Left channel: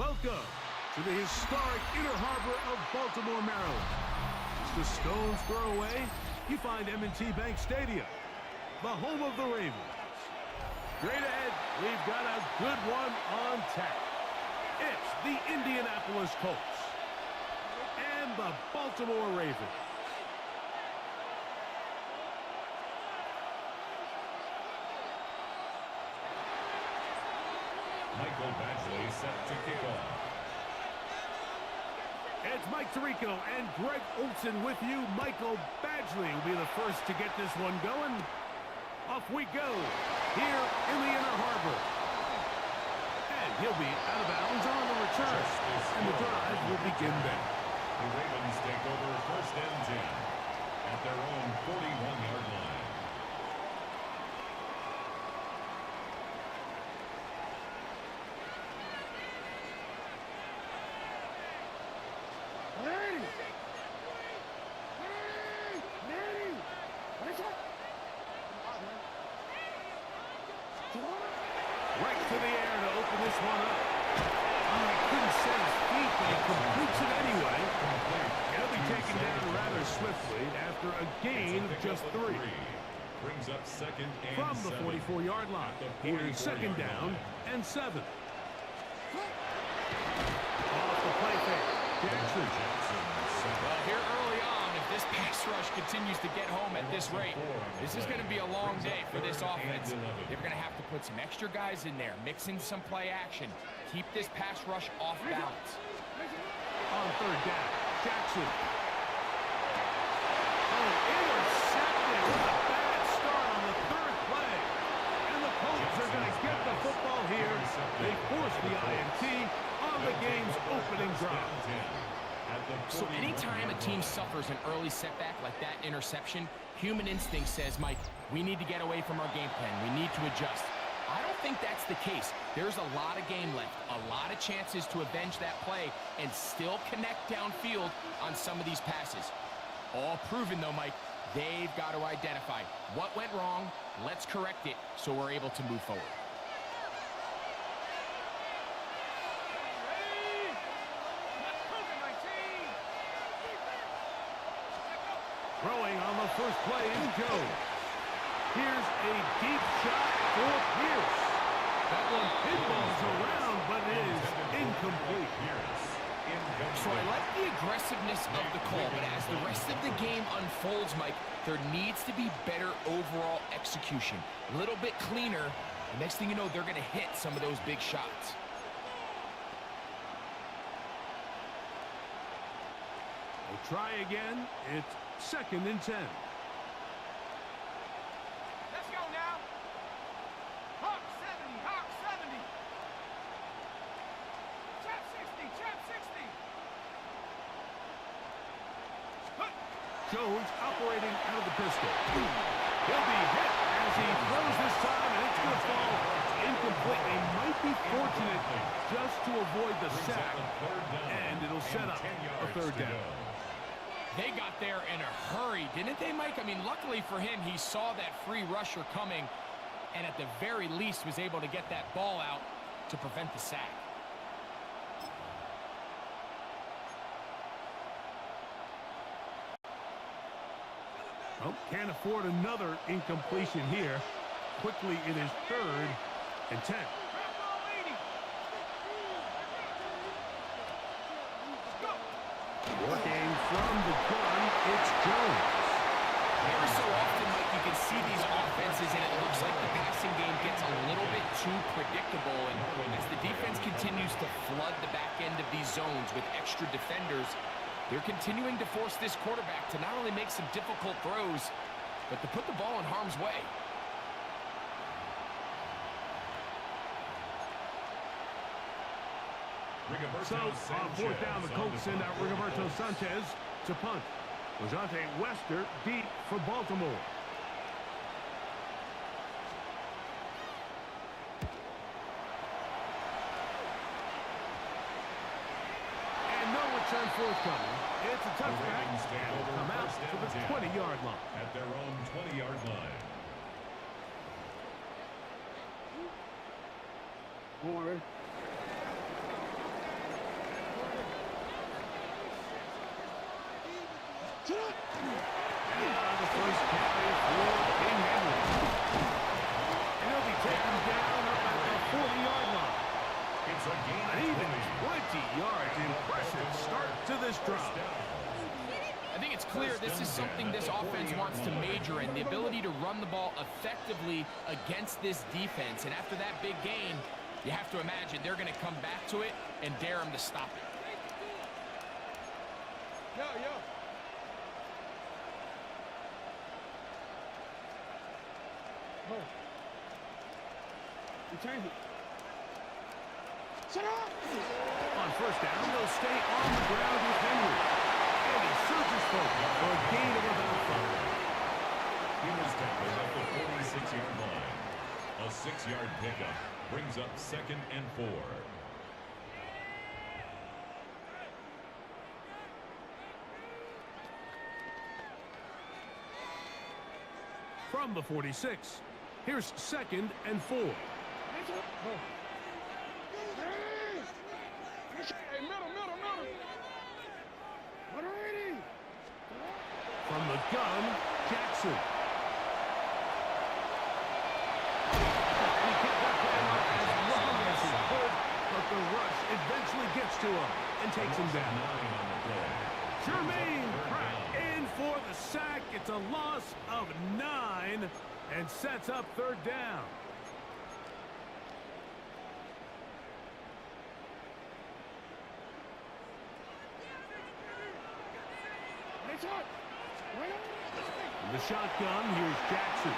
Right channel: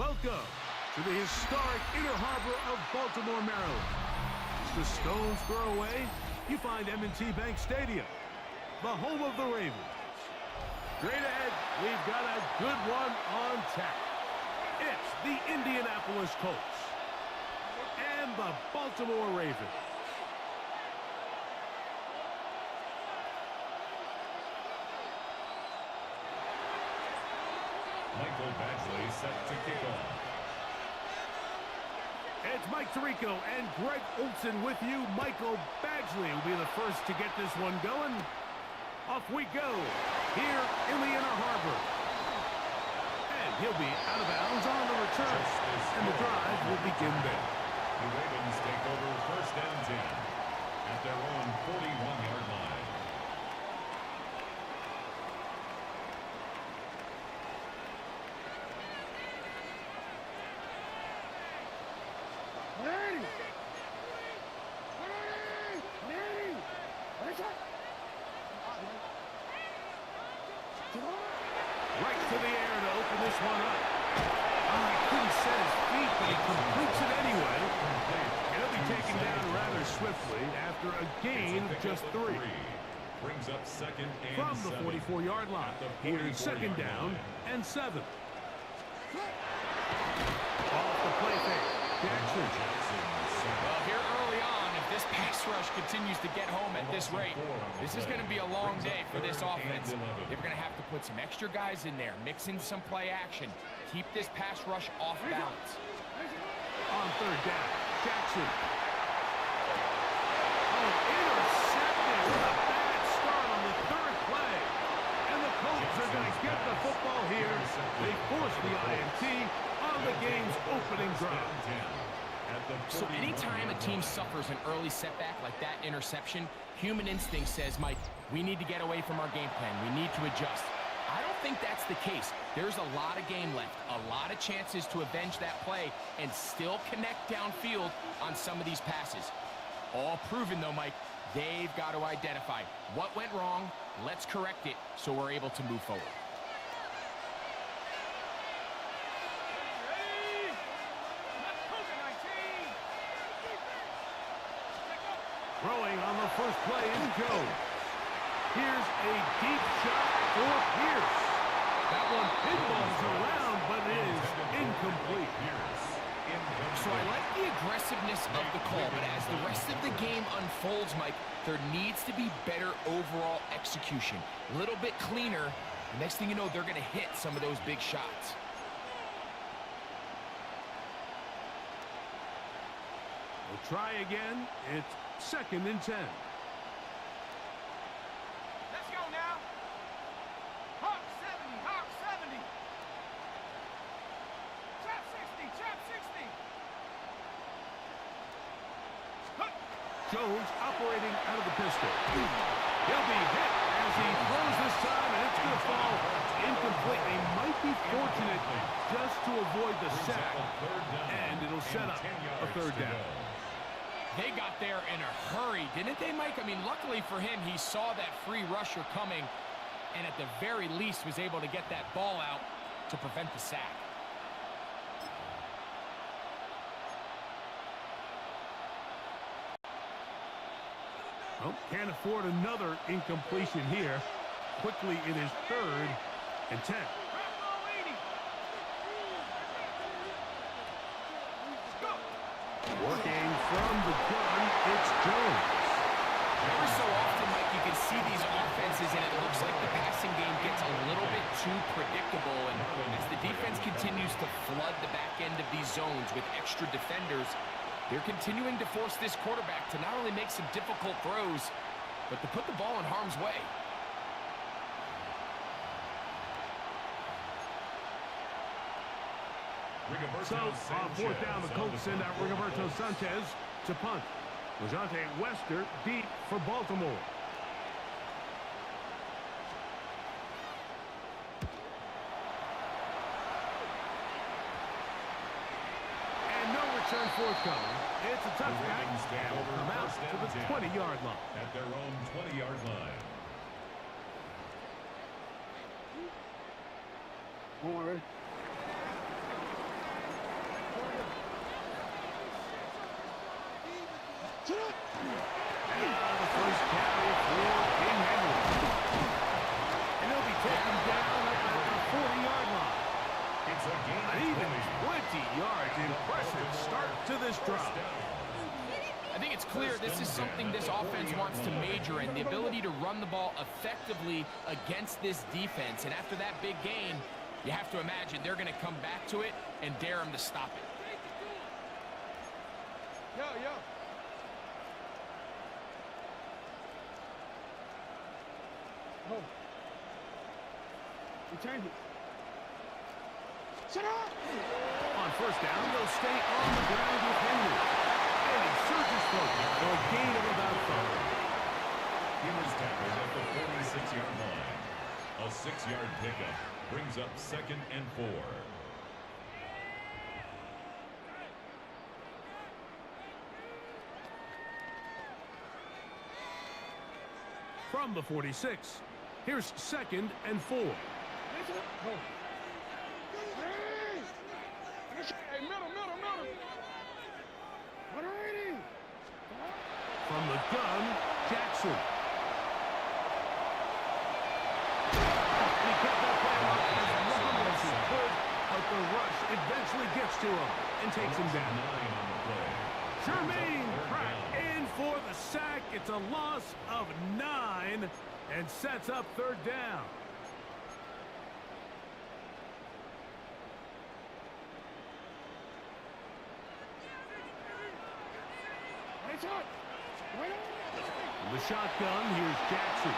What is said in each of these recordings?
Welcome to the historic Inner Harbor of Baltimore, Maryland. Just a stone's throw away, you find M&T Bank Stadium, the home of the Ravens. Straight ahead, we've got a good one on tap. It's the Indianapolis Colts and the Baltimore Ravens. Michael Badgley set to kick off. It's Mike Tirico and Greg Olson with you. Michael Badgley will be the first to get this one going. Off we go here in the Inner Harbor. And he'll be out of bounds on the return. And the drive will begin there. The Ravens take over first and 10 at their own 41-yard line. Right to the air to open this one up. Oh, he couldn't set his feet, but he completes it anyway. He'll be taken down rather swiftly after a gain of just 3. Brings up second and from the 7. 44-yard line. Here's second down and 7. Off the play fake. Jackson. Well, here early on, if this pass rush continues to get home at this rate, this is going to be a long day for this offense. They're going to have to put some extra guys in there, mix in some play action, keep this pass rush off balance. On third down, Jackson. Oh, intercepted with a bad start on the third play. And the Colts are going to get the football here. They force the INT on the game's opening drive. So anytime a team suffers an early setback like that interception, human instinct says, Mike, we need to get away from our game plan. We need to adjust. I don't think that's the case. There's a lot of game left, a lot of chances to avenge that play and still connect downfield on some of these passes. All proven, though, Mike, they've got to identify what went wrong, let's correct it so we're able to move forward. Throwing on the first play is Jones. Here's a deep shot for Pierce. That one pinballs around, but it is incomplete. So I like the aggressiveness of the call, but as the rest of the game unfolds, Mike, there needs to be better overall execution. A little bit cleaner. Next thing you know, they're going to hit some of those big shots. We'll try again. It's second and 10. Let's go now. Hawk 70, Hawk 70. Trap 60, Trap 60. Jones operating out of the pistol. He'll be hit as he throws this time, and it's going to fall incomplete. They might be fortunate just to avoid the sack, and it'll set up a third down. They got there in a hurry, didn't they, Mike? I mean, luckily for him, he saw that free rusher coming and at the very least was able to get that ball out to prevent the sack. Oh, can't afford another incompletion here. Quickly, it is third and 10. Working from the gun, it's Jones. Every so often, Mike, you can see these offenses, and it looks like the passing game gets a little bit too predictable. And as the defense continues to flood the back end of these zones with extra defenders, they're continuing to force this quarterback to not only make some difficult throws, but to put the ball in harm's way. So, on fourth down, the Colts send out Rigoberto Sanchez to punt. Lejante Wester deep for Baltimore. And no return forthcoming. It's a touchback, and will come out to the 20-yard line. At their own 20-yard line. One more, ready? The first carry for King Henry. And he'll be taken down up at the 40-yard line. It's a gain An of even 20. 20 yards. Impressive start to this drive. I think it's clear this is something this offense wants to major in, the ability to run the ball effectively against this defense. And after that big gain, you have to imagine they're going to come back to it and dare them to stop it. Yo. Oh. Return it. Shut up! On first down, they'll stay on the ground with Henry. And he surges forward for a gain of about 5. He was tackled at the 46-yard line. A 6-yard pickup brings up 2nd and 4. From the 46, here's 2nd and 4. Hey, middle. 180. From the gun, Jackson. He kept that play alive as long as he could, but the rush eventually gets to him and takes him down. 9 on the play. Jermaine Pratt in for the sack. It's a loss of 9 and sets up 3rd down. In the shotgun, here's Jackson.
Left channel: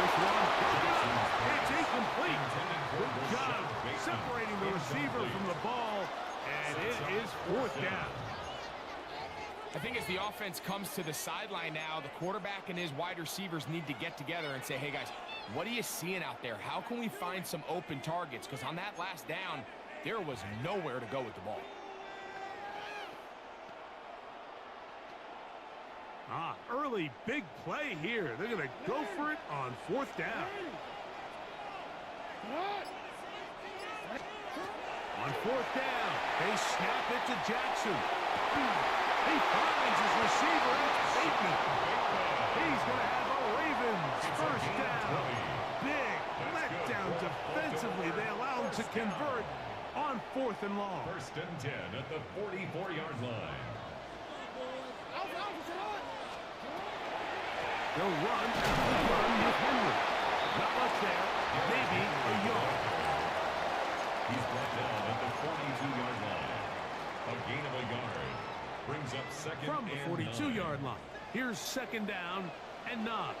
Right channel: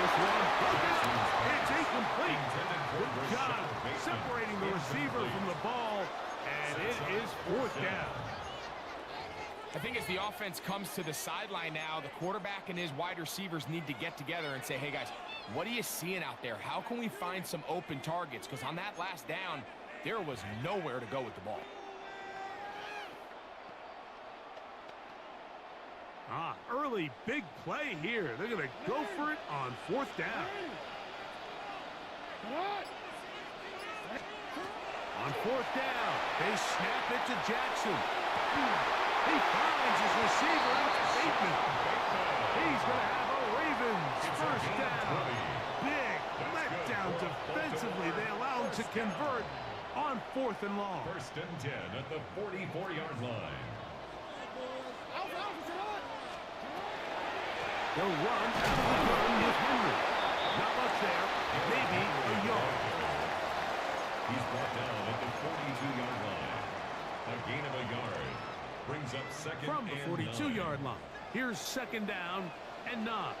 This one broken up. It's incomplete. Good job separating the receiver from the ball, and it is 4th down. I think as the offense comes to the sideline now, the quarterback and his wide receivers need to get together and say, hey guys, what are you seeing out there? How can we find some open targets? Because on that last down, there was nowhere to go with the ball. Early big play here. They're going to go for it on 4th down. On 4th down, they snap it to Jackson. He finds his receiver. It's Bateman. He's going to have a Ravens 1st down. Big letdown defensively. They allow him to convert on 4th and long. 1st and 10 at the 44-yard line. They'll run out of the gun with Henry. Not much there. Maybe a yard. He's brought down at the 42-yard line. A gain of a yard. Brings up 2nd from the and 42-yard line. Here's 2nd down and 9.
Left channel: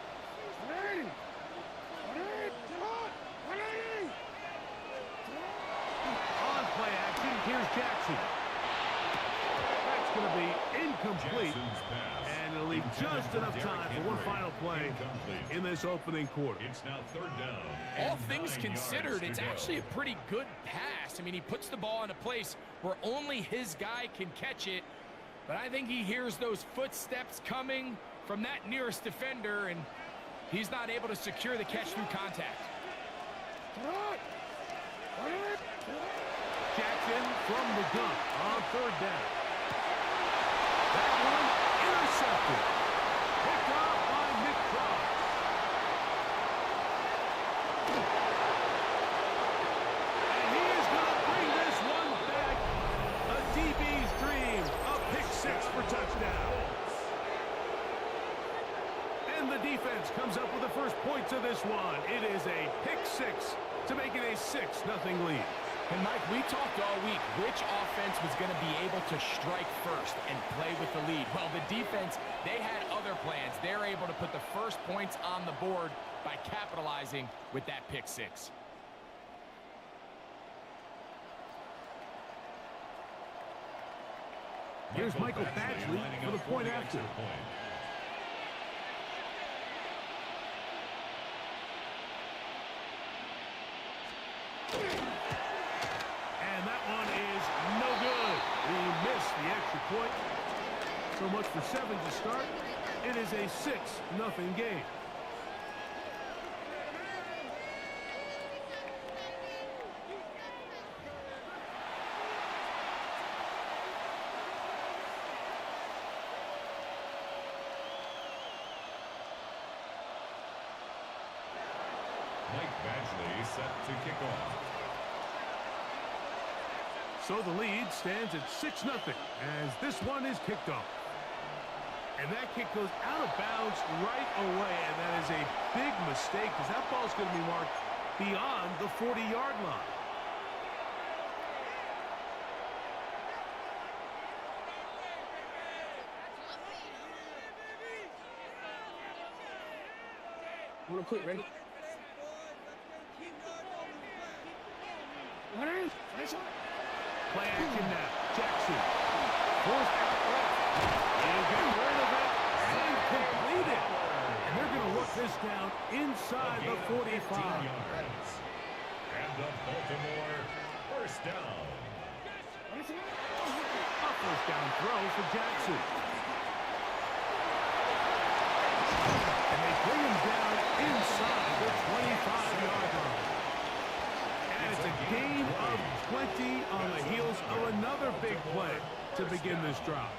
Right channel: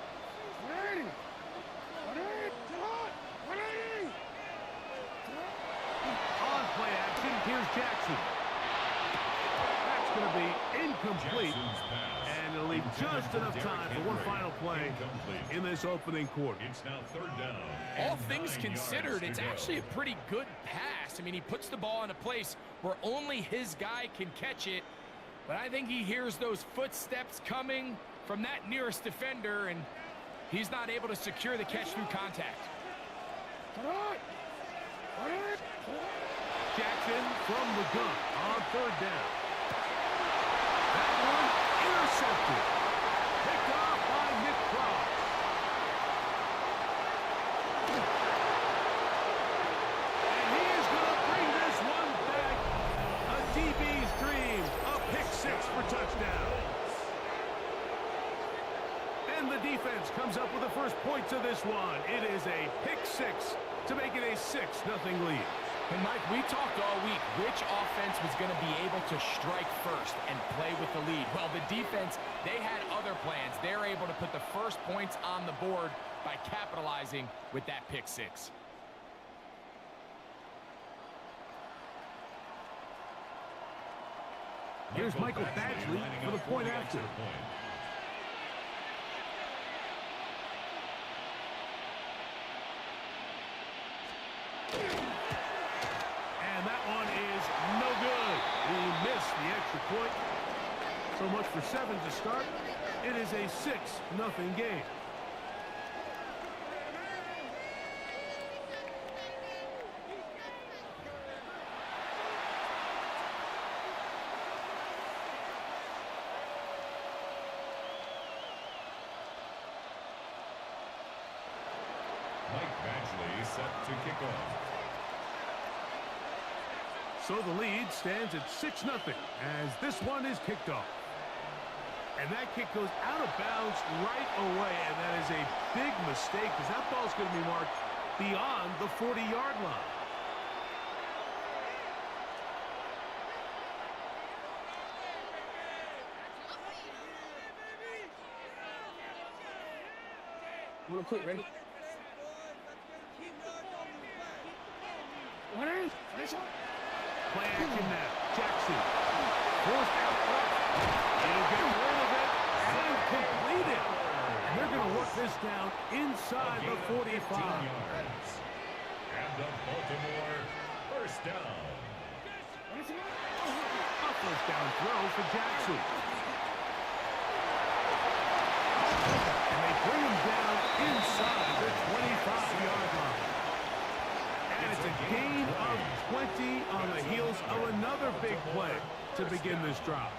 On play action, here's Jackson. That's going to be incomplete. And it'll leave just enough time for one final play in this opening quarter. It's now 3rd down. All things considered, it's actually a pretty good pass. I mean, he puts the ball in a place where only his guy can catch it. But I think he hears those footsteps coming from that nearest defender, and he's not able to secure the catch through contact. Jackson from the gun on 3rd down. That one intercepted. Picked off by Nick Cross. And he is going to bring this one back. A DB's dream. A pick 6 for touchdown. And the defense comes up with the first points of this one. It is a pick 6 to make it a 6-0 lead. And Mike, we talked all week which offense was going to be able to strike first and play with the lead. Well, the defense, they had other plans. They're able to put the first points on the board by capitalizing with that pick 6. Here's Michael Badgley for the point after. And that one is no good. We missed the extra point. So much for 7 to start. It is a 6-0 game. play set to kick off. So the lead stands at 6-0 as this one is kicked off. And that kick goes out of bounds right away, and that is a big mistake because that ball's going to be marked beyond the 40-yard line. Want to put ready? Play action now. Jackson. Forced out left. He'll get rid of it and complete it. And they're going to work this down inside the 45. And the Baltimore first down. A first down throw for Jackson. And they bring him down inside the 25-yard line. And it's a gain of 20 on the heels of another big play to begin this drive.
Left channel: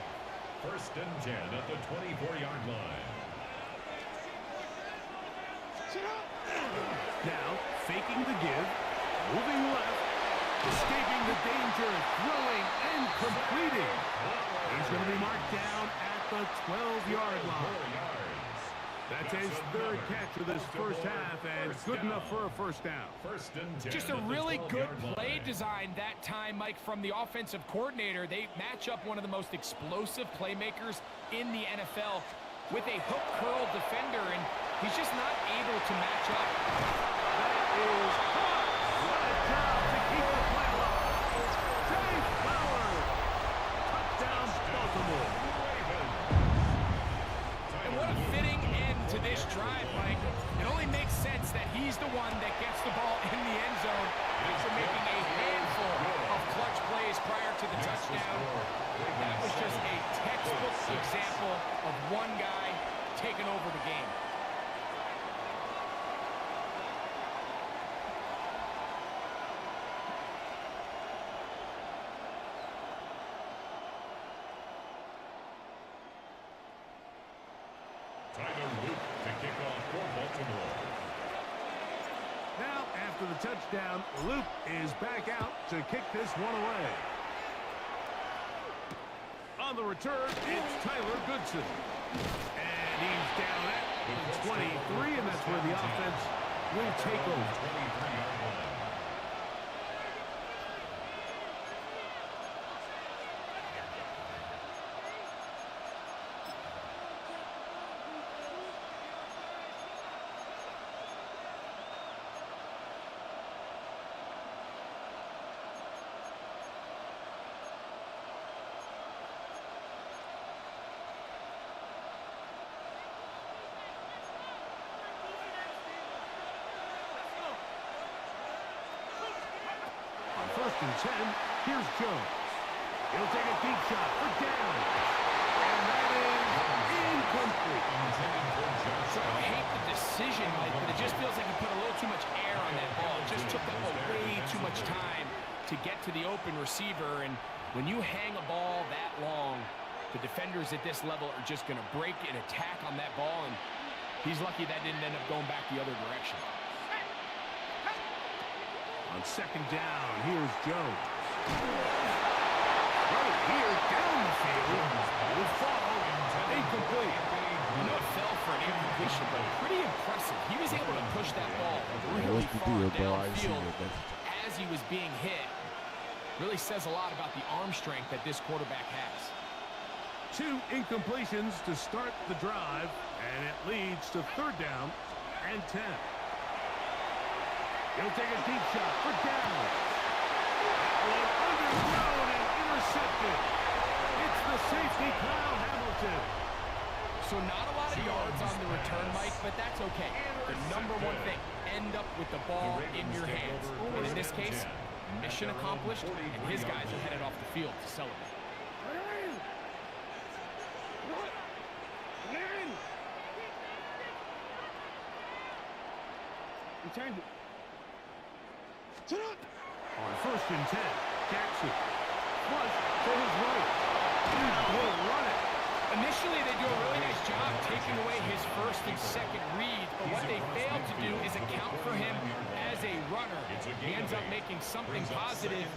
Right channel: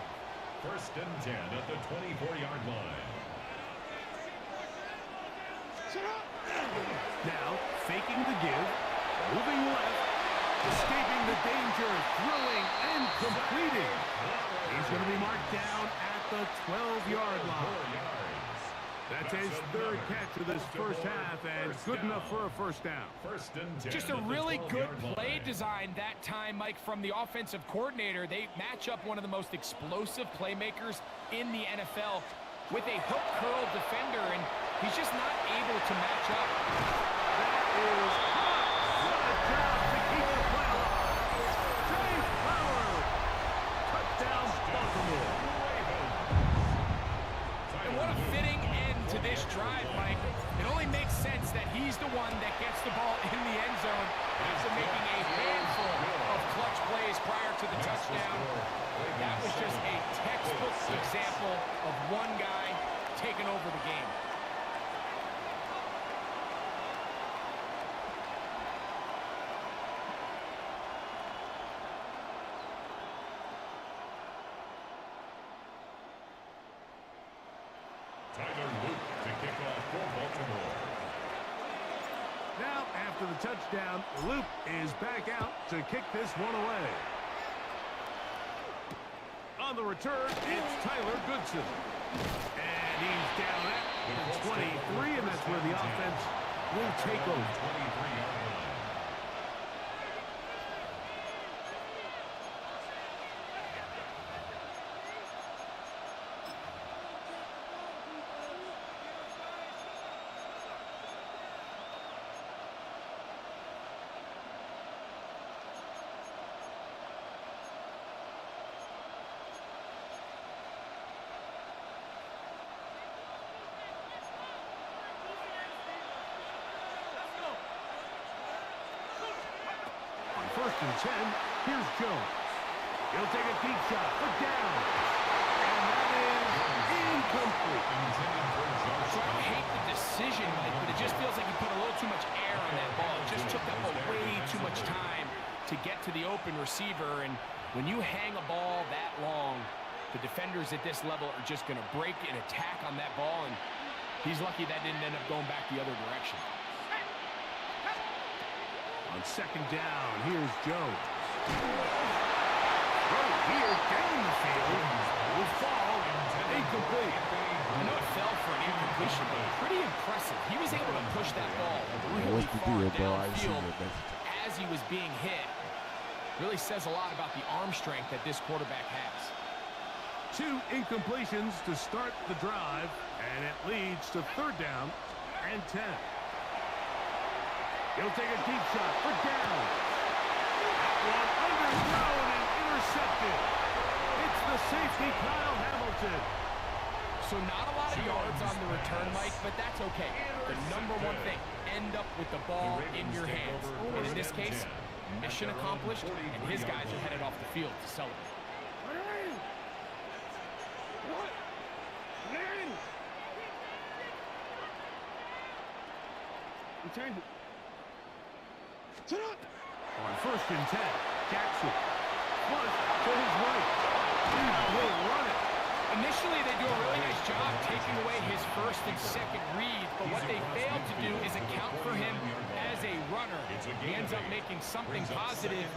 First and 10 at the 24-yard line. Now, faking the give, moving left, escaping the danger, throwing and completing. He's going to be marked down at the 12-yard line. That's his third catch of this first half, and good enough for a first down. First and 10. Just a really good play design that time, Mike, from the offensive coordinator. They match up one of the most explosive playmakers in the NFL with a hook curl defender, and he's just not able to match up. That is hot. What a job to keep the play alive. Trey Flowers. Touchdown, Baltimore. And what a fitting end to this drive, Mike. It only makes sense that he's the one that gets the ball in the end zone after making a handful of clutch plays prior to the touchdown. That was just a textbook example of one guy taking over the game. To kick off for Baltimore. Now, after the touchdown, Loop is back out to kick this one away. On the return, it's Tyler Goodson. And he's down at the 23, and that's where the offense will take over. 23-yard line. First and 10, here's Jones. He'll take a deep shot for down. And that is incomplete. So I don't hate the decision, Mike, but it just feels like he put a little too much air on that ball. It just took that ball way too much time to get to the open receiver. And when you hang a ball that long, the defenders at this level are just going to break and attack on that ball. And he's lucky that didn't end up going back the other direction. On second down, here's Jones. Right here, down the field, will fall, incomplete. I know it fell for an incompletion, but pretty impressive. He was able to push that ball really far downfield as he was being hit. Really says a lot about the arm strength that this quarterback has. 2 incompletions to start the drive, and it leads to third down and 10. He'll take a deep shot for down. That one underthrown and intercepted. It's the safety, Kyle Hamilton. So not a lot of yards on the return, Mike, but that's okay. The number one thing, end up with the ball in your hands. And in this case, mission accomplished, and his guys are headed off the field to celebrate. Return. On first and 10, Jackson. Flush to his right. He will run it. Initially, they do a really nice job taking away his first and second reads, but what they failed to do is account for him as a runner. He ends up making something positive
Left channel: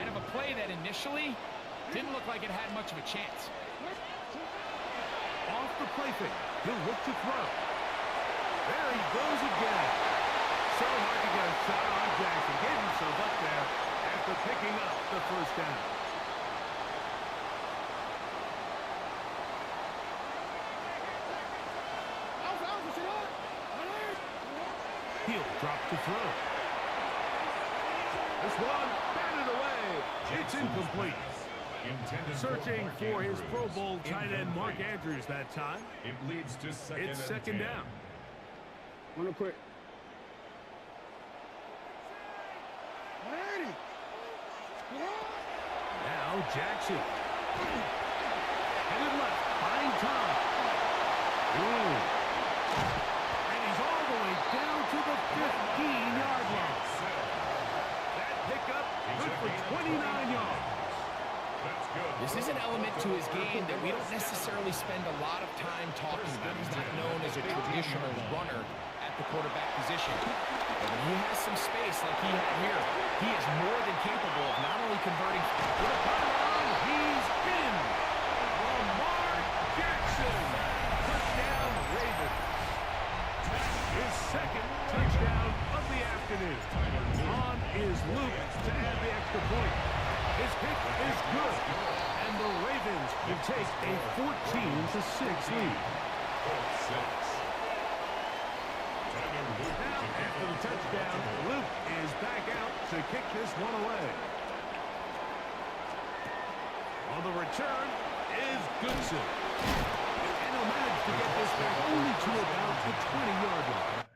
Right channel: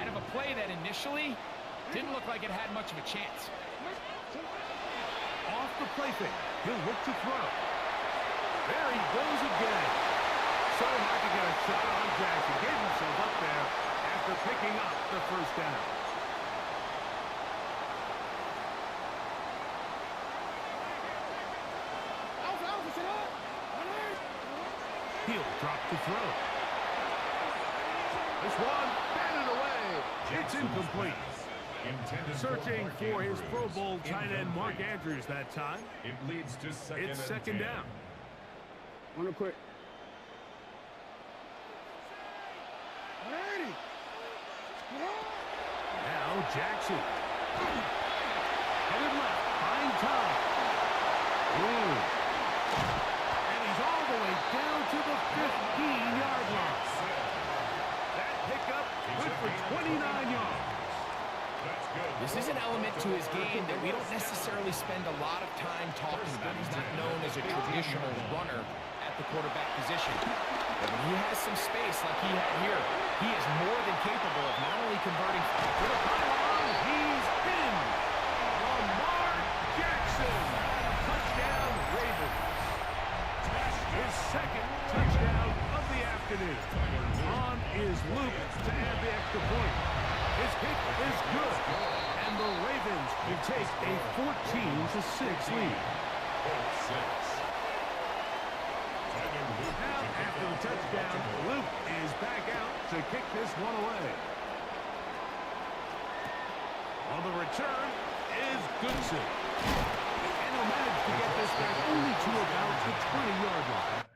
out of a play that initially didn't look like it had much of a chance. Off the play fake. He'll look to throw. There he goes again. So hard to get a shot on Jackson. Gave himself up there after picking up the first down. He'll drop to throw. This one batted away. It's incomplete. Searching for his Pro Bowl tight end Mark Andrews that time. It leads to It's second down. Wanna quit? Now Jackson. Headed left. Buying time. Ooh. And he's all the way down to the 15-yard line. That pickup good for 29 yards. This is an element to his game that we don't necessarily spend a lot of time talking about. He's not known as a traditional runner at the quarterback position. But when he has some space like he had here, he is more than capable of not only converting To the pylon, he's in. Lamar Jackson. Touchdown, Ravens. His second touchdown of the afternoon. On is Luke to add the extra point. His kick is good. And the Ravens will take a 14-6 lead. Now, after the touchdown, Luke is back out to kick this one away. On the return is Goodson. And he'll manage to get this back only to about the 20-yard line.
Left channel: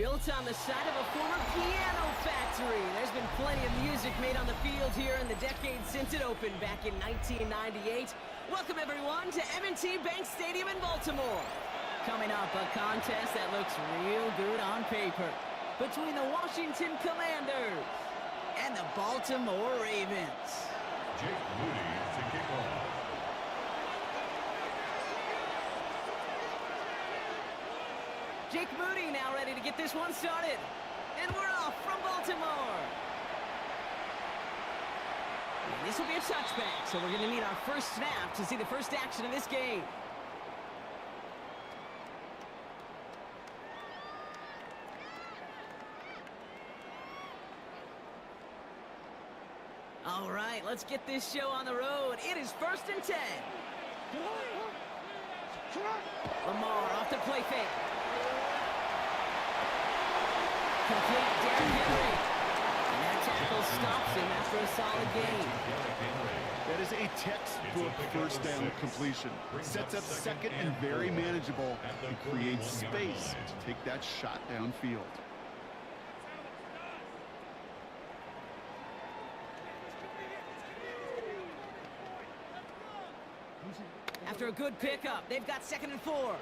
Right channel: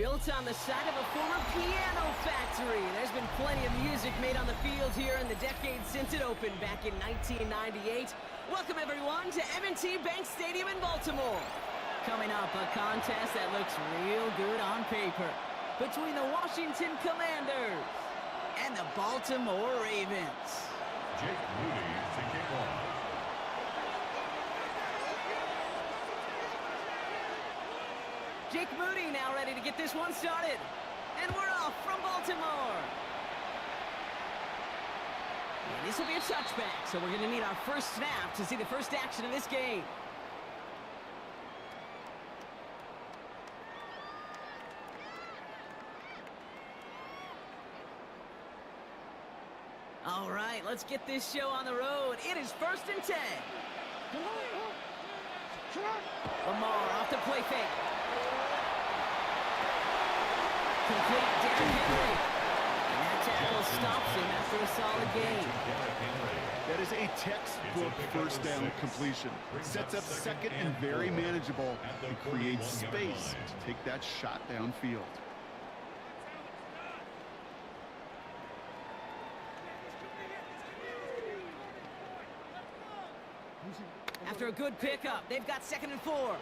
Built on the side of a former piano factory. There's been plenty of music made on the field here in the decade since it opened back in 1998. Welcome everyone to M&T Bank Stadium in Baltimore. Coming up, a contest that looks real good on paper between the Washington Commanders and the Baltimore Ravens. Jake Moody to kick off. Jake Moody now ready to get this one started. And we're off from Baltimore. And this will be a touchback, so we're going to need our first snap to see the first action of this game. All right, let's get this show on the road. It is 1st and 10. Lamar off the play fake. Complete Derrick Henry. And that tackle stops him after a solid gain. That is a textbook first down completion. Sets up second and very manageable and creates space to take that shot downfield. After a good pickup, they've got 2nd and 4.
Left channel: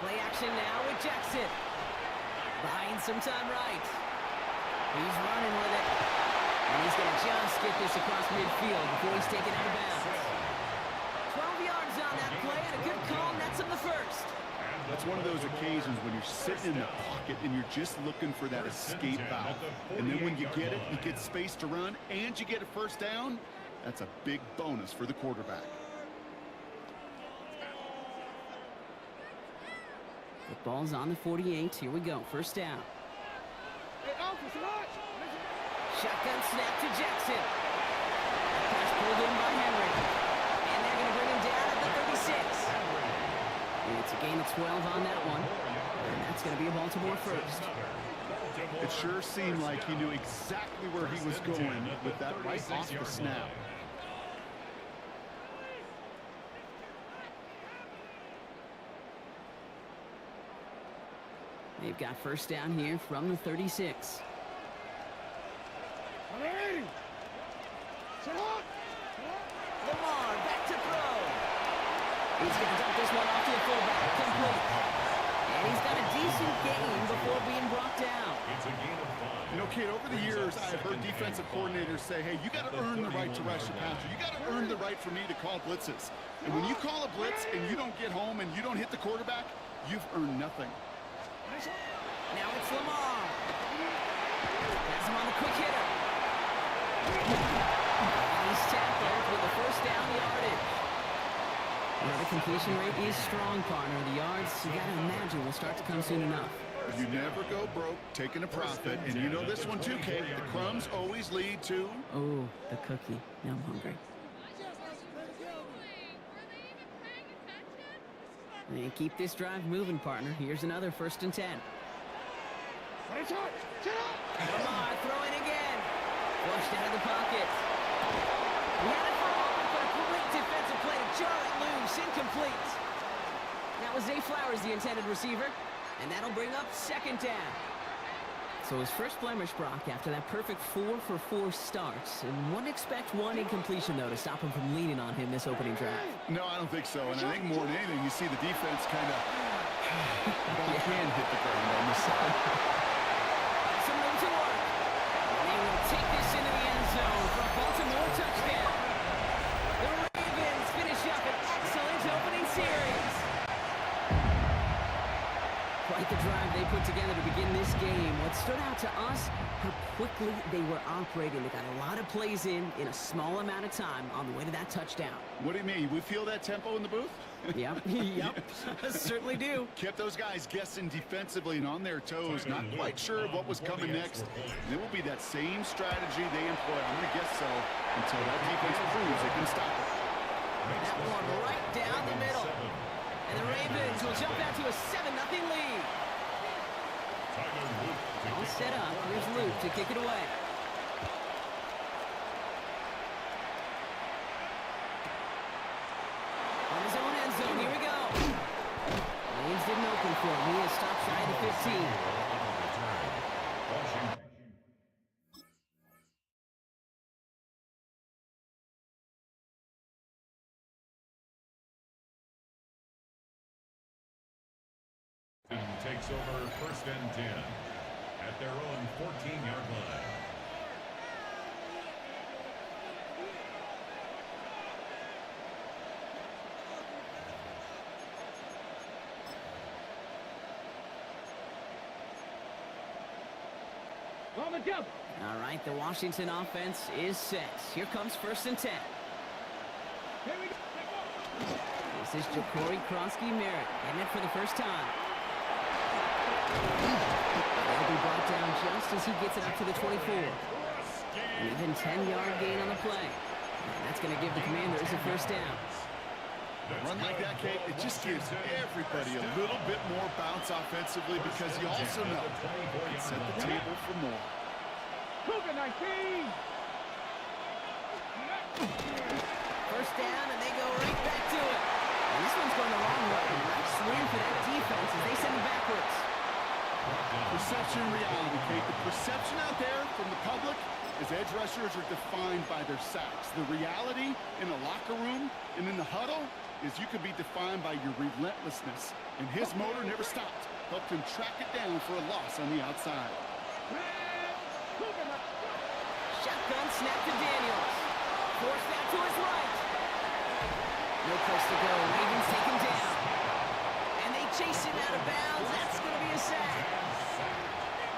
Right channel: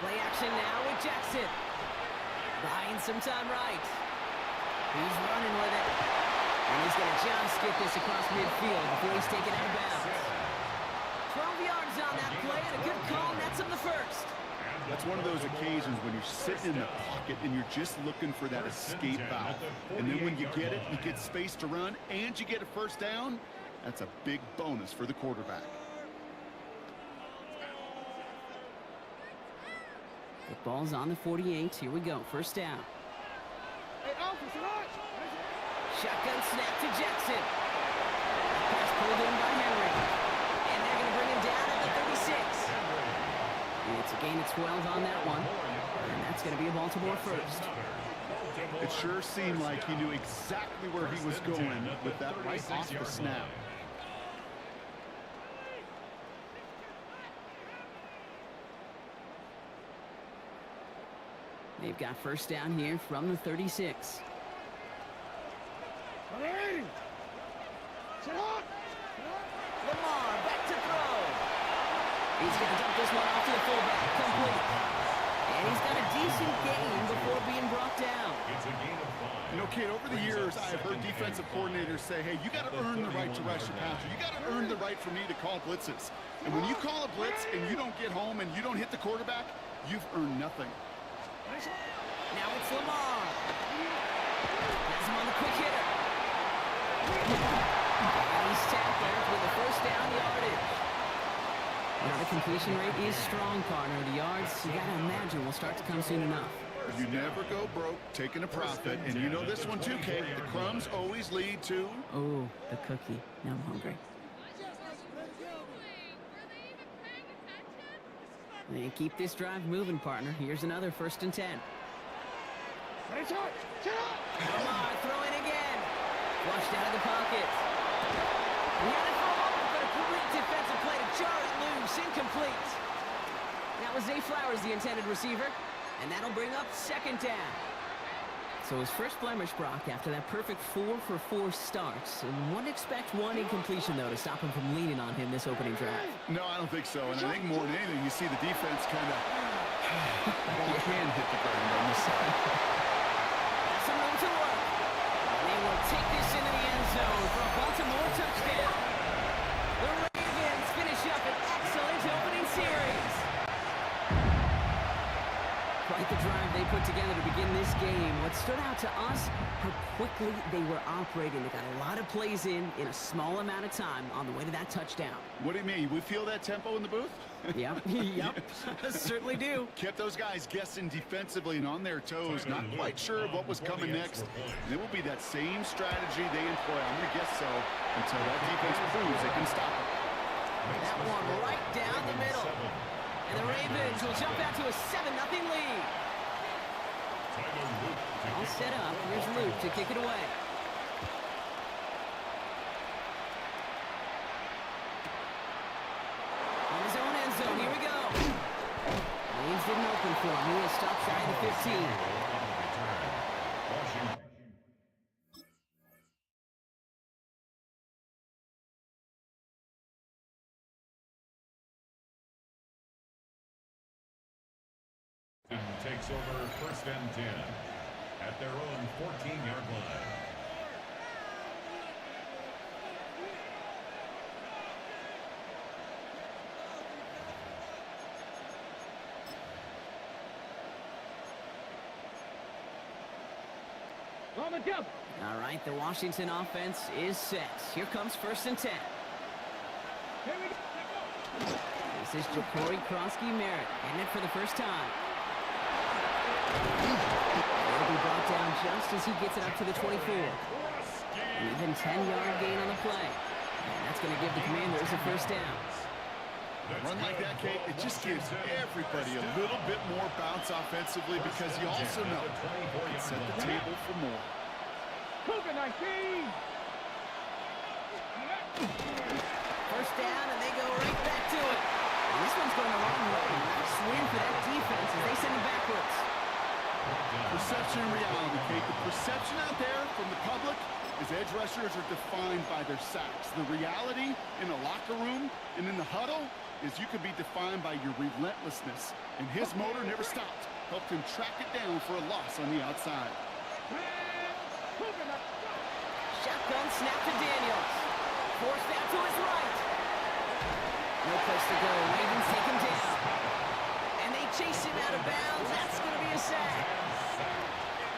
Play action now with Jackson. Buying some time right. He's running with it. And he's going to just get this across midfield before he's taken out of bounds. 12 yards on that play and a good call nets him the first. That's one of those occasions when you're sitting in the pocket and you're just looking for that escape valve. And then when you get it, you get space to run, and you get a first down. That's a big bonus for the quarterback. The ball's on the 48. Here we go. First down. Shotgun snap to Jackson. Pass pulled in by Henry. And they're going to bring him down at the 36. It's a gain of 12 on that one. And that's going to be a Baltimore first. It sure seemed like he knew exactly where he was going with that right off the snap. They've got first down here from the 36. Lamar back to throw. He's going to dump this one off to the fullback. Complete. And he's got a decent gain before being brought down. It's a gain of 5. You know, Kate, over the years, I have heard defensive coordinators say, hey, you got to earn the right to rush your passer. You got to earn the right for me to call blitzes. And when you call a blitz and you don't get home and you don't hit the quarterback, you've earned nothing. Now it's Lamar. Has him on the quick hitter. And he's tackled with the first down yardage. Now the completion rate is strong, partner. The yards, you gotta imagine, will start to come soon enough. You never go broke taking a profit. And you know this one too, Kate. The crumbs always lead to... Oh, the cookie. Now I'm hungry. And keep this drive moving, partner. Here's another 1st and 10. Lamar throwing again. Flushed out of the pocket. He had it for a moment, but a great defensive play to jar it loose. Incomplete. That was Zay Flowers, the intended receiver. And that'll bring up 2nd down. So his first blemish, Brock, after that perfect 4-for-4 starts. And wouldn't expect one incompletion, though, to stop him from leaning on him this opening drive. No, I don't think so. And I think more than anything, you see the defense kind of... ball can hit the ground on this side. That's some room to work. And they will take this into the end zone for a Baltimore touchdown. The Ravens finish up an excellent opening series. Quite the drive they put together to begin this game. What stood out to us, how quickly they were operating. They got a lot of plays in a small amount of time on the way to that touchdown. What do you mean? We feel that tempo in the booth? Yep, yep, certainly do. Kept those guys guessing defensively and on their toes, not quite sure of what was coming next. And it will be that same strategy they employ, I'm going to guess so, until that defense proves they can stop it. That one right down the middle. And the Ravens will jump out to a 7-0 lead. All set up. Here's Luke to kick it away. On his own end zone. Here we go. didn't open for him. He is stopped shy of the 15. Washington. Takes over first and 10 at their own 14-yard line. On the jump. All right, the Washington offense is set. Here comes first and 10. Here we go. This is Ja'Cory Kronsky-Merritt getting it for the first time. They'll be brought down just as he gets it up to the 24. An even 10-yard gain on the play. And that's going to give the Commanders a first down. A run like that, Kate, it just gives everybody a little bit more bounce offensively because you also know it can set the table for more. Cougar 19. First down, and they go right back to it. And this one's going the wrong way. Nice win for that defense as they send it backwards. Perception and reality, Kate. The perception out there from the public is edge rushers are defined by their sacks. The reality in the locker room and in the huddle is you can be defined by your relentlessness. And his motor never stopped. Helped him track it down for a loss on the outside. Shotgun snap to Daniels. Forced out to his right. No place to go. Ravens take him down. And they chase him out of bounds. That's going to be a sack.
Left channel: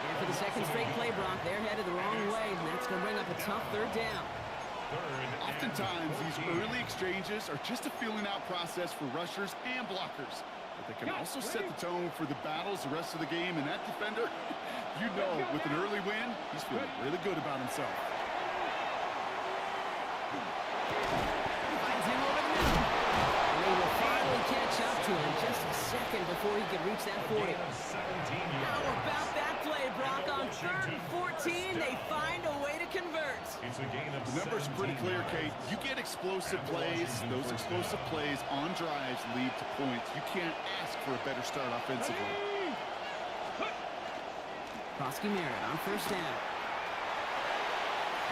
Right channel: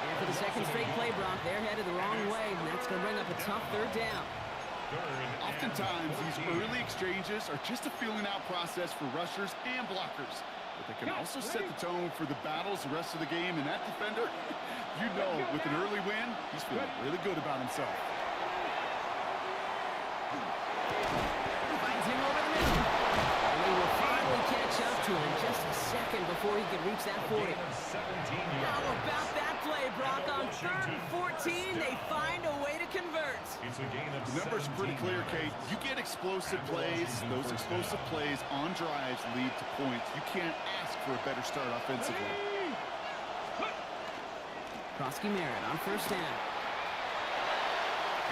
And for the second straight play, Brock, they're headed the wrong way, and that's going to bring up a tough third down. Oftentimes, these early exchanges are just a feeling-out process for rushers and blockers. But they can also set the tone for the battles the rest of the game. And that defender, you know, with an early win, he's feeling really good about himself. Finds him over the middle. And they will finally catch up to him just a second before he can reach that 40. How about that play, Brock? On 3rd and 14, they find a way to convert. The numbers are pretty clear, Kate. You get explosive plays. Those explosive plays on drives lead to points. You can't ask for a better start offensively. Kronsky-Merritt on first down.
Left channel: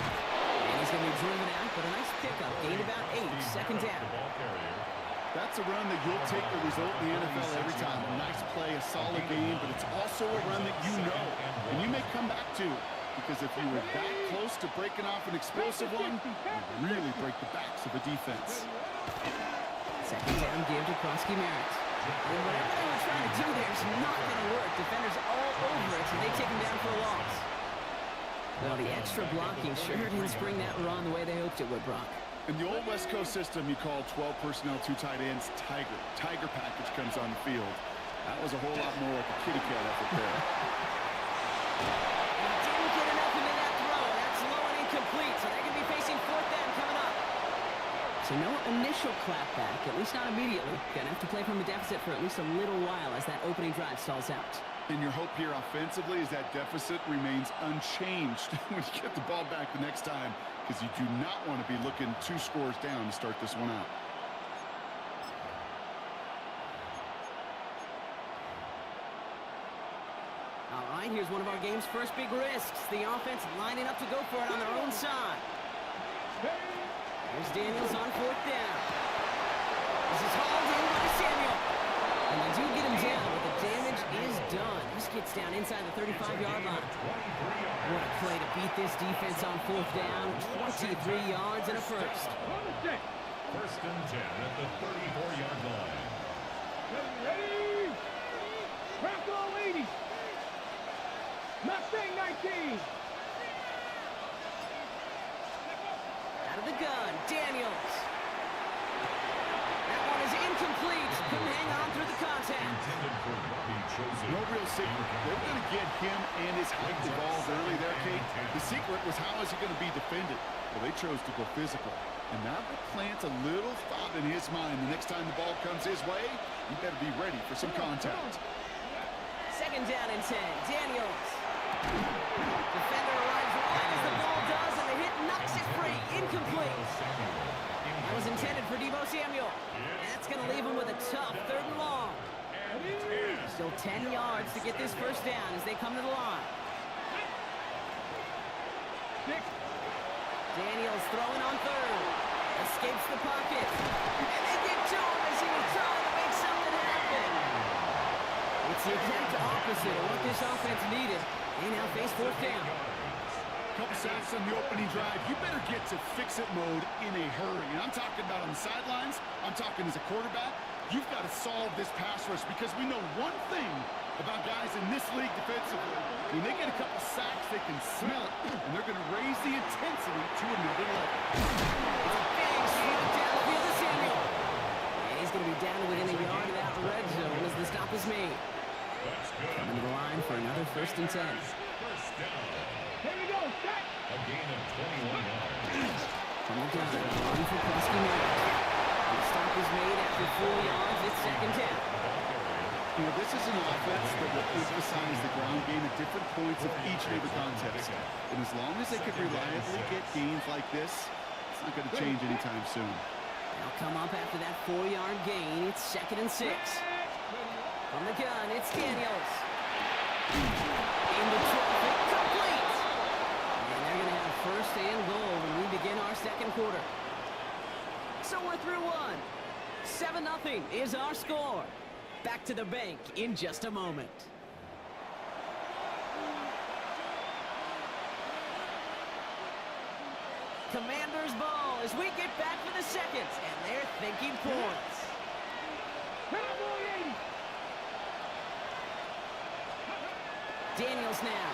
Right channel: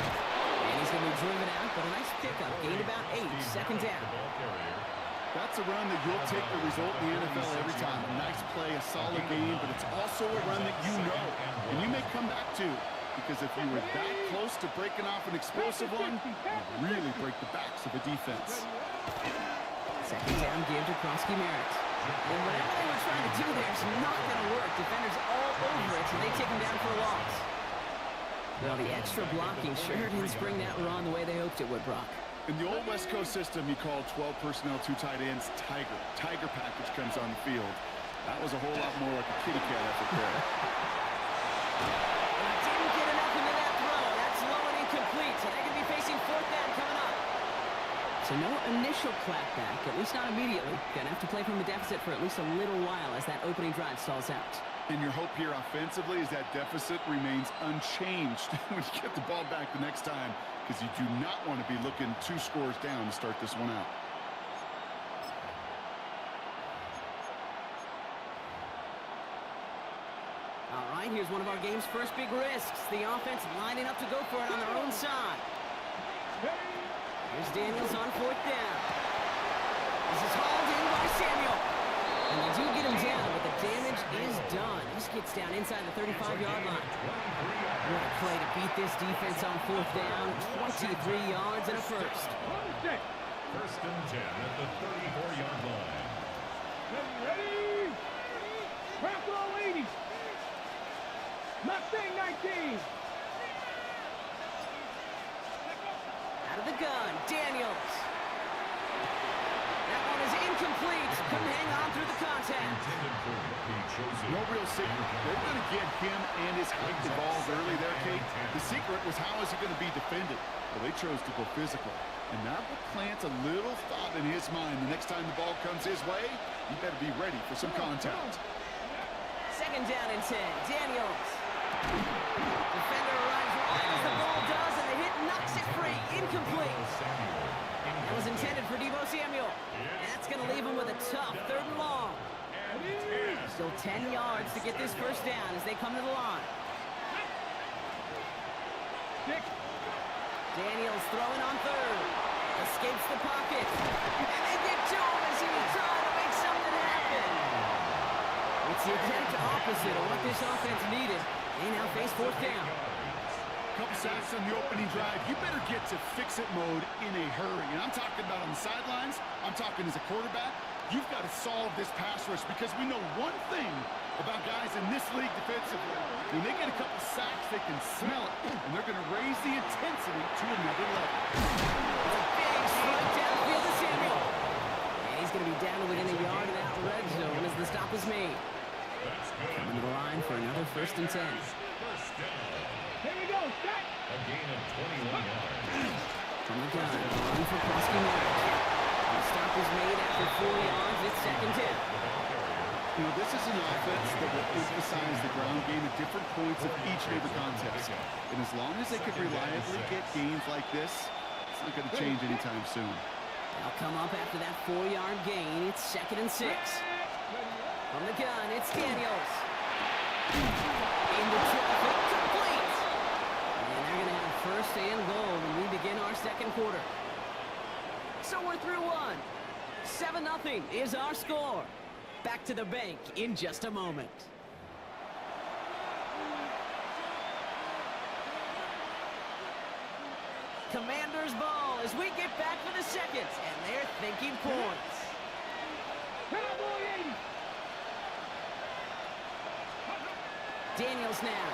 And he's going to be driven out, but a nice pickup. Gained about 8. Second down. That's a run that you'll take the result in the NFL every time. A nice play, a solid game, but it's also a run that you know, and you may come back to. Because if you were that close to breaking off an explosive one, you really break the backs of a defense. Second down give to Kronsky-Merritt. And whatever they were trying to do there is not going to work. Defenders all over it, so they take him down for a loss. Well, the extra blocking sure didn't spring that run the way they hoped it would, Brock. In the old West Coast system, you called 12 personnel, 2 tight ends, Tiger. Tiger package comes on the field. That was a whole lot more like a kitty cat effort there. And he didn't get enough into that throw. That's low and incomplete, so they're going to be facing 4th down coming up. So no initial clapback, at least not immediately. Going to have to play from a deficit for at least a little while as that opening drive stalls out. And your hope here offensively is that deficit remains unchanged when you get the ball back the next time, because you do not want to be looking 2 scores down to start this one out. All right, here's one of our game's first big risks. The offense lining up to go for it on their own side. Here's Daniels on 4th down. This is hauled in by Samuel. And they do get him down, but the damage is done. This gets down inside the 35-yard line. What a play to beat this defense on 4th down. 23 yards and a first. First and 10 at the 34-yard line. Ready? Crack all 80. Mustang 19. Out of the gun, Daniels. That one is incomplete. Couldn't hang on through the contact. No real secret. They were going to get him and his height involved early there, Kate. The secret was how is he going to be defended? Well, they chose to go physical. And that will plant a little thought in his mind. The next time the ball comes his way, he better be ready for some contact. Second down and 10. Daniels. Defender arrives right as the ball does, and the hit knocks it free. Incomplete. That was intended for Deebo Samuel. And that's going to leave him with a tough 3rd and long. Still 10 yards to get this first down as they come to the line. Daniels throwing on third. Escapes the pocket. And they get to him as he was trying to make something happen. It's the exact opposite of what this offense needed. They now face fourth down. Couple sacks on the opening drive. You better get to fix-it mode in a hurry. And I'm talking about on the sidelines. I'm talking as a quarterback. You've got to solve this pass rush because we know one thing about guys in this league defensively. When they get a couple sacks, they can smell it, and they're going to raise the intensity to another level. It's a big strike downfield to Samuel. And he's going to be down to within a yard of that red zone as the stop is made. Coming to the line for another 1st and 10. First down. Here we go, set. A gain of 21 yards. From the gun, run for Marek. The stop is made after 4 yards. It's 2nd down. You know, this is an offense that will emphasize the ground game at different points of each and every contest. And as long as they can reliably get gains like this, it's not going to change anytime soon. They'll come up after that 4-yard gain. It's 2nd and 6. From the gun, it's Daniels. Into traffic, complete. And they're going to have 1st and goal when we begin our 2nd quarter. So we're through 1. 7-0 is our score. Back to the bank in just a moment. Commander's ball as we get back for the seconds, and they're thinking points. Daniels now.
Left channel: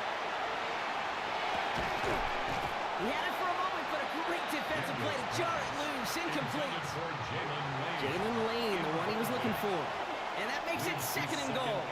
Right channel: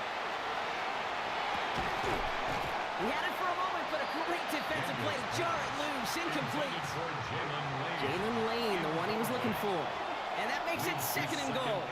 He had it for a moment, but a great defensive play to jar it loose, incomplete. Jalen Lane, the one he was looking for. And that makes it 2nd and goal.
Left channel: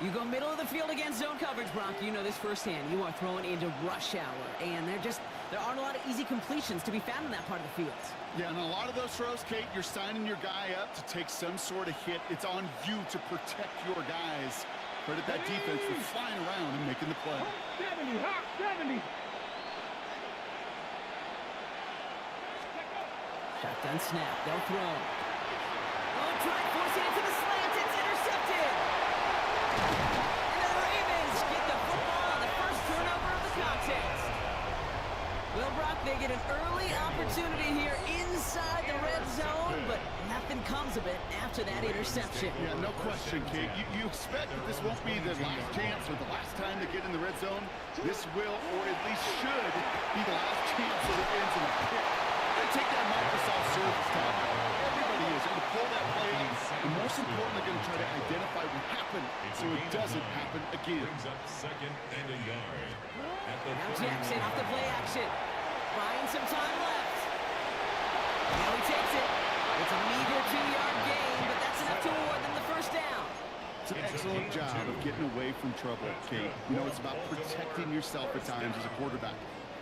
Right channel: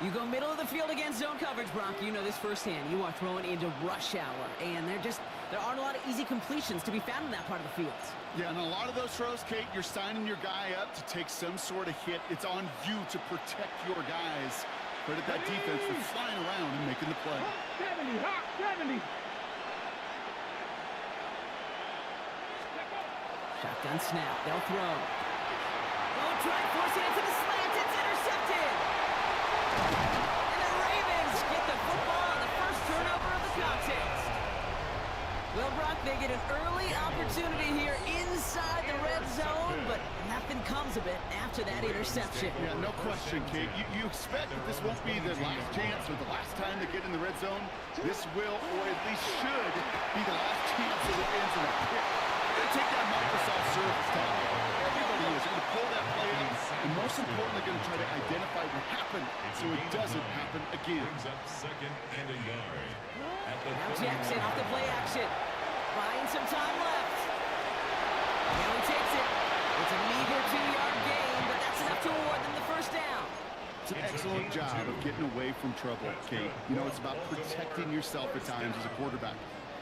You go middle of the field against zone coverage, Brock. You know this firsthand. You are throwing into rush hour, and there aren't a lot of easy completions to be found in that part of the field. Yeah, and a lot of those throws, Kate, you're signing your guy up to take some sort of hit. It's on you to protect your guys. Credit that defense for flying around and making the play. 70, hot 70. Shotgun snap. They'll throw. Oh, try forcing it to the slant. It's intercepted. And the Ravens get the football on the first turnover of the contest. Well, Brock, they get an early opportunity here inside the red zone, but nothing comes of it after that interception. Yeah, no question, Kate. You expect that this won't be the last chance or the last time they get in the red zone. This will, or at least should, be the last chance that it ends in a pick. They're going to take that Microsoft Surface tablet. Everybody is going to pull that play up, and most importantly, going to try to identify what happened so it doesn't happen again. Brings up 2nd and a yard. Now Jackson off the play action. Buying some time left. Now he takes it. It's a meager 2-yard gain, but that's enough to award them the first down. It's an excellent job of getting away from trouble, Kate. You know, it's about protecting yourself at times as a quarterback.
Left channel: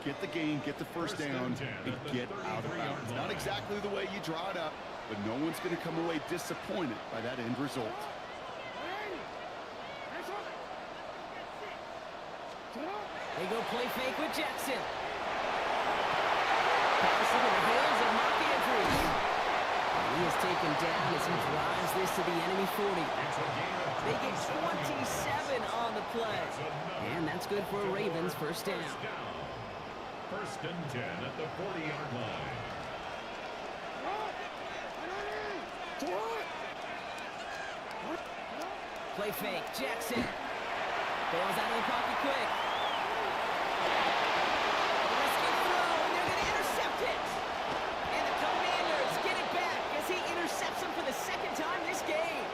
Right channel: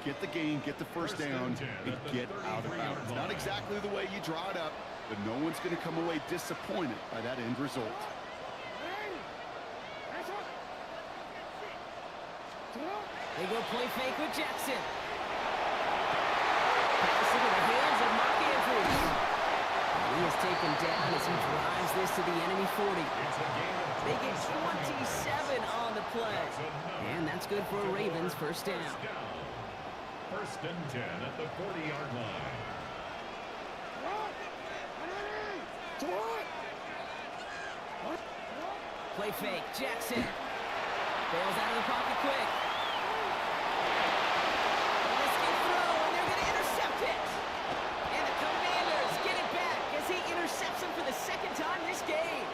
Get the gain, get the first down, and get out of bounds. Not exactly the way you draw it up, but no one's going to come away disappointed by that end result. They go play fake with Jackson. Pass into the hands of Mark Andrews. And he is taken down as he drives this to the enemy 40. They get 27 on the play. And that's good for a Ravens first down. 1st and 10 at the 40-yard line. Play fake, Jackson. Bails out of the pocket quick. A risky throw, and they're going to intercept it. And the Commanders get it back as he intercepts him for the 2nd time this game.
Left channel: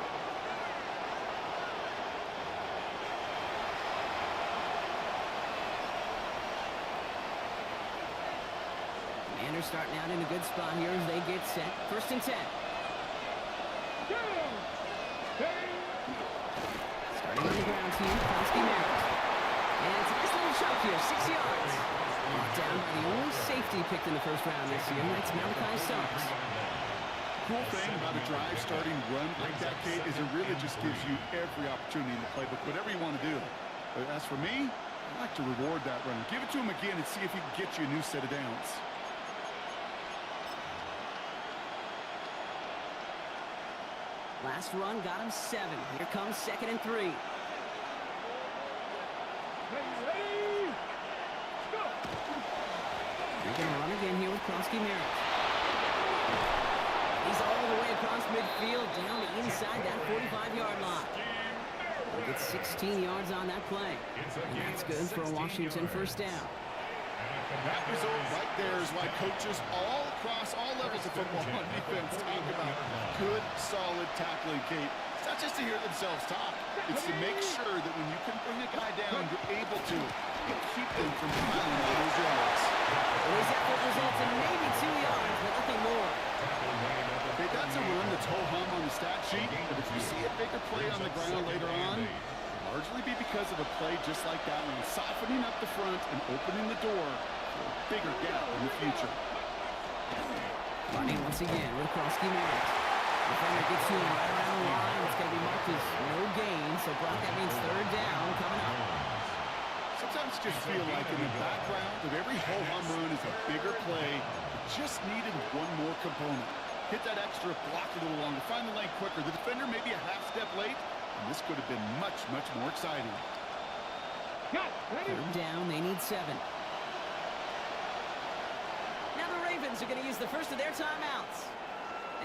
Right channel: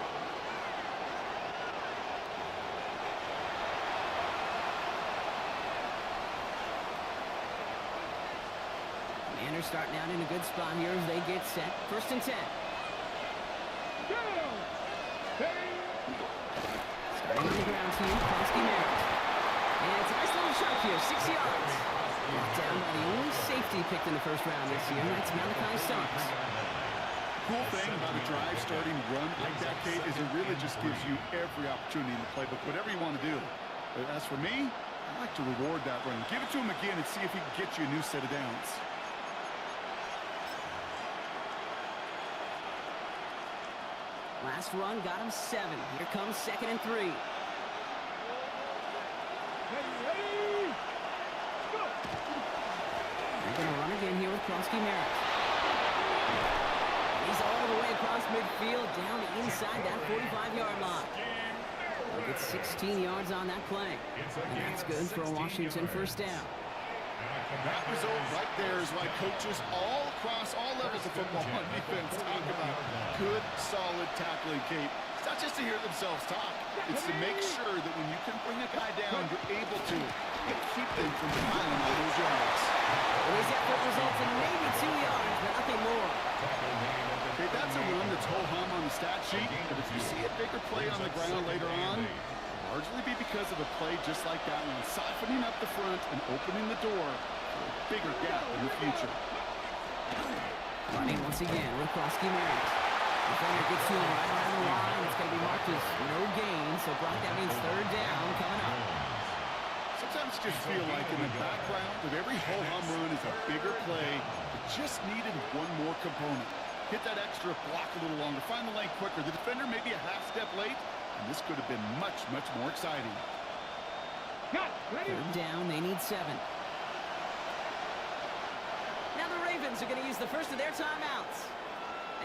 Commanders starting out in a good spot here as they get set. 1st and 10. Starting on the ground team, Marek. And it's a nice little chunk here, 6 yards. Brought down by the only safety picked in the 1st round this year, and that's Malachi Starks. Cool thing about a drive starting run like that, Kate, is it really just gives you every opportunity in the playbook, whatever you want to do. But as for me, I'd like to reward that run. Give it to him again and see if he can get you a new set of downs. Last run got him 7. Here comes 2nd and 3. Ready? Go! They're going to run again here with Krosky Merritt. He's all the way across midfield, down to inside that 45-yard line. They'll get 16 yards on that play. And that's good for a Washington first down. That result right there is why coaches all across all levels of football on defense talk about good, solid tackling, Kate. It's not just to hear themselves talk. It's to make sure that when you can bring a guy down, you're able to keep them from piling all those yards. Well, his effort results in maybe 2 yards, but nothing more. Okay, that's a run that's ho-hum on the stat sheet, but if you see a bigger play on the ground later on, largely be because of a play just like that one, softening up the front and opening the door for a bigger gap in the future. Running once again with Krosky Merritt. Defender gets to him right around the line. It's going to be marked as no gain, so Brock, that means 3rd down coming up. Sometimes just feel like in the background of every ho-hum run is a bigger play. It just needed one more component. Hit that extra block a little longer, find the lane quicker. The defender maybe a half step late, and this could have been much, much more exciting. Got it. Ready? 3rd down, they need 7. Now the Ravens are going to use the first of their timeouts.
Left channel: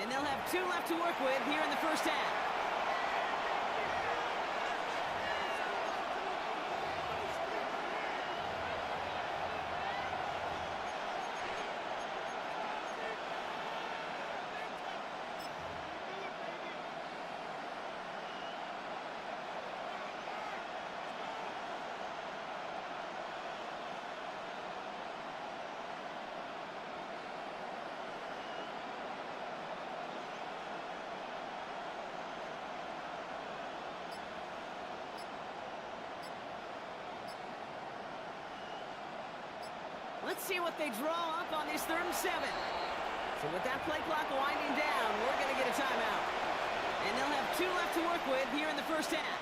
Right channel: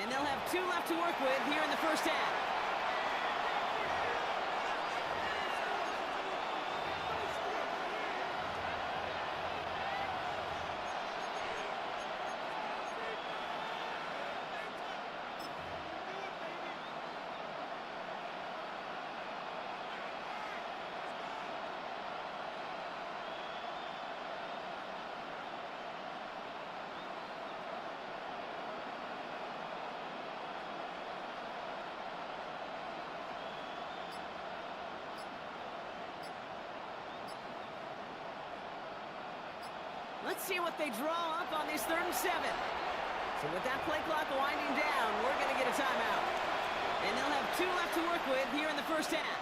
And they'll have 2 left to work with here in the first half. Let's see what they draw up on this 3rd and 7. So with that play clock winding down, we're going to get a timeout. And they'll have 2 left to work with here in the first half.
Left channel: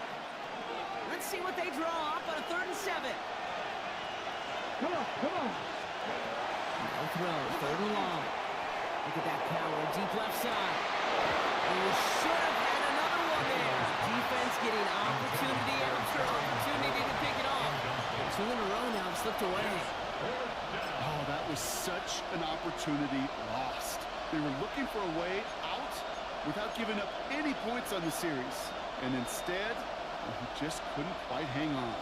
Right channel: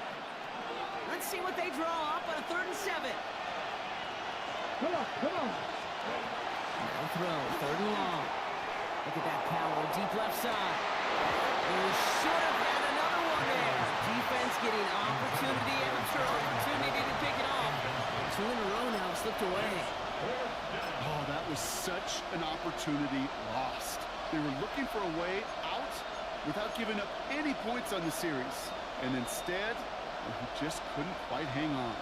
Let's see what they draw up on a 3rd and 7. Come on, come on. No throw, 3rd and long. Look at that power, deep left side. And we should have had another one there. Defense getting opportunity after opportunity to pick it off. 2 in a row now have slipped away. Oh, that was such an opportunity lost. They were looking for a way out without giving up any points on the series. And instead, well, he just couldn't quite hang on.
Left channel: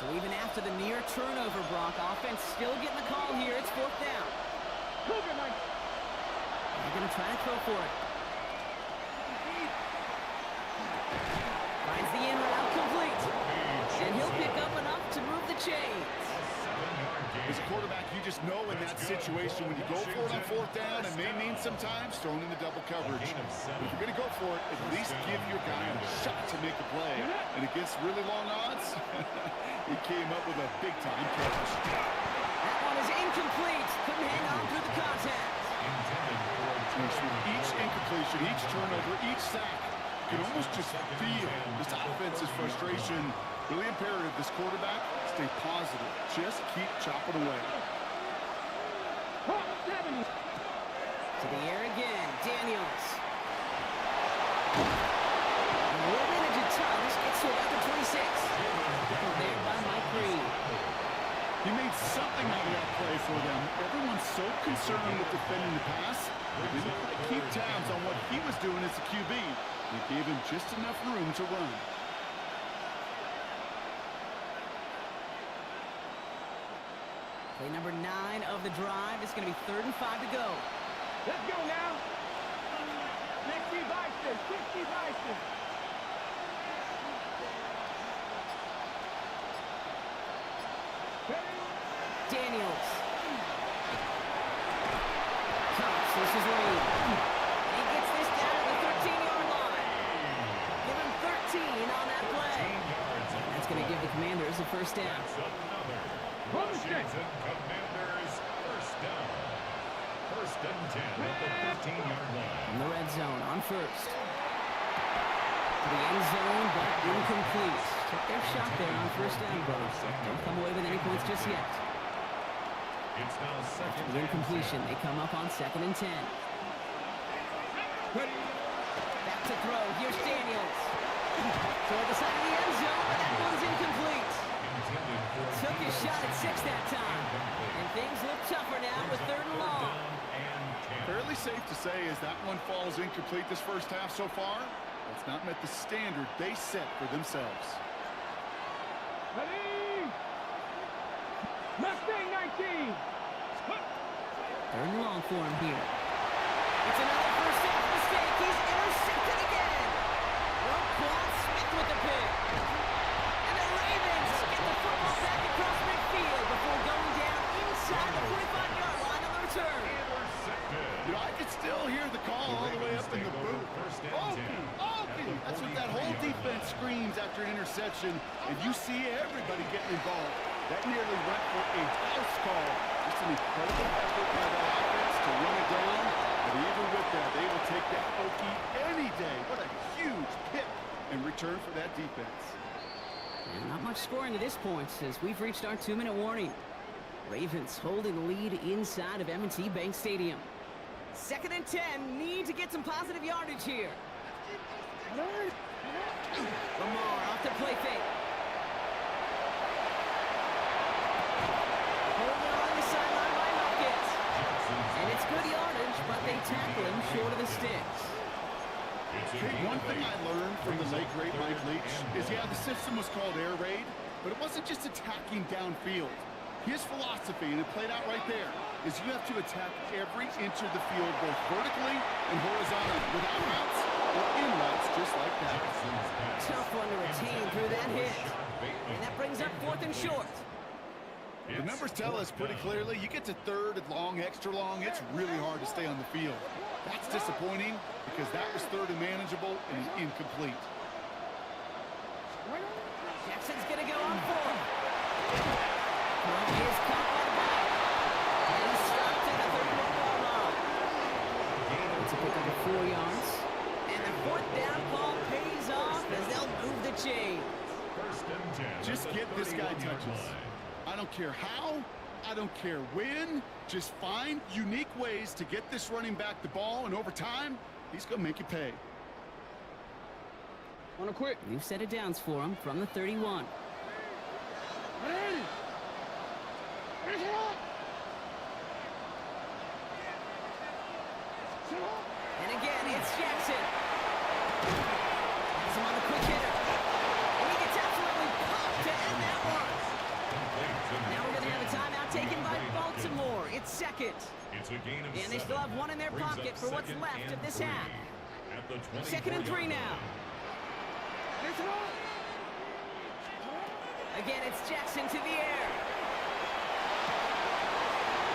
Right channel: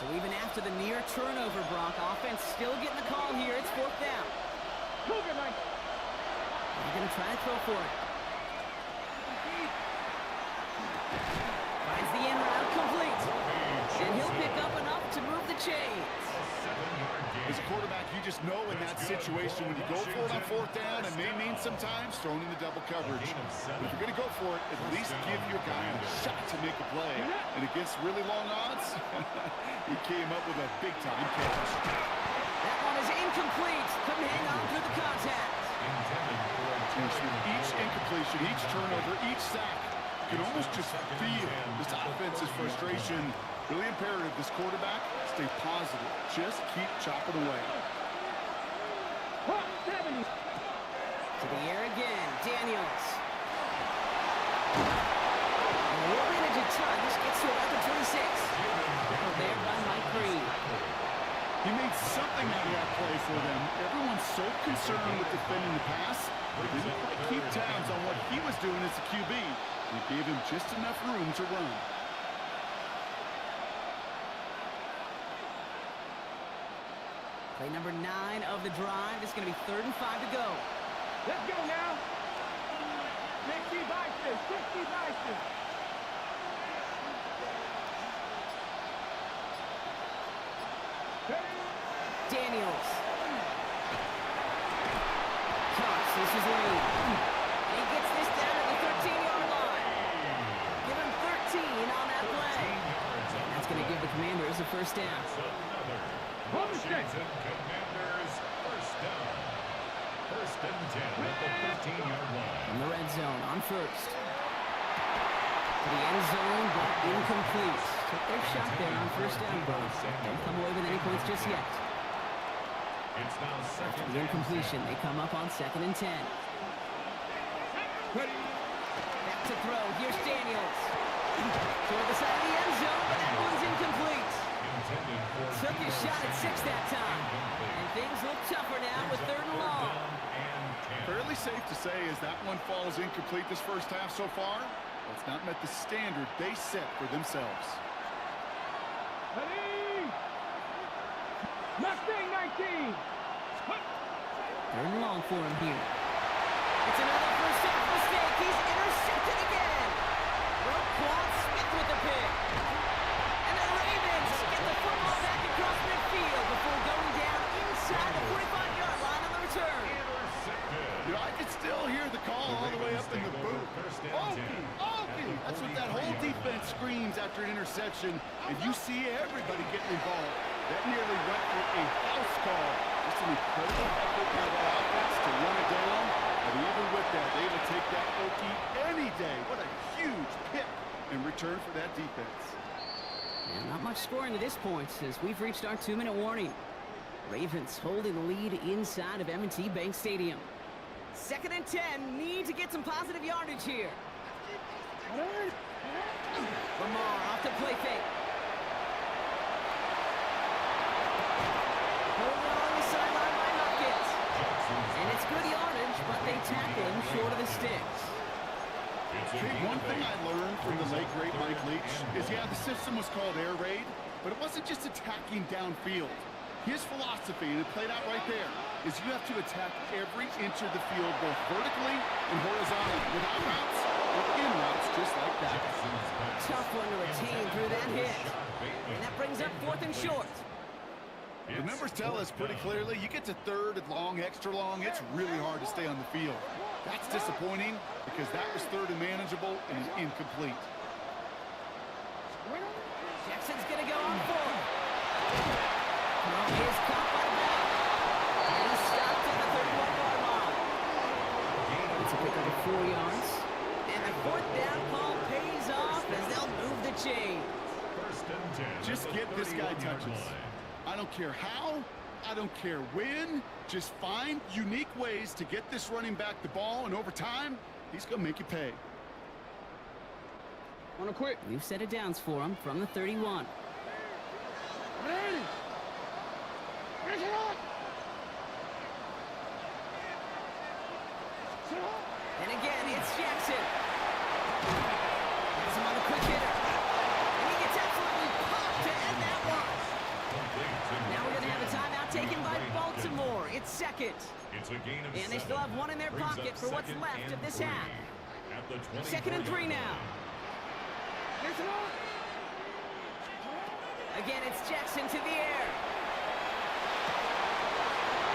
So even after the near turnover, Brock, offense still getting the call here. It's 4th down. Cougar Knight. They're going to try to throw for it. Finds the in route complete. And he'll pick up enough to move the chains. As a quarterback, you just know in that situation when you go for it on 4th down, it may mean sometimes throwing into double coverage. But if you're going to go for it, at least give your guy a shot to make a play. And against really long odds, he came up with a big-time catch. That one is incomplete. Couldn't hang on through the contact. Each incompletion, each turnover, each sack, you can almost just feel this offense's frustration. Really imperative, this quarterback, stay positive. Just keep chopping away. Hawk 70. To the air again, Daniels. We'll manage a ton. This gets to about the 26. Tackled there by Mike Reed. He made something out of that play for them. Everyone's so concerned with defending the pass, they didn't quite keep tabs on what he was doing as a QB. It gave him just enough room to run. Play number 9 of the drive. It's going to be 3rd and 5 to go. Let's go now. 60 Bison, 60 Bison. Daniels. Cox, this is Reed. He gets this down to the 13-yard line. Give him 13 on that play. That's going to give the Commanders a first down. Washington Commanders first down. 1st and 10 at the 13-yard line. In the red zone on first. To the end zone, but incomplete. Took their shot there on first down, Brock. Don't come away with any points just yet. It's now After 2nd the incompletion, they come up on 2nd and 10. Ready. Back To throw, here's Daniels. Toward the side of the end zone, but that one's incomplete. Took his shot at 6 that time. And things look tougher now with 3rd and long. Fairly safe to say as that one falls incomplete this first half so far, well, it's not met the standard they set for themselves. Ready? Mustang 19. 3rd and long for him here. It's another first half mistake. He's intercepted again. Roquan Smith with the pick. And the Ravens get the football back across midfield before going down inside the 45-yard line on the return. You know, I can still hear the call all the way up in the booth. Okie, Okie! That's what that whole defense screams after an interception, and you see everybody getting involved. That nearly went for a house call. Just an incredible effort by that offense to run it down. But even with that, they will take that Okie any day. What a huge pick in return for that defense. And not much scoring to this point as we've reached our 2-minute warning. Ravens holding the lead inside of M&T Bank Stadium. 2nd and 10, need to get some positive yardage here. Lamar off the play fake. Holding on the sideline by Hopkins. And it's good yardage, but they tackle him short of the sticks. Hey, one thing I learned from the late great Mike Leach is, yeah, the system was called air raid, but it wasn't just attacking downfield. His philosophy, and it played out right there, is you have to attack every inch of the field, both vertically and horizontally, without routes or in routes, just like that. Tough one to retain through that hit. And that brings up 4th and short. The numbers tell us pretty clearly, you get to 3rd and long, extra long, it's really hard to stay on the field. That's disappointing because that was 3rd and manageable and incomplete. Jackson's going to go on 4th. Well, he's caught by the back. And he's stopped at the 31-yard line. It's a pickup of 4 yards. And the 4th down call pays off as they'll move the chain. Just get this guy touches. I don't care how, I don't care when, just find unique ways to get this running back the ball, and over time, he's going to make you pay. On a quick. New set of downs for him from the 31. And again, it's Jackson. Has him on the quick hitter. And he gets absolutely popped to end that one. Now we're going to have a timeout taken by Baltimore. It's 2nd. And they still have 1 in their pocket for what's left of this half. 2nd and 3 now. Again, it's Jackson to the air.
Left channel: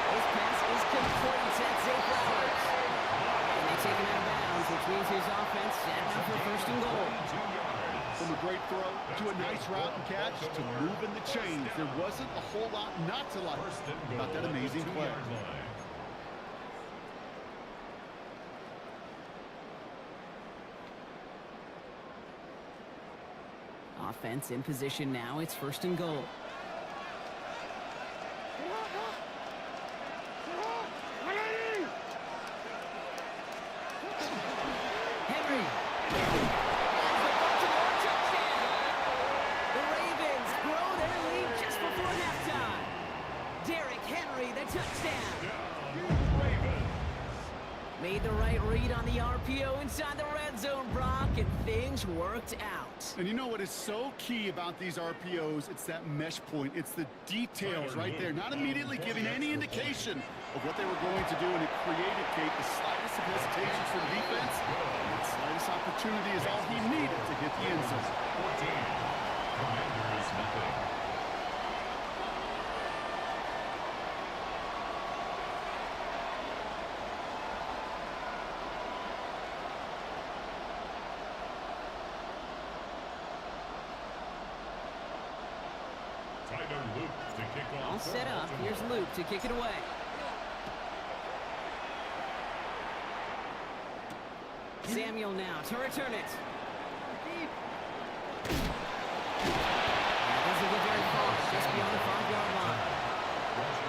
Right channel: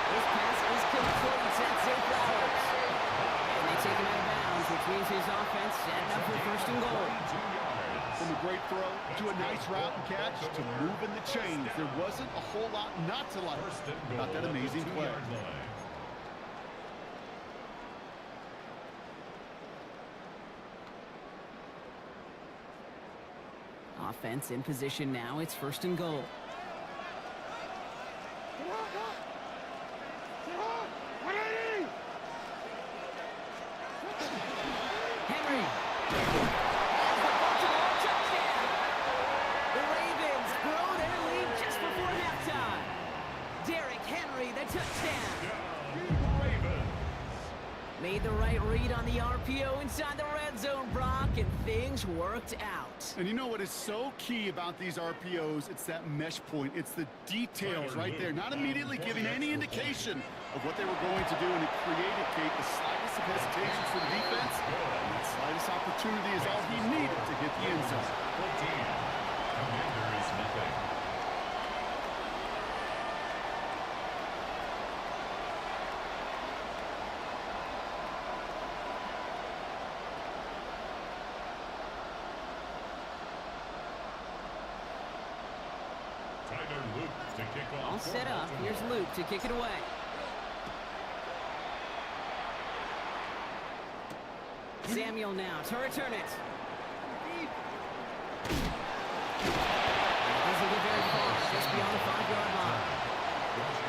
His pass is complete. That's Zay Flowers. And they take him out of bounds, which means his offense setting up for 1st and goal. From a great throw to a nice route and catch to moving the chains, there wasn't a whole lot not to like about that amazing play. Offense in position now. It's 1st and goal. Henry. Has the Baltimore touchdown. The Ravens grow their lead just before halftime. Derrick Henry, the touchdown. Made the right read on the RPO inside the red zone, Brock, and things worked out. And you know what is so key about these RPOs? It's that mesh point. It's the details right there. Not immediately giving any indication of what they were going to do, and it created, Kate, the slightest of hesitations for the defense. And that slightest opportunity is all he needed to hit the end zone. 14. Commanders nothing. All set up. Here's Luke to kick it away. Samuel now to return it. It doesn't get very far, just beyond the 5-yard line.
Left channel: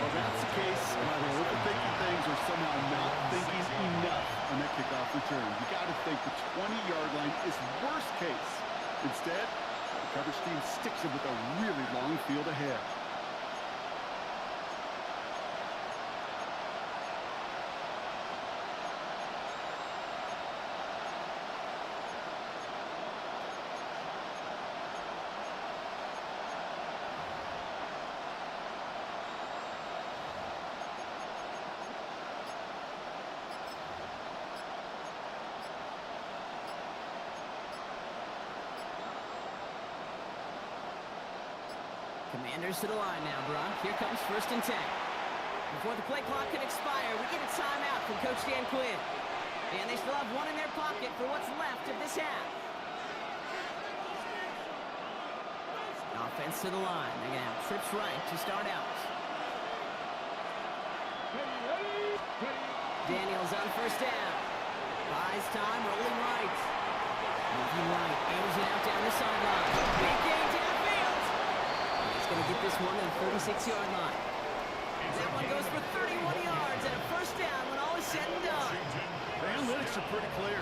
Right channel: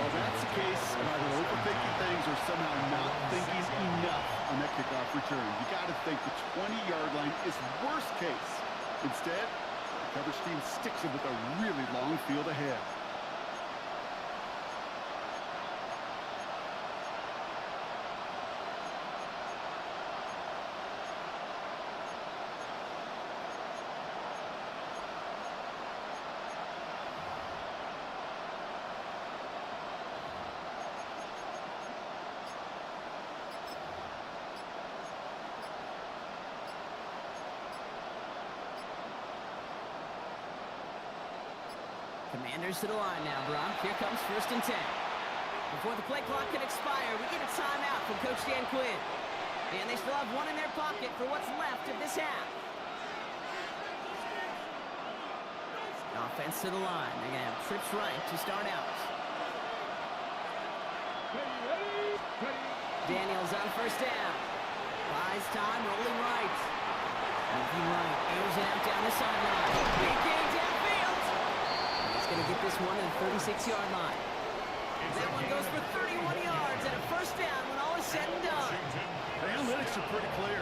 Well, that's the case of either overthinking things or somehow not thinking enough on that kickoff return. You got to think the 20-yard line is worst case. Instead, the coverage team sticks it with a really long field ahead. Commanders to the line now, Brock. Here comes 1st and 10. Before the play clock can expire, we get a timeout from Coach Dan Quinn. And they still have one in their pocket for what's left of this half. Offense to the line. They're going to have trips right to start out. Daniels on 1st down. Buys time, rolling right. Moving right, airs it out down the sideline. Big gain downfield. He's going to get this one to the 36-yard line. That one goes for 31 yards and a 1st down when all is said and done. The analytics are pretty clear.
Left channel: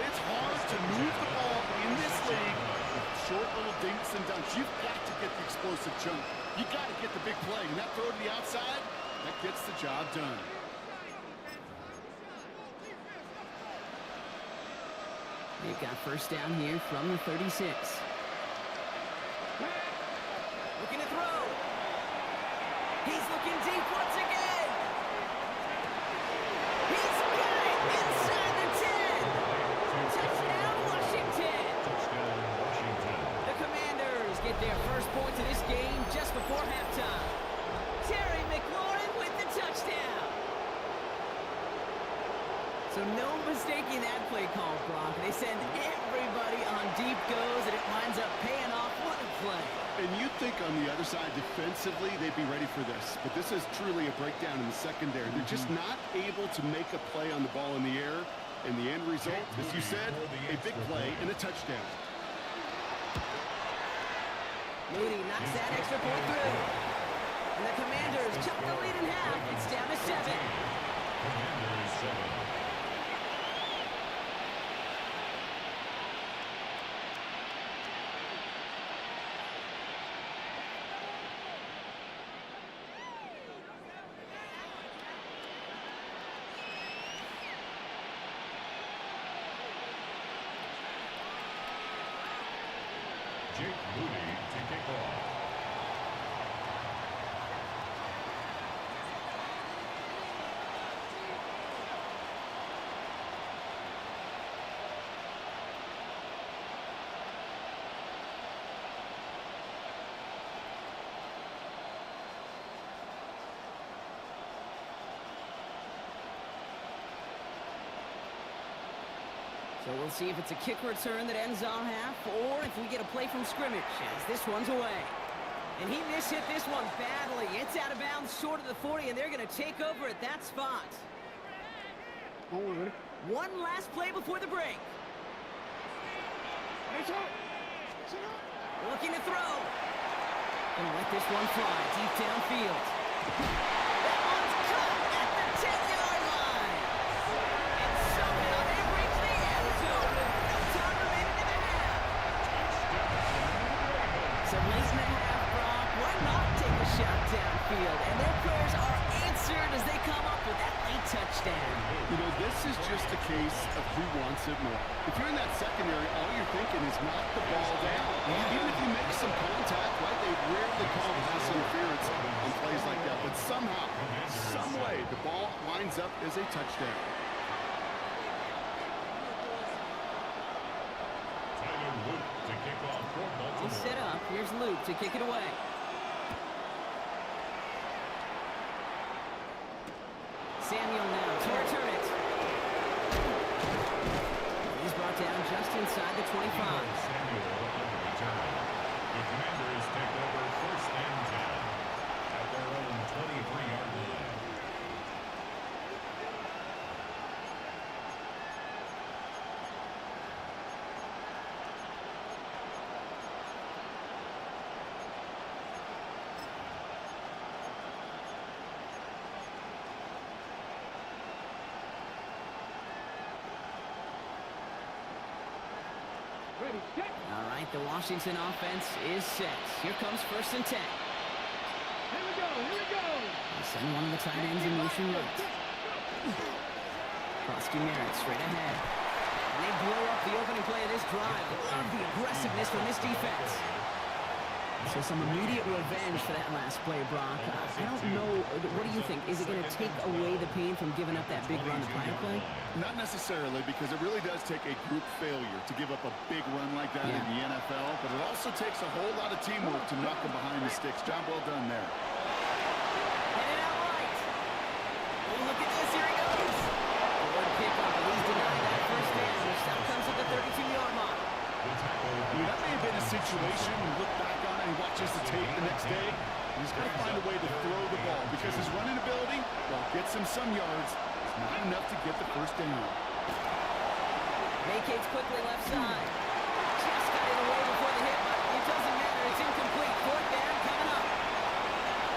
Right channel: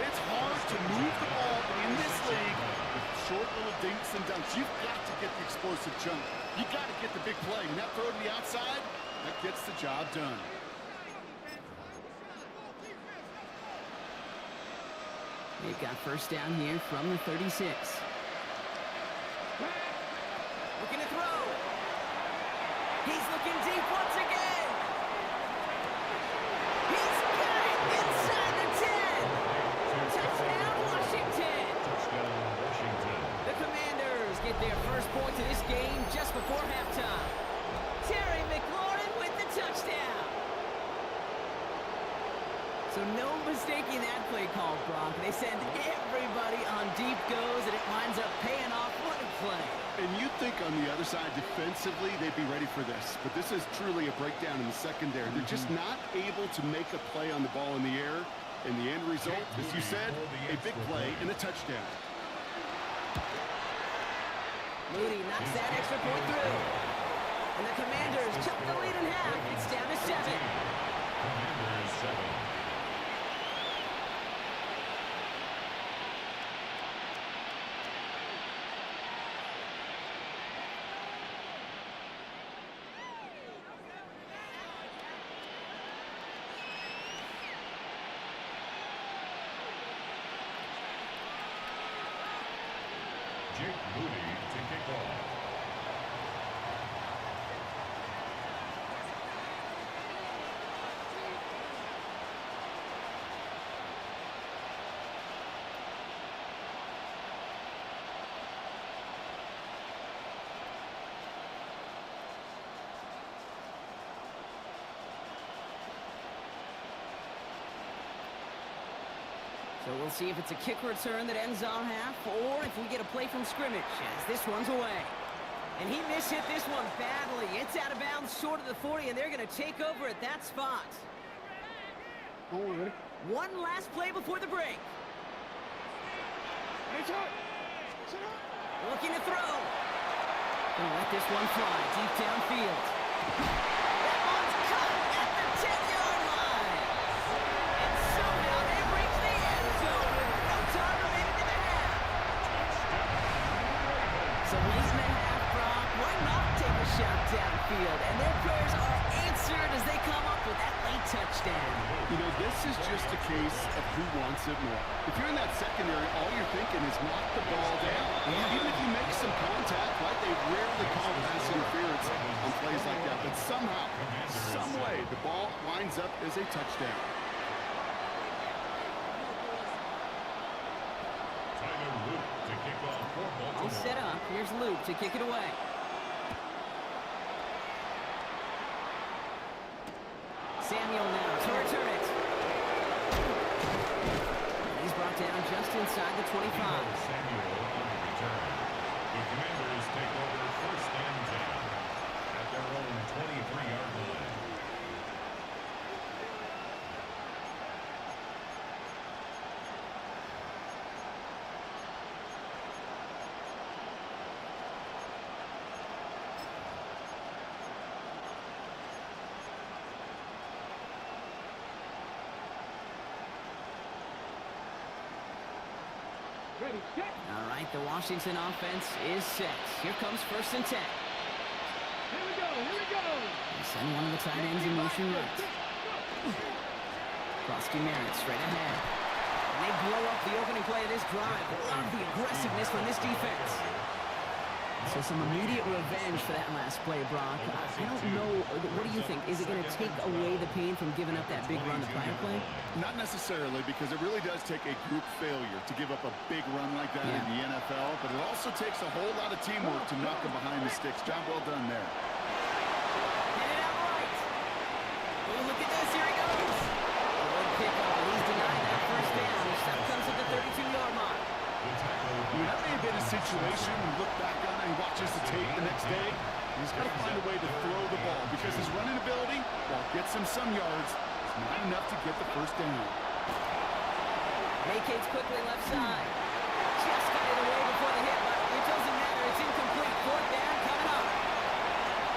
It's hard to move the ball in this league with short little dinks and dunks. You've got to get the explosive chunk. You got to get the big play. And that throw to the outside, that gets the job done. They've got 1st down here from the 36. Looking to throw. He's looking deep once again. He's got it inside the 10. Touchdown, Washington. Touchdown, Washington. The Commanders get their first points of this game just before halftime. Terry McLaurin with the touchdown. So no mistaking that play call, Brock. They send everybody on deep goes, and it winds up paying off. What a play. And you'd think on the other side, defensively, they'd be ready for this. But this is truly a breakdown in the secondary. They're just not able to make a play on the ball in the air. And the end result, as you said, a big play and a touchdown. Moody knocks that extra point through. And the Commanders chop the lead in half. It's down to 7. Commanders 7. Jake Moody to kick off. So we'll see if it's a kick return that ends on half, or if we get a play from scrimmage, as this one's away. And he mishit this one badly. It's out of bounds short of the 40, and they're going to take over at that spot. One last play before the break. Looking to throw. Gonna let this one fly deep downfield. That one's caught at the 10-yard line. And somehow they've reached the end zone with no time remaining in the half. So late in the half, Brock, why not take a shot downfield? And their prayers are answered as they come up with that late touchdown. You know, this is just a case of who wants it more. If you're in that secondary, all you're thinking is knock the ball down. Even if you make some contact, right, they rarely call pass interference on plays like that. But somehow, some way, the ball winds up as a touchdown. Tyler Luke to kick off for Baltimore. All set up. Here's Luke to kick it away. Samuel now to return it. He's brought down just inside the 25. Samuel on the return. The Commanders take over 1st and 10 at their own 23-yard line. Ready, set. All right, the Washington offense is set. Here comes 1st and 10. Here we go, here we go. They send one of the tight ends in motion right. Frosty Merritt straight ahead. And they blow up the opening play of this drive. Love the aggressiveness from this defense. So some immediate revenge for that last play, Brock. I don't know. What do you think? Is it going to take away the pain from giving up that big run the prior play? Not necessarily, because it really does take a group failure to give up a big run like that in the NFL, but it also takes a whole lot of teamwork to knock them behind the sticks. Job well done there. Headed out right. Oh, look at this. Here he goes. Good pickup, but he's denied that first down. Stop comes at the 32-yard mark. That may have been a situation you look back on it and watches the tape the next day. He's got to find a way to throw the ball because his running ability, while it gets him some yards, is not enough to get the first down. Vacates quickly left side. Just got in the way before the hit, but it doesn't matter. It's incomplete. 4th down coming up.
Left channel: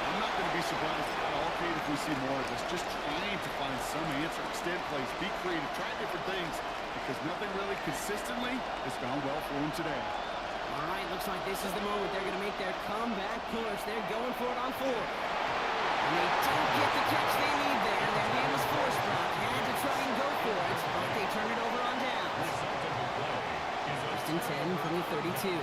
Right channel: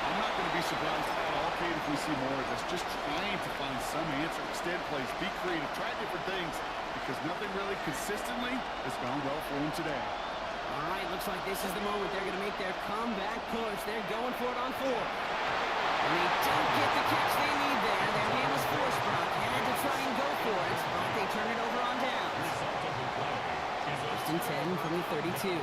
I'm not going to be surprised at all, Kate, if we see more of this. Just trying to find some answer. Extend plays, be creative, try different things, because nothing really consistently has gone well for him today. All right, looks like this is the moment they're going to make their comeback push. They're going for it on 4th. And they don't get the catch they need there. Their man was forced, Brock. Had to try and go for it, but they turn it over on downs. 1st and 10 from the 32.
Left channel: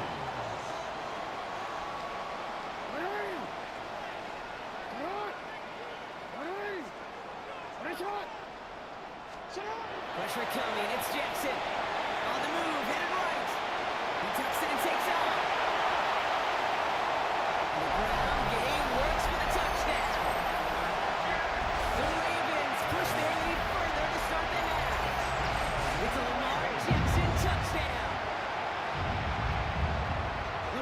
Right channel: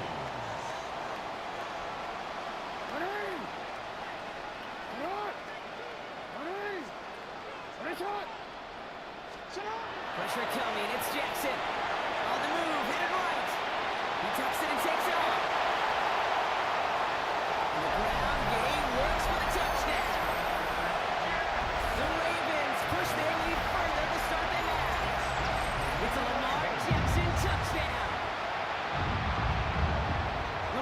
Pressure coming, it's Jackson. On the move, headed right. He tucks it and takes off. On the ground, game works for the touchdown. The Ravens push their lead further to start the half. It's a Lamar Jackson touchdown.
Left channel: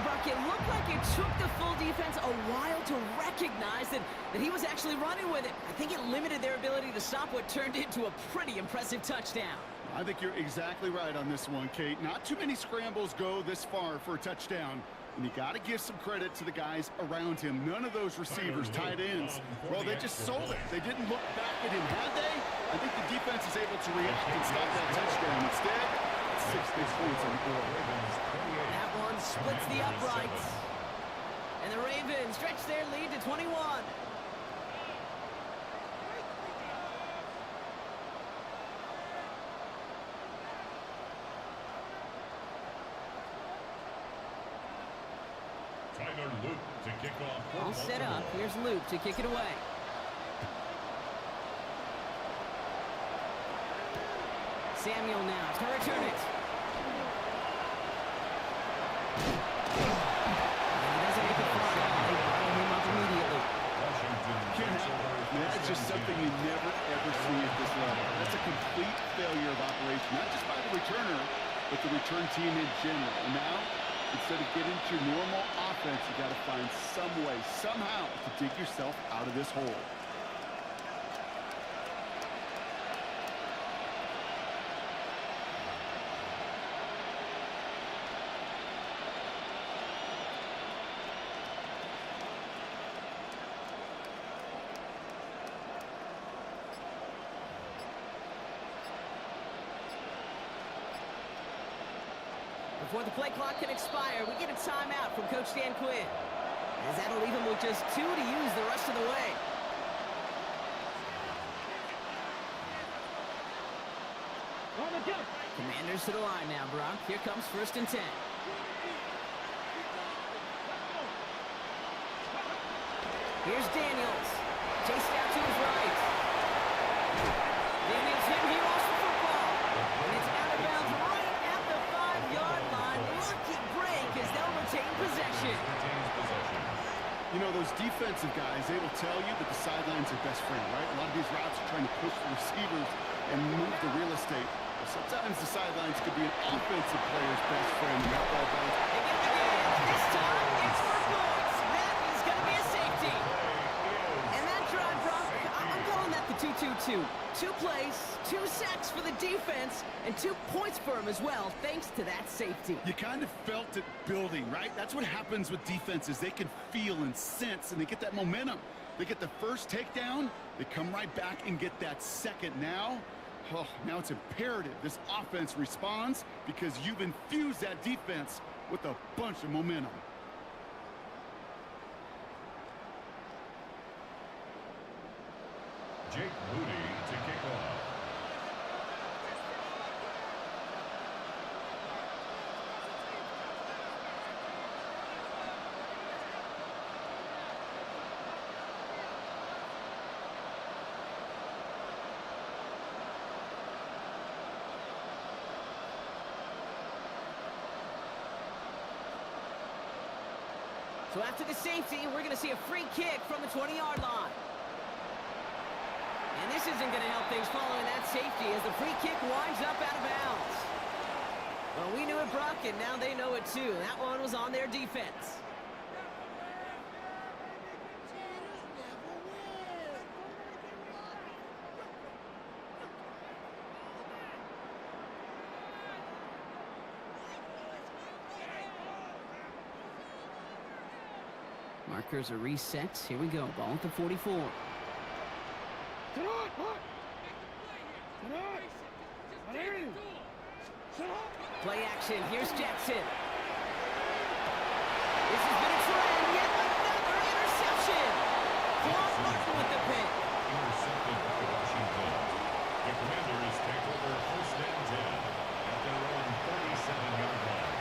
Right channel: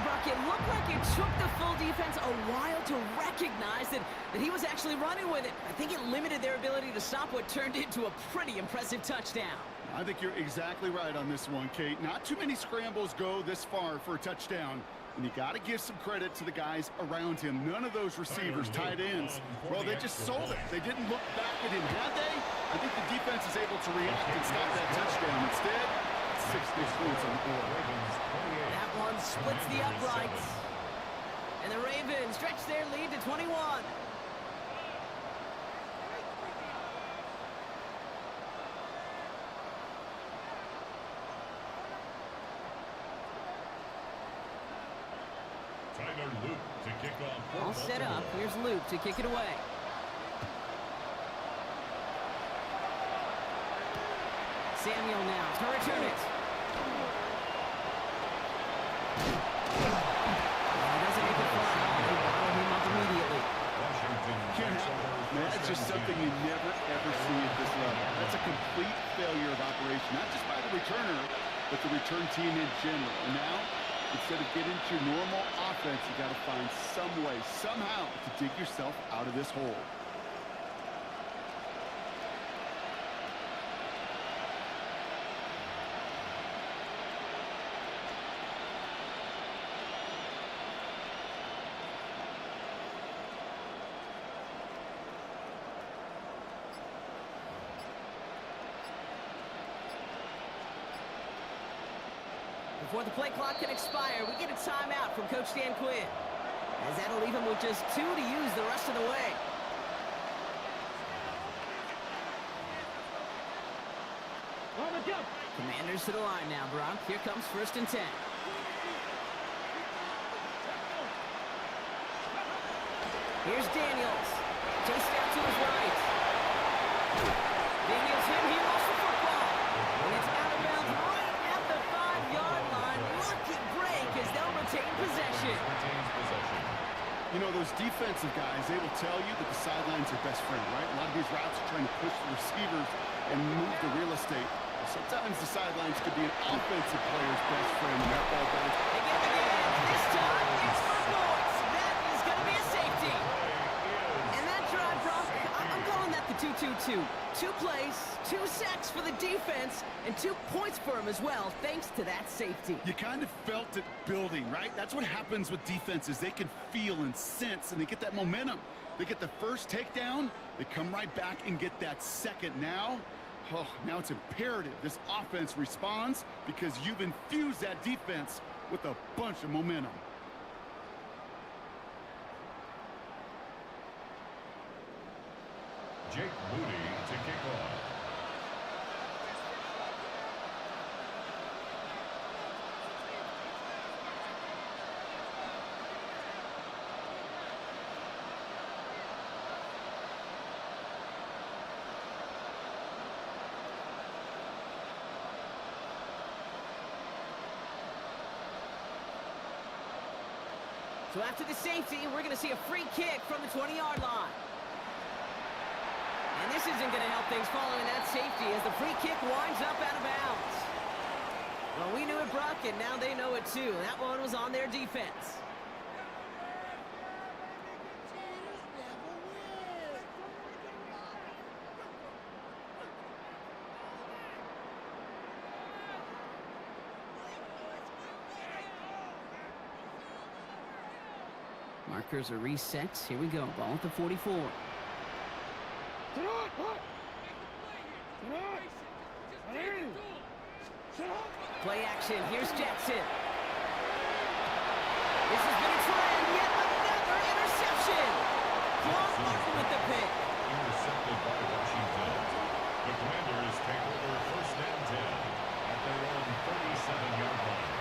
Brock, it looked like it took the full defense a while to recognize that he was actually running with it. I think it limited their ability to stop what turned into a pretty impressive touchdown. I think you're exactly right on this one, Kate. Not too many scrambles go this far for a touchdown, and you got to give some credit to the guys around him. None of those receivers, tight ends, well, they just sold it. They didn't look back at him, had they? I think the defense is able to react and stop that touchdown. Instead, 6 big points on the board. That one splits the uprights. And the Ravens stretch their lead to 21. Tyler Luke to kick off. All set up. Here's Luke to kick it away. Samuel now to return it. And he doesn't make it far at all. They bottle him up immediately. That's just something you never, ever see at this level. That's a complete failure of operation, not just by the returner, but the return team in general. And now, instead of getting to your normal offense, you got to find some way, somehow, to dig yourself out of this hole. Before the play clock can expire, we get a timeout from Coach Dan Quinn, as that'll leave him with just 2 to use the rest of the way. On the jump. Commanders to the line now, Brock. Here comes 1st and 10. Here's Daniels. Chased out to his right. Daniels hit, he lost the football. And it's out of bounds right at the 5-yard line. Lucky break as they'll retain possession. You know, those defensive guys, they will tell you that the sideline's their best friend, right? A lot of these routes are trying to push the receivers and move the real estate. Well, sometimes the sidelines could be an offensive player's best friend in that ball bounce. They get the game. This time, it's for points. That is going to be a safety. And that drive, Brock, I'm calling that the 2-2-2. 2 plays, 2 sacks for the defense, and 2 points for him as well, thanks to that safety. You kind of felt it building, right? That's what happens with defenses. They can feel and sense, and they get that momentum. They get the first takedown, they come right back and get that second. Now, Oh, now it's imperative this offense responds because you've infused that defense with a bunch of momentum. Jake Moody to kick off. So after the safety, we're going to see a free kick from the 20-yard line. And this isn't going to help things following that safety as the free kick winds up out of bounds. Well, we knew it, Brock, and now they know it too. That one was on their defense. Markers are reset. Here we go. Ball at the 44. Play action. Here's Jackson. This has been a trend. Yet another interception. Quan Martin with the pick. Intercepted by Washington. The Commanders take over 1st and 10 at their own 37-yard line.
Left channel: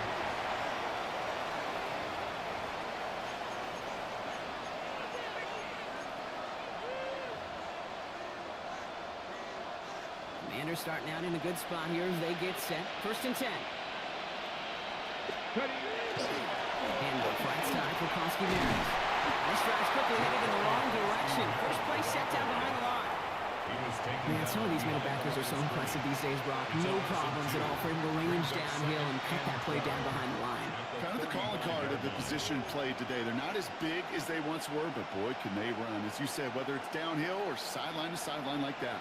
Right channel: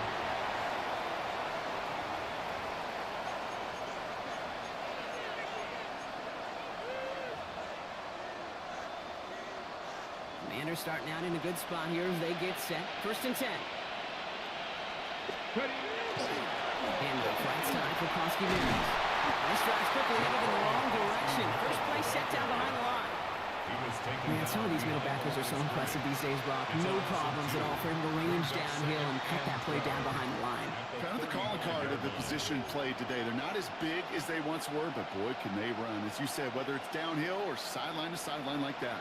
Commanders starting out in a good spot here as they get set. 1st and 10. Handoff right side for Koski-Maris. This drive's quickly headed in the wrong direction. First play set down behind the line. Man, some of these middle backers are so impressive these days, Brock. No problems at all for him to range downhill and cut that play down behind the line. Kind of the calling card of the position played today. They're not as big as they once were, but boy, can they run. As you said, whether it's downhill or sideline to sideline like that.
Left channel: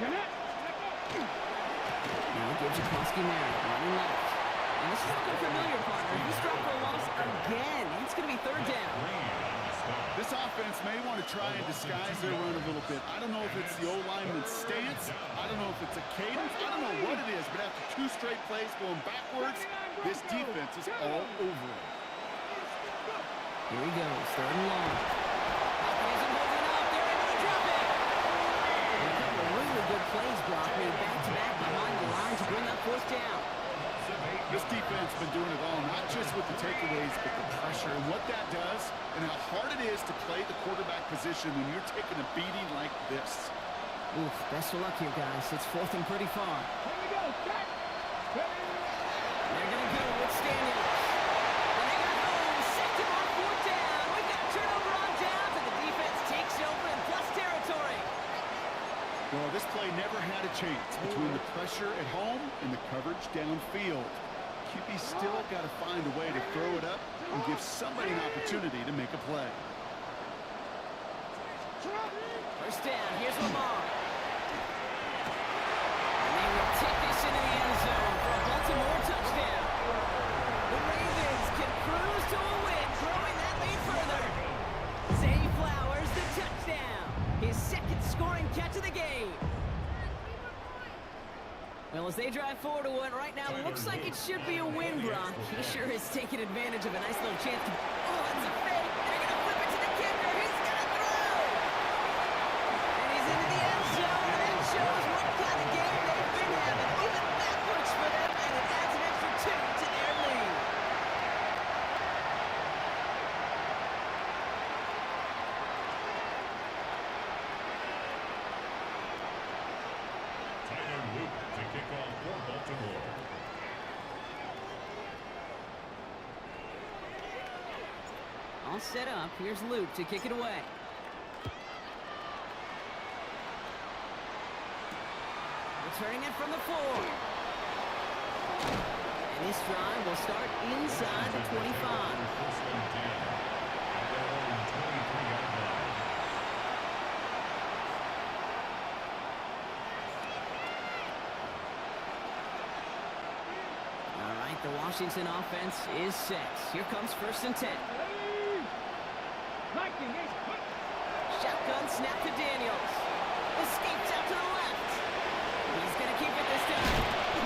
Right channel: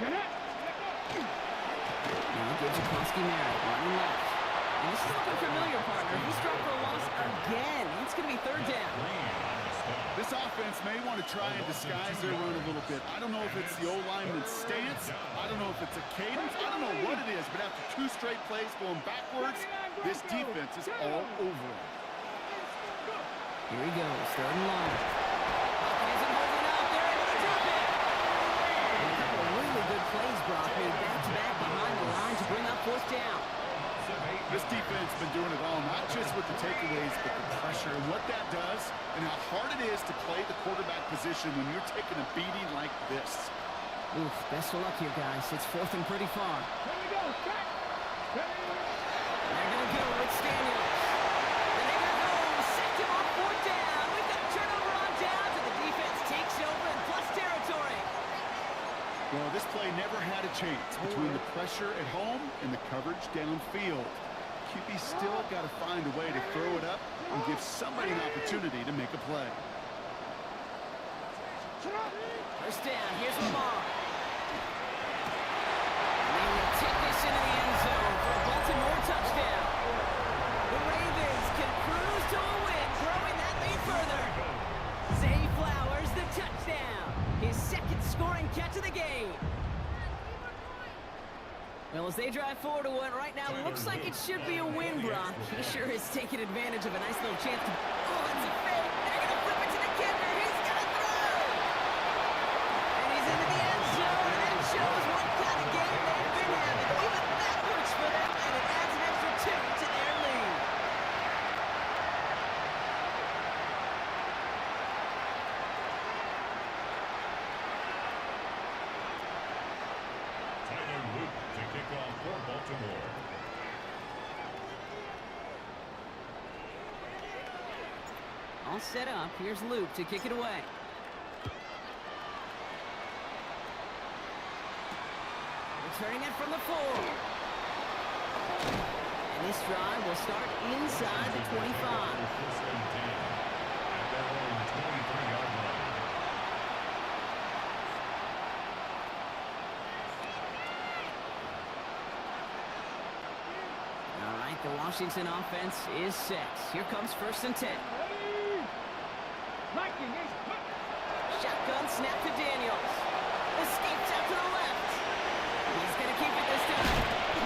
Now gives to Koski-Maris, running left. And this is looking familiar, partner. He's dropped for a loss again. It's going to be 3rd down. This offense may want to try and disguise their run a little bit. I don't know if it's the O-lineman's stance. I don't know if it's a cadence. I don't know what it is, but after 2 straight plays going backwards, this defense is all over it. Here he goes, 3rd and long. Falcon isn't holding up. They're able to drop it. And a couple of really good plays, Brock, made back-to-back behind the line to bring up 4th down. This defense has been doing it all, not just with the takeaways, but the pressure and what that does and how hard it is to play the quarterback position when you're taking a beating like this. Oof, best of luck here, guys. It's 4th and pretty far. Here we go. Cut. They're going to go with Daniels. Then they got home, sacked him on 4th down. We've got a turnover on downs, and the defense takes over in plus territory. Well, this play never had a chance between the pressure at home and the coverage downfield. QB still got to find a way to throw it up and give somebody an opportunity to make a play. 1st down, here's Lamar. And they will take this into the end zone for a Baltimore touchdown. The Ravens can cruise to a win, throwing that lead further. Zay Flowers, the touchdown. His 2nd scoring catch of the game. Well, as they drive forward to one right now, looks like it should be a win, Brock. He sure is taking advantage of a nice little chance to... Oh, it's a fake. They're going to flip it to the kicker. He's going to throw. And he's into the end zone, and that shows what kind of game they've been having. Even that works for them, and it adds an extra 2 to their lead. Kick off for Baltimore. All set up. Here's Luke to kick it away. Returning it from the 4. And this drive will start inside the 25. 1st and 10 at their own 23-yard line. All right, the Washington offense is set. Here comes 1st and 10. Shotgun snap to Daniels. Escapes out to the left. He's going to keep it this time.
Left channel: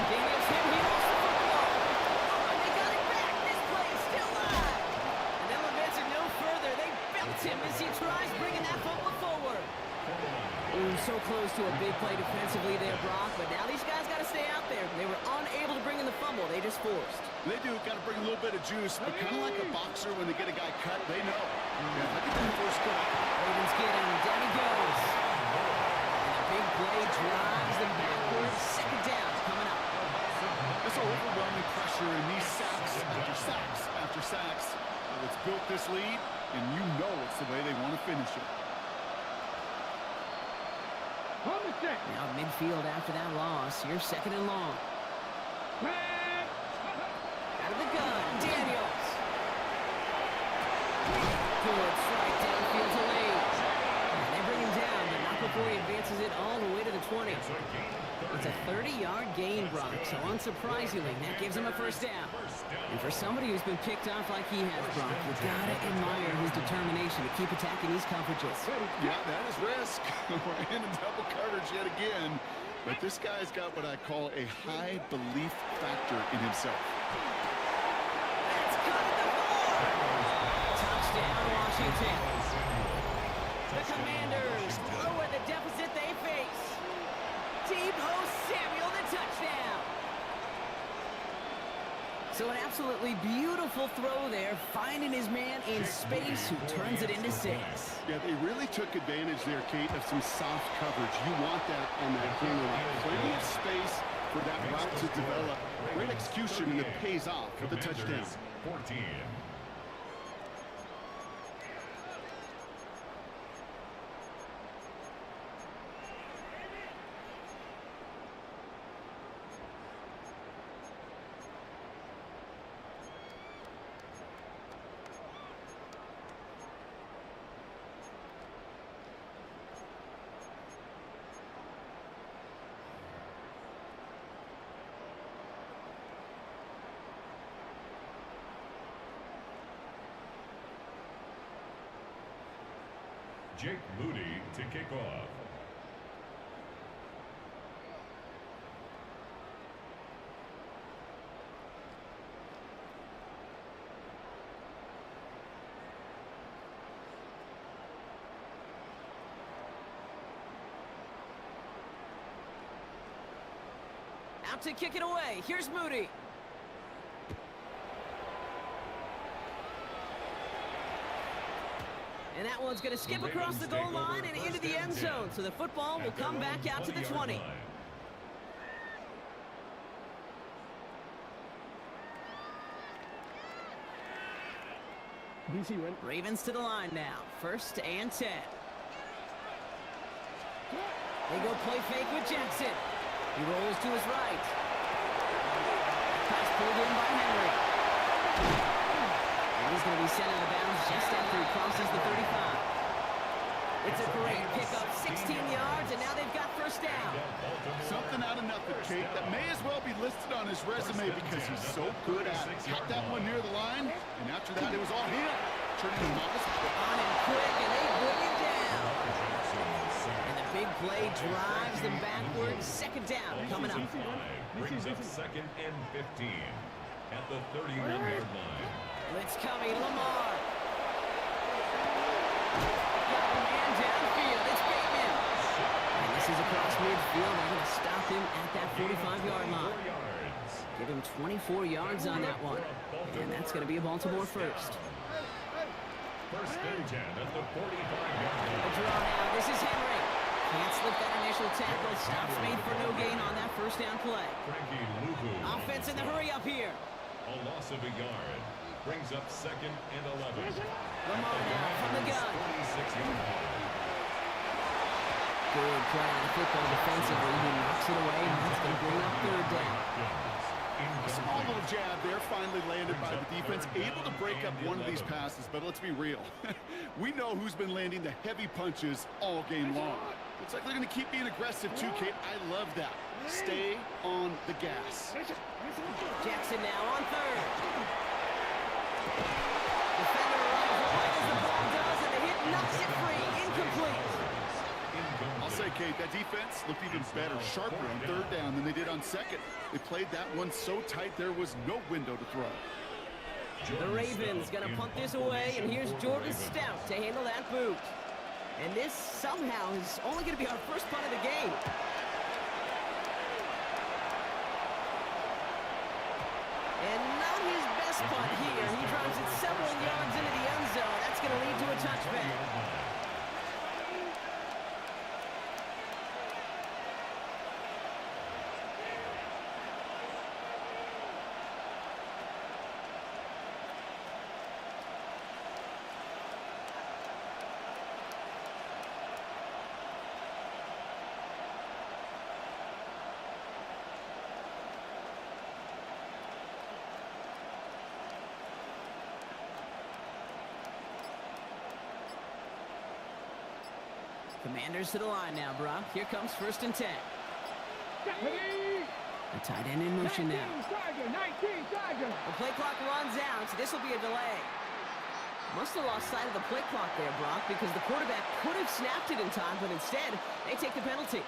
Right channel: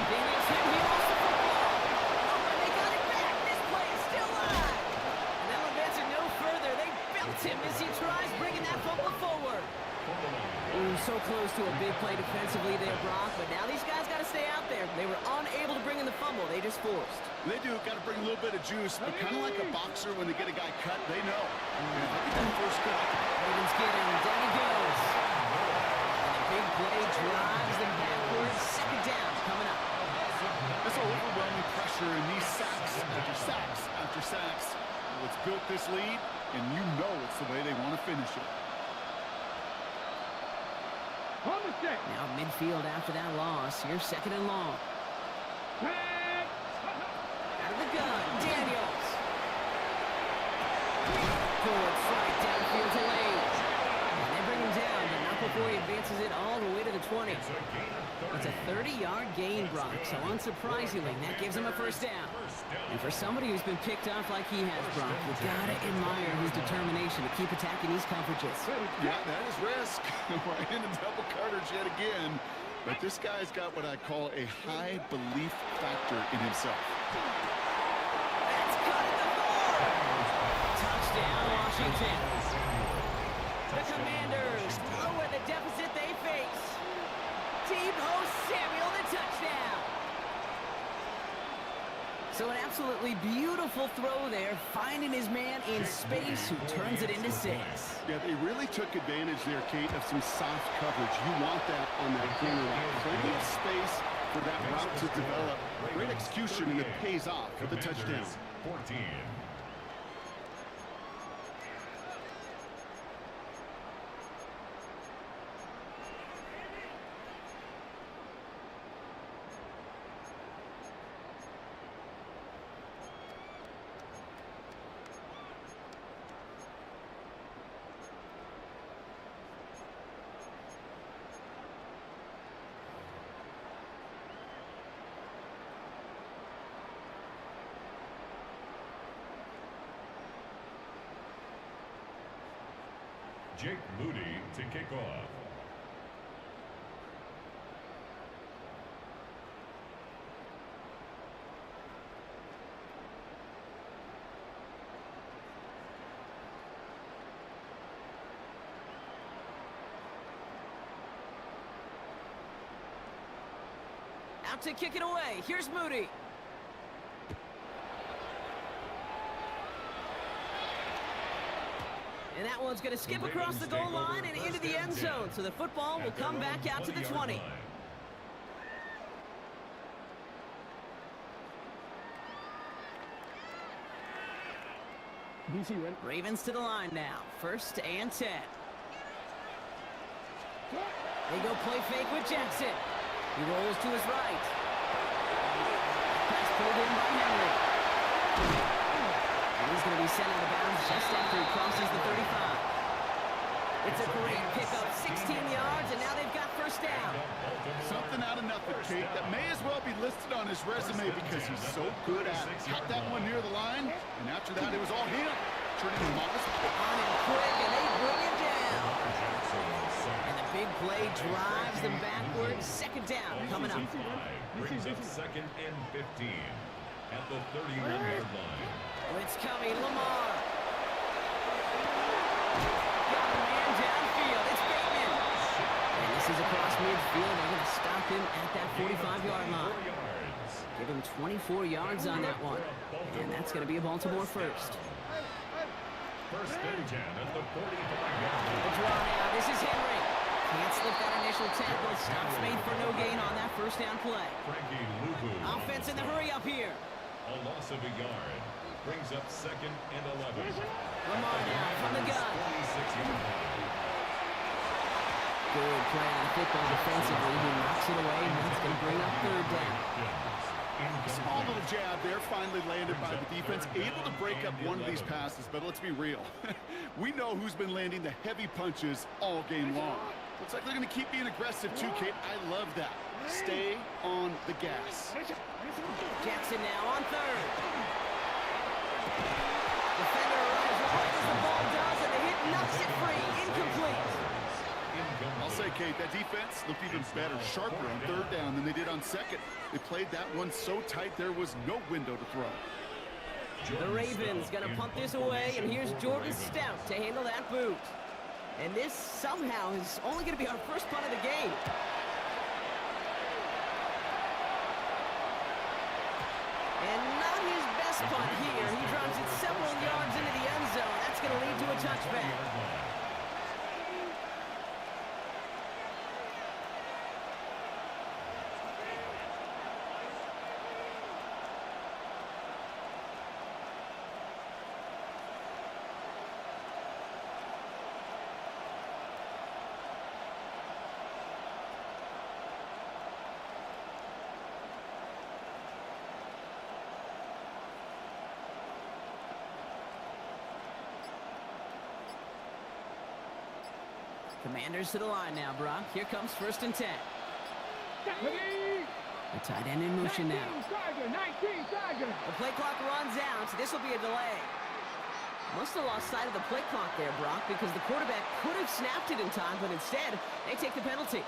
Daniels hit. He lost the football. Oh, and they got it back. This play is still live. And they'll advance it no further. They belt him as he tries bringing that football forward. Ooh, so close to a big play defensively there, Brock, but now these guys got to stay out there. They were unable to bring in the fumble. They just forced. They do. Got to bring a little bit of juice, but kind of like a boxer when they get a guy cut, they know. If I get that first cut. Ravens get him. Down he goes. And a big play drives them backwards. Second down coming up. This overwhelming pressure and these sacks after sacks after sacks. Well, it's built this lead, and you know it's the way they want to finish it. Now midfield after that loss. Here's second and long. Out of the gun, Daniels. Good strike downfield to Lane. And they bring him down, but not before he advances it all the way to the 20. It's a 30-yard gain, Brock, so unsurprisingly, that gives him a first down. And for somebody who's been picked off like he has, Brock, you gotta admire his determination to keep attacking these coverages. Yeah, that is risk. We're in a double coverage yet again. But this guy's got what I call a high belief factor in himself. That's cut at the 4. Touchdown, Washington. The Commanders lower the deficit they face. Tebow Samuel, the touchdown. So an absolutely beautiful throw there, finding his man in space who turns it into 6. Yeah, they really took advantage there, Kate, of some soft coverage. You want that on that corner route. Plenty of space for that route to develop. Great execution, and it pays off with the touchdown. 14. Jake Moody to kick off. Out to kick it away. Here's Moody. And that one's going to skip across the goal line and into the end zone. So the football will come back out to the 20. Ravens to the line now. First and 10. They go play fake with Jackson. He rolls to his right. Pass pulled in by Henry. And he's going to be sent out of bounds just after he crosses the 35. It's a great pickup, 16 yards, and now they've got first down. Something out of nothing, Kate, that may as well be listed on his resume because he's so good at it. Got that one near the line, and after that, it was all him. Turning to modest. On and quick, and they bring it down. And the big play drives them backwards. Second down coming up. Brings up second and 15 at the 31-yard line. Blitz coming, Lamar. Got a man downfield. It's Bateman. And this is across midfield. They're going to stop him at that 45-yard line. Give him 24 yards on that one. And that's going to be a Baltimore first. First and 10 at the 45-yard line. A draw now. This is Henry. Can't slip that initial tackle. Stops made for no gain on that first down play. Frankie Luvu. Offense in the hurry up here. A loss of a yard. Brings up second and 11. Lamar now from the gun. 46-yard line. Good play on the football defensively. He knocks it away, and that's going to bring up third down. Small little jab there, finally landed by the defense. Able to break up one of these passes, but let's be real. We know who's been landing the heavy punches all game long. Looks like they're going to keep being aggressive too, Kate. I love that. Stay on the gas. Jackson now on third. Defender arrives right as the ball does, and the hit knocks it free. Incomplete. incomplete. I'll say, Kate, that defense looked even better, sharper on third down than they did on second. They played that one so tight there was no window to throw. The Ravens going to punt this away, and here's Jordan Stout to handle that boot. And this somehow is only going to be our first punt of the game. And not his best punt here. He drives it several yards into the end zone. That's going to lead to a touchback. Commanders to the line now, Brock. Here comes 1st and 10. A tight end in motion now. 19 Tiger. The play clock runs out, so this will be a delay. Must have lost sight of the play clock there, Brock, because the quarterback could have snapped it in time, but instead, they take the penalty.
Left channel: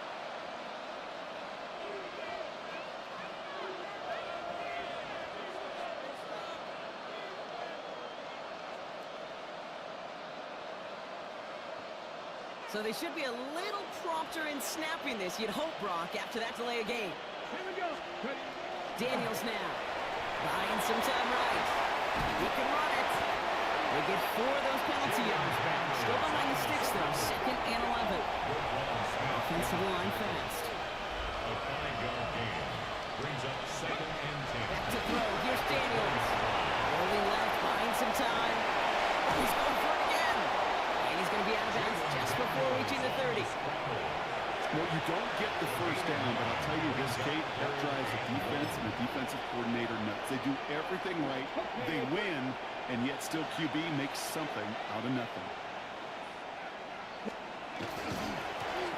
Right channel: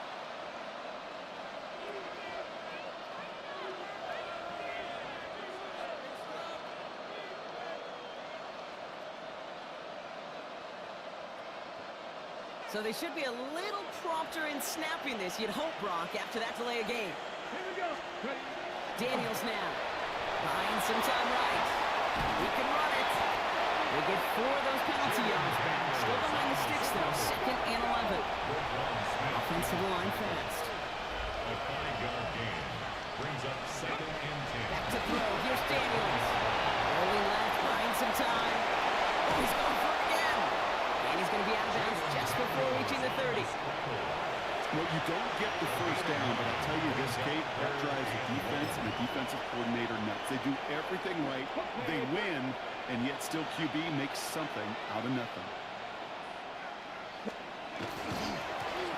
So they should be a little prompter in snapping this, you'd hope, Brock, after that delay of game. Here we go. Ready. Daniels now, buying some time right. He can run it. They get 4 of those penalty yards back. Still behind the sticks, though, 2nd and 11. Offensive line fast. A 5-yard gain brings up 2nd and 10. Back to throw. Here's Daniels. Rolling left, buying some time. Oh, he's going for it again. And he's going to be out of bounds just before reaching the 30. Well, you don't get the first down, but I'll tell you this, Kate, that drives the defense and the defensive coordinator nuts. They do everything right, they win, and yet still QB makes something out of nothing.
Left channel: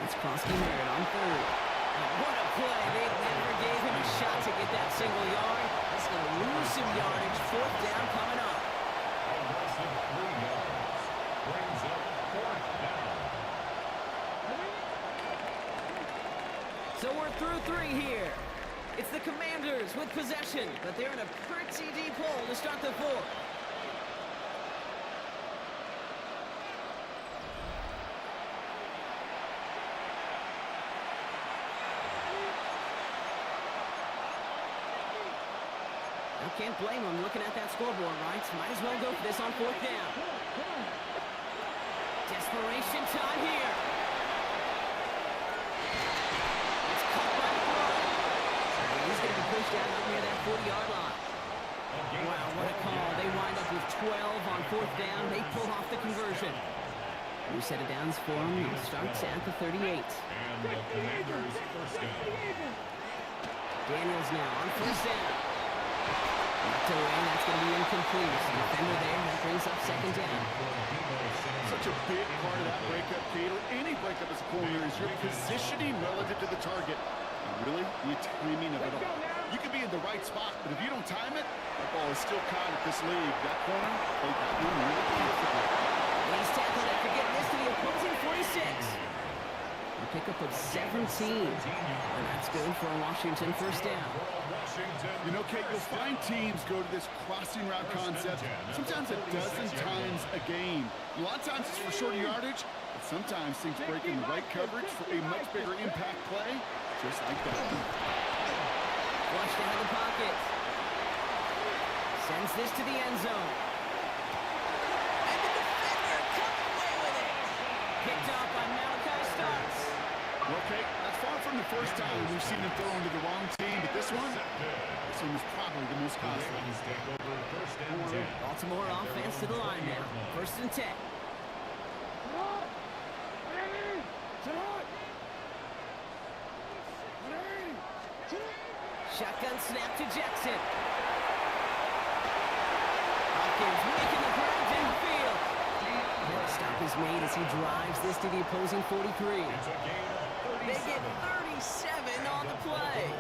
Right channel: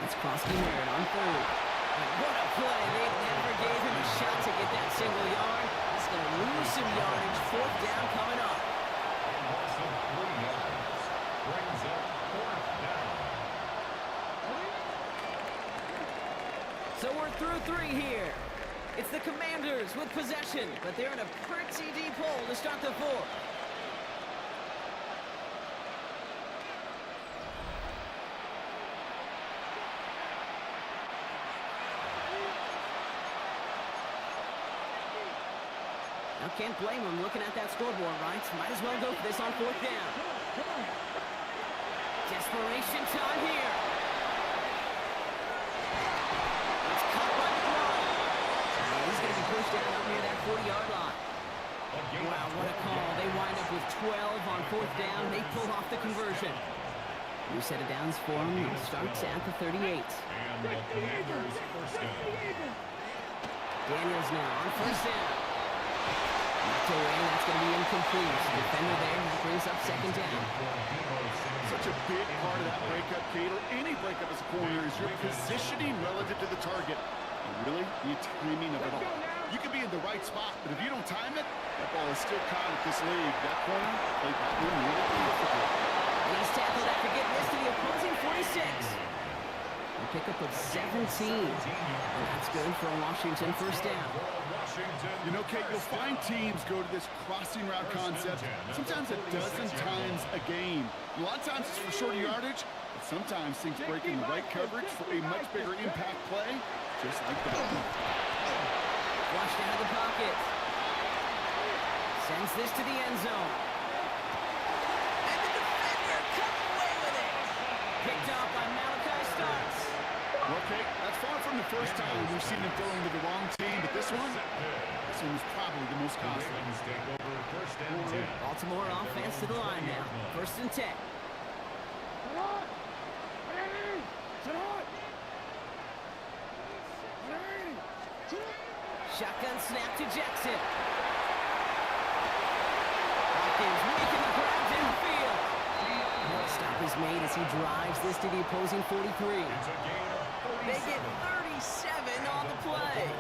It's Krosky Merritt on 3rd. What a play. They never gave him a shot to get that single yard. He's going to lose some yardage. 4th down coming up. A loss of 3 yards brings up 4th down. So we're through 3 here. It's the Commanders with possession, but they're in a pretty deep hole to start the 4th. Now can't blame them looking at that scoreboard, right? Might as well go for this on 4th down. Desperation time here. He's going to be pushed down up near that 40-yard line. Wow, what a call. They wind up with 12 on 4th down. They pull off the conversion. New set of downs for them. It starts at the 38. And the Commanders' first down. Daniels now on 1st down. Knocked away, that's going to be incomplete. Defender there, that brings up 2nd down. Such a big part of that breakup, Kate, or any breakup as a corner, is your positioning relative to the target. And really, the timing of it all. You could be in the right spot, but if you don't time it, that ball is still caught at this league. That corner played that one really beautifully. And he's tackled after getting this to the opposing 46. A pickup of 17. And that's good for a Washington 1st down. You know, Kate, you'll find teams go to this crossing route concept sometimes a dozen times a game. A lot of times it's for shorter yardage, but sometimes things break in the right coverage for a much bigger impact play, just like that. Flushed out of the pocket. Sends this to the end zone. And the defender comes away with it. Picked off by Malachi Starks. Well, Kate, that's far from the first time we've seen them throw into the wrong team, but this one was probably the most costly. Take over 1st and 10. Baltimore offense to the line now. 1st and 10. Shotgun snap to Jackson. Hopkins making the grab downfield. And a stop is made as he drives this to the opposing 43. They get 37 on the play.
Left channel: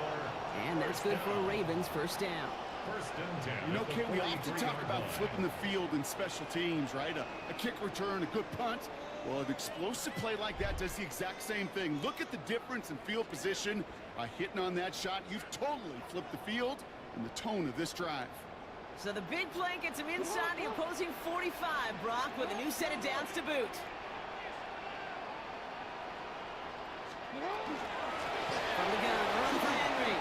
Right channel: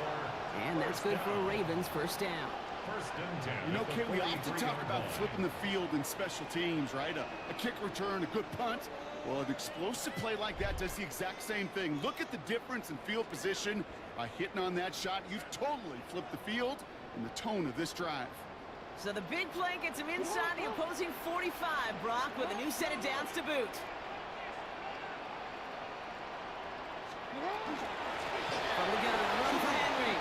And that's good for a Ravens 1st down. First and 10. You know, at the Kay, we often talk 43-yard about line. flipping the field in special teams, right? A kick return, a good punt. Well, an explosive play like that does the exact same thing. Look at the difference in field position. By hitting on that shot, you've totally flipped the field and the tone of this drive. So the big play gets him inside the opposing 45, Brock, with a new set of downs to boot. From the gun, run for Henry.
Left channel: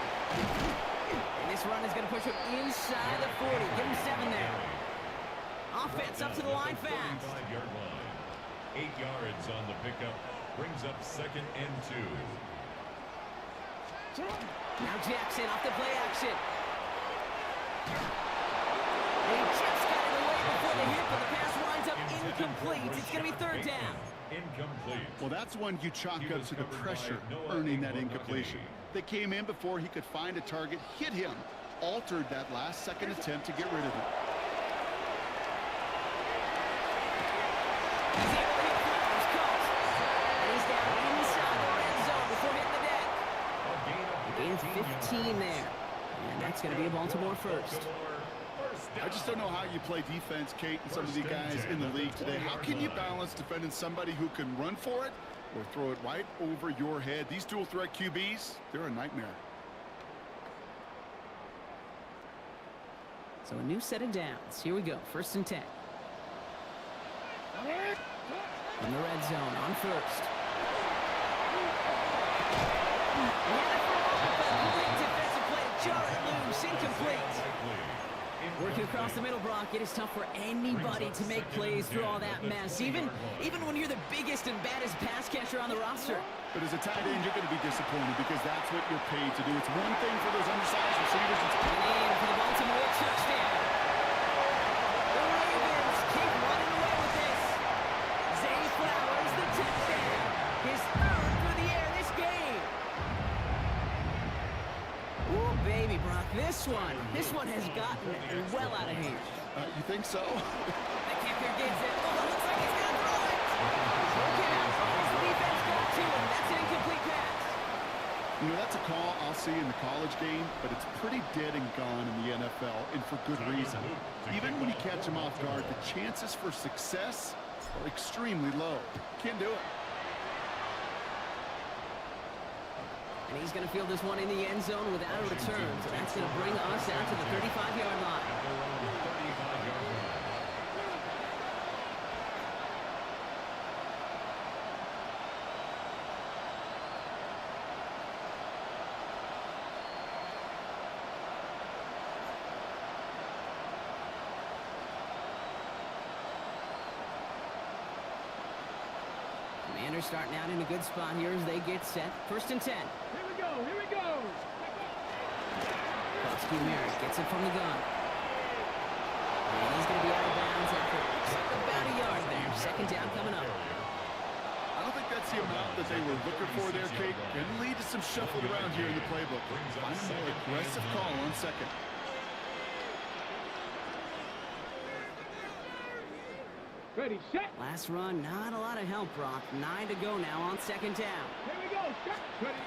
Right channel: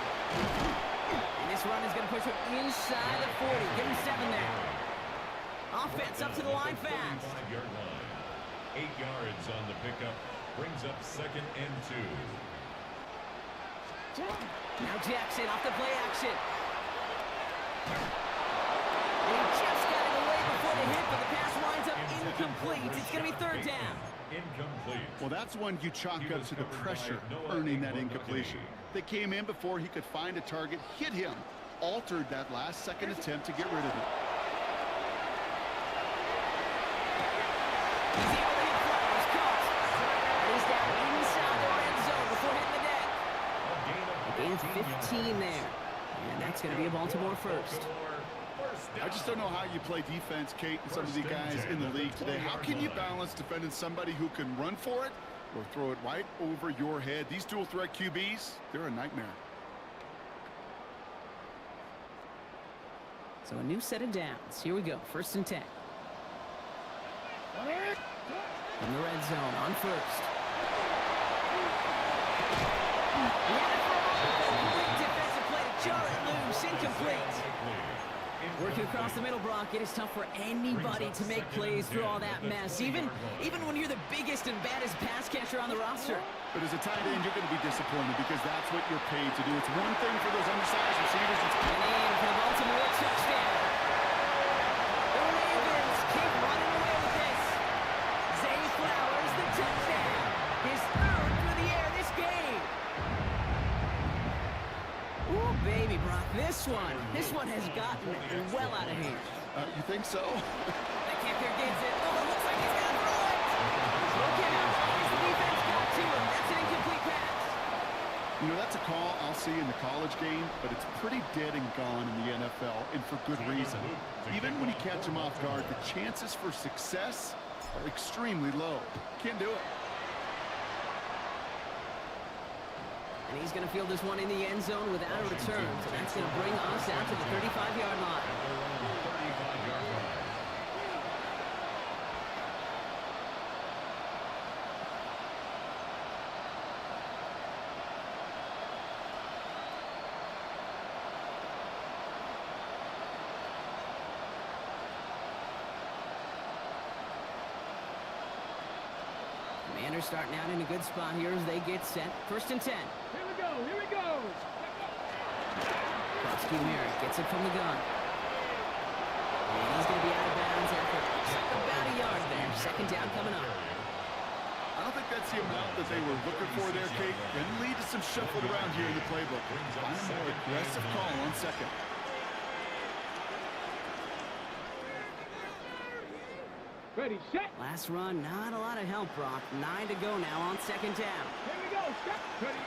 And this run is going to push him inside the 40. Give him 7 there. Offense up to the line fast. 35-yard line. 8 yards on the pickup. Brings up 2nd and 2. Now Jackson off the play action. And he just got it away before the hit, but the pass winds up incomplete. It's going to be 3rd down. Incomplete. Well, that's one you chalk He up was to the covered pressure by Noah earning that Inglamour. incompletion. They came in before he could find a target, hit him, altered that last-second attempt to get rid of it. He's able to hit Flowers, caught. And he's down inside the red zone before hitting the deck. A gain of 15 there. And that's going to be a Baltimore first. I just don't know how you play defense, Kate, and some of the guys in the league today. How can you balance defending somebody who can run for it or throw it right over your head? These dual-threat QBs, they're a nightmare. So a new set of downs. Here we go. 1st and 10. From the red zone on 1st. He had it for a moment, but a great defensive play to jar it loose. Incomplete. Working across the middle, Brock, it is tough for anybody to make plays through all that mess, even when you're the biggest and baddest pass catcher on the roster. But as a tight end, you're going to be disappointed because that's what you're paid to do. It's one thing for those undersized receivers. It's And for the Baltimore touchdown. The Ravens keep running away with this. Zay Flowers, the touchdown. His 3rd through the air this game. Ooh, baby, Brock, this one has gotten well out of hand. You think so? The kicker gets it. Oh, looks like he's going to throw it. Okay, now, as the defense got to him, that's an incomplete pass. You know, that's a call I'll see in the college game, but it's pretty dead and gone in the NFL, and for good reason. Even when you catch him off guard, the chances for success are extremely low. Can't do it. And he's going to field this one in the end zone without a return. So that's going to bring us out to the 35-yard line. At their own 35-yard line. Commanders starting out in a good spot here as they get set. 1st and 10. Here we go, here we go. Krosky Merritt gets it from the gun. And he's going to be out of bounds after about a yard there. 2nd down coming up. I don't think that's the amount that they were looking for there, Kate. Can lead to some shuffling around here in the playbook. Find a more aggressive call on 2nd. Ready, set. Last run, not a lot of help, Brock. 9 to go now on 2nd down. Here we go, set. Ready.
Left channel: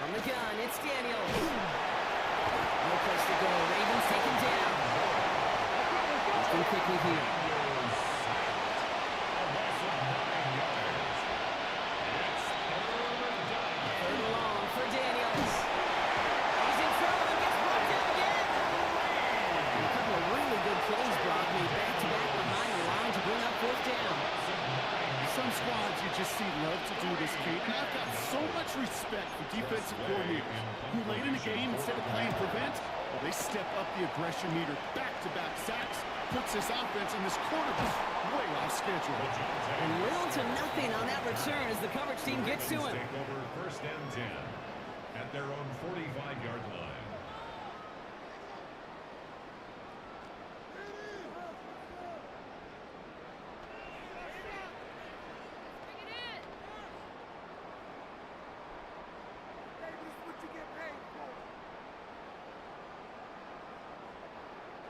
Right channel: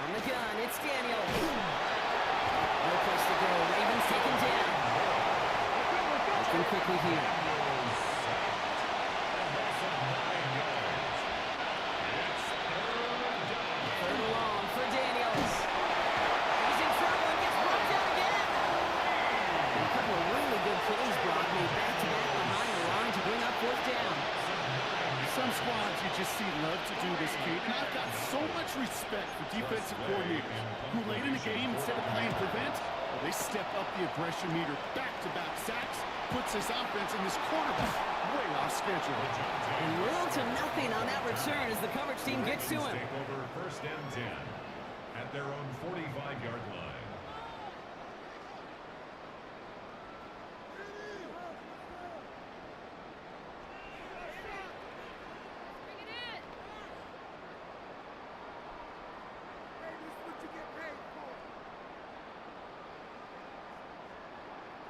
From the gun, it's Daniels. No place to go. Ravens taken down. Looking quickly here. Third and long for Daniels. He's in trouble and gets brought down again. And a couple of really good plays, Brock, made back-to-back behind the line to bring up 4th down. Some squads you just see love to do this, Kate, and I've got so much respect for defensive coordinators who late in the game, instead of playing prevent, well, they step up the aggression meter. Back-to-back sacks puts this offense and this quarterback way off schedule. And little to nothing on that return as the coverage team gets to him. Take over 1st and 10 at their own 45-yard line.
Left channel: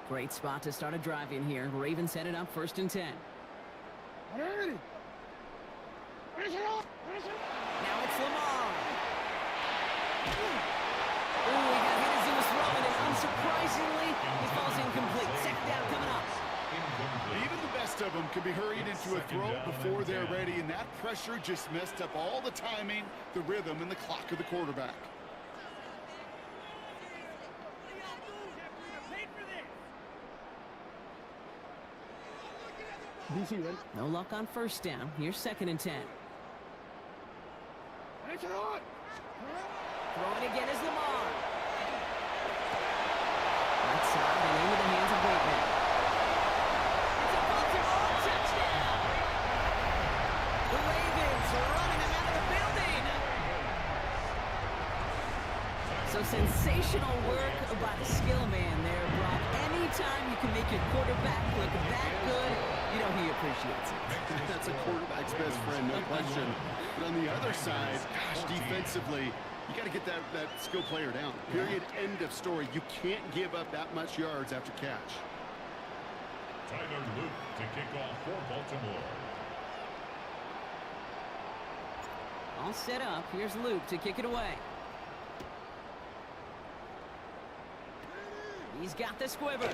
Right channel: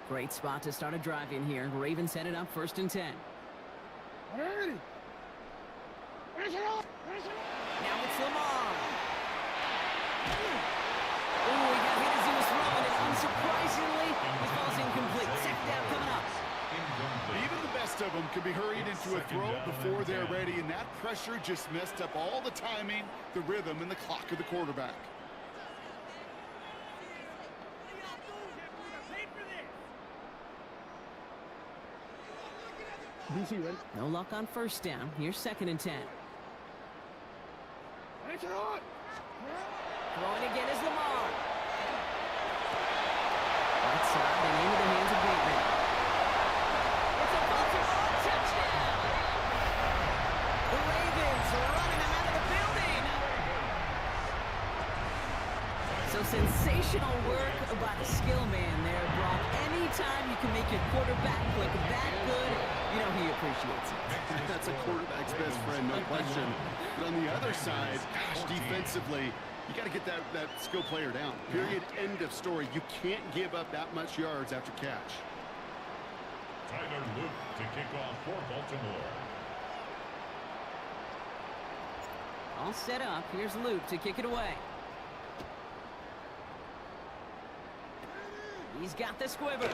Great spot to start a drive in here. Ravens headed up 1st and 10. Ready. Now it's Lamar. Ooh, he got hit as he was throwing, and unsurprisingly, he could be hurried into a throw before they're ready, and that pressure just messed up all the timing, the rhythm, and the clock of the quarterback. DC, ready? No luck on first down. Here's 2nd and 10. Throwing again is Lamar. Right side and into the hands of Bateman. It's a Baltimore touchdown! The Ravens are running him out of the building! So sensational work by the skill man there, Brock. Anytime you can make your quarterback look that good, you know he appreciates it. That's a quarterback's best friend, no question. But on the other side, gosh, defensively, you got to get that skill player down. Period. End of story. You can't give up that much yards after catch. Tyler Luke to kick off for Baltimore. All set up. Here's Luke to kick it away. He's got the squiver. He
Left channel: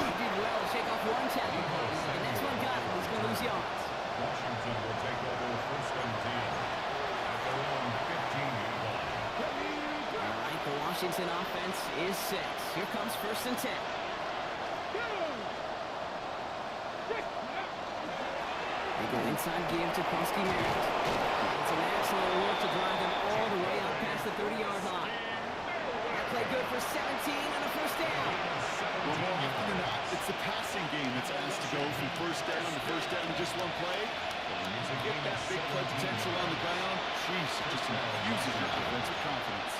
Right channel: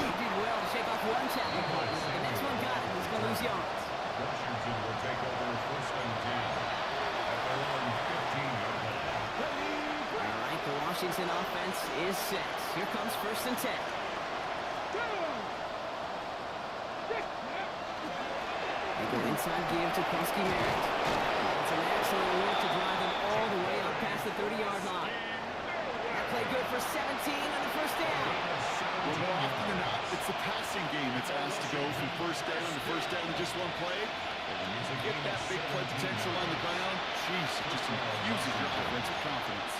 did well to shake off one tackle partner. The next one got him. He's going to lose yards. Washington will take over 1st and 10 at their own 15-yard line. All right, the Washington offense is set. Here comes 1st and 10. They go inside give to Krusty Merritt. It's an excellent work to drive him all the way out past the 30-yard line. That play good for 17 and a 1st down. Well, more often than not, it's the passing game that's asked to go from 1st down to 1st down in just one play. Get that big play potential on the ground. Jeez, it just infuses your offensive confidence.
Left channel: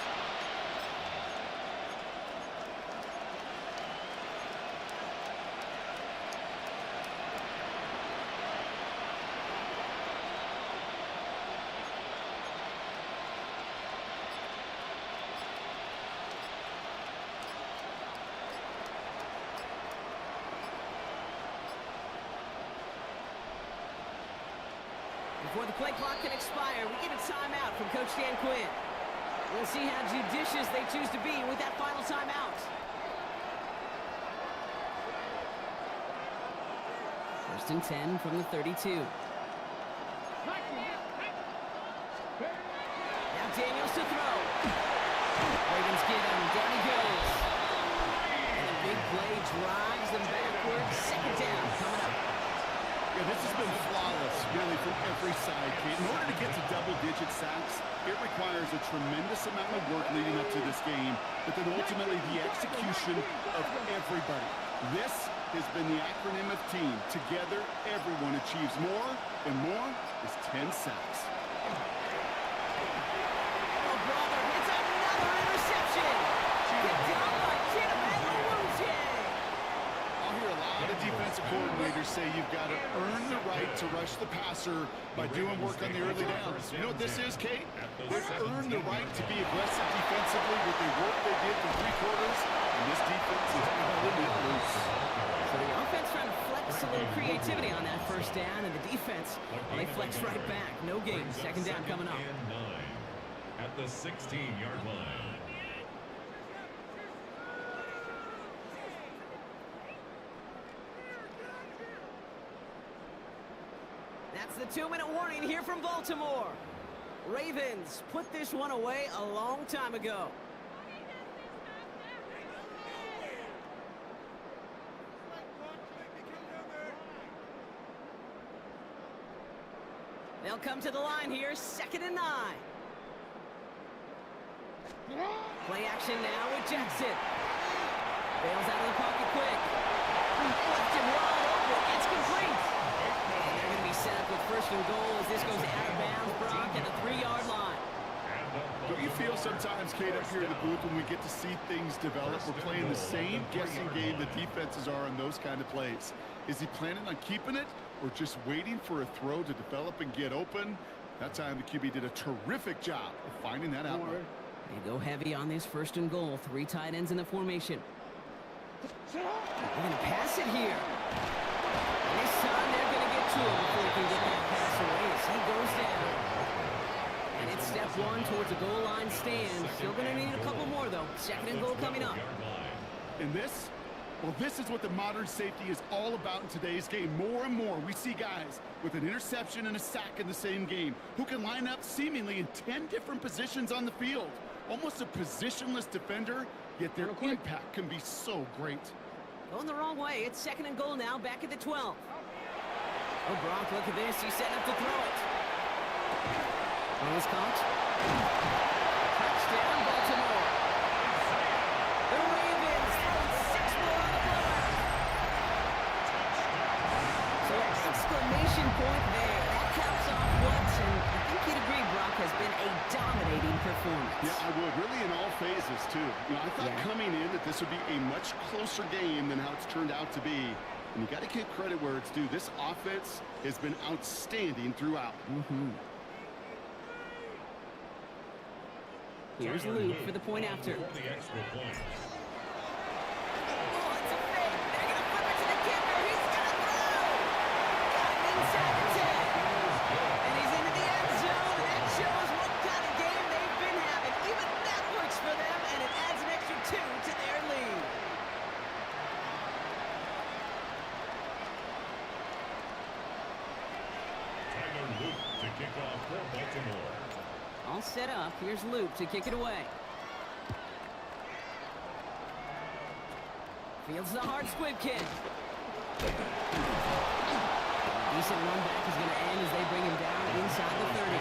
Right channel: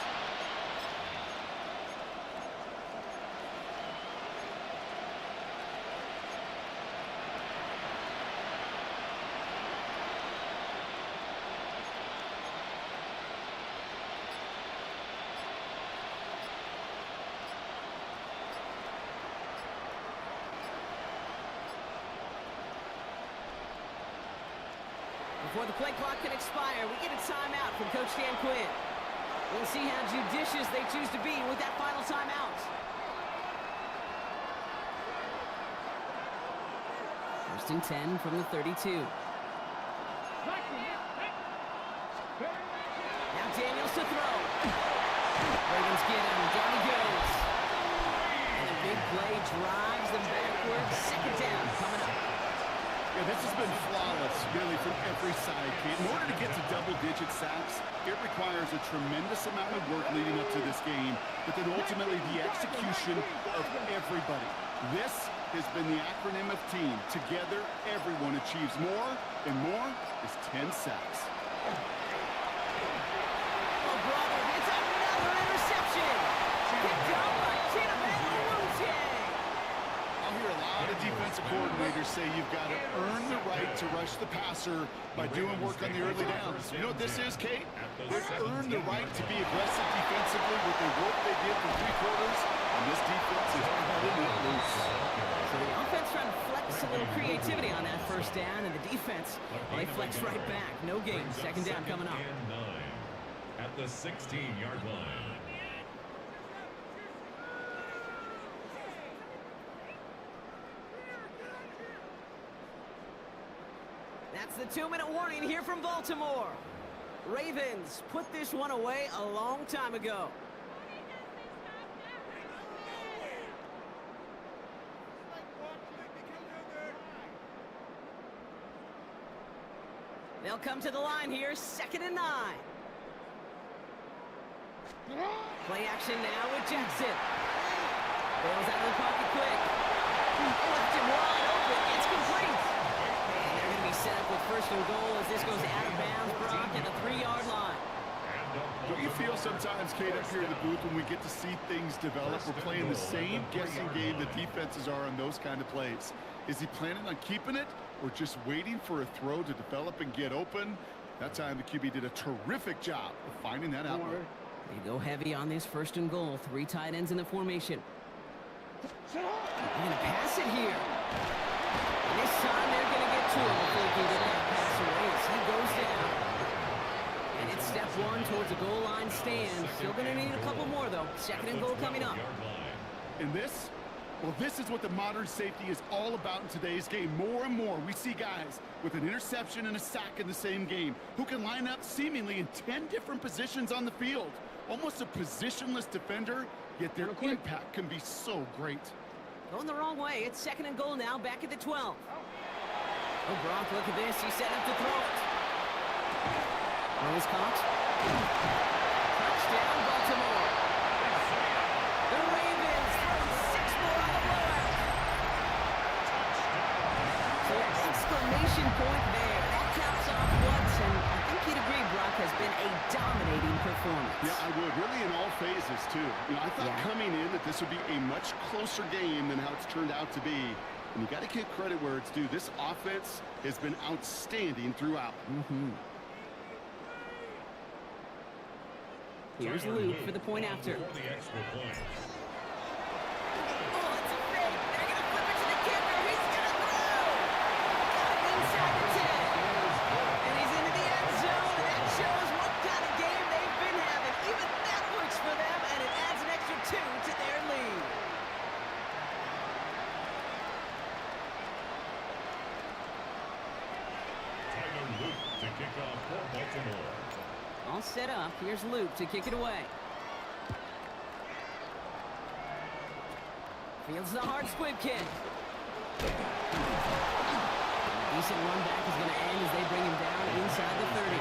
Before the play clock can expire, we get a timeout from Coach Dan Quinn. We'll see how judicious they choose to be with that final timeout. 1st and 10 from the 32. Now Daniels to throw. Ravens get him. Down he goes. And a big play drives them backwards. 2nd down coming up. Yeah, this has been flawless, really, from every side, Kate. In order to get to double-digit sacks, it requires a tremendous amount of work leading up to this game, but then ultimately the execution of everybody. This has been the acronym of team. Together, everyone achieves more, and more is 10 sacks. Oh, brother, it's another interception. Picked up by Kinaman Owuzie. I'll hear a lot of defensive coordinators say you've got to earn the right to rush the passer by doing work on the early downs. You know what this is, Kate? They've earned the right to be aggressive defensively with the work they did for 3 quarters, and this defense is letting it loose. So the offense trying to flex a little creativity on that 1st down, and the defense, well, they flex right back. No gain. 2nd down coming up. And 9 at the 16-yard line. That's the 2-minute warning here from Baltimore. Ravens put this one away a long time ago. They'll come to the line here, 2nd and 9. Play action now with Jackson. Bails out of the pocket quick. Left him wide open. It's complete. And they're going to be set up with 1st and goal as this goes out of bounds, Brock, at the 3-yard line. Don't you feel sometimes, Kate, up here in the booth when we get to see things develop, we're playing the same guessing game the defenses are on those kind of plays? Is he planning on keeping it or just waiting for a throw to develop and get open? That time the QB did a terrific job of finding that outlet. They go heavy on this 1st and goal. 3 tight ends in the formation. They're going to pass it here. And this time they're going to get to him before he can get that pass away as he goes down. And it's step 1 towards a goal line stand. Still going to need a couple more, though. 2nd and goal coming up. And this Well, this is what the modern safety is all about in today's game. More and more, we see guys with an interception and a sack in the same game who can line up seemingly in 10 different positions on the field. Almost a positionless defender, yet their impact can be so great. Going the wrong way. It's 2nd and goal now, back at the 12. Oh, Brock, look at this. He's setting up to throw it. Throw is caught. Touchdown, Baltimore. The Ravens throwing 6 more on the blowout. So an exclamation point there. That caps off what, and I think you'd agree, Brock, has been a dominating performance. Yeah, I would. Really in all phases, too. You know, I thought coming in that this would be a much closer game than how it's turned out to be. And you got to give credit where it's due. This offense has been outstanding throughout. Here's Luke for the point after. For the extra point. Oh, it's a fake. They're going to flip it to the kicker. He's going to throw. Got it inside the 10. And he's into the end zone. And that shows what kind of game they've been having. Even that works for them, and it adds an extra 2 to their lead. Luke to kick off for Baltimore. All set up. Here's Luke to kick it away. Fields the hard squib kick. Decent run back is going to end as they bring him down inside the 30.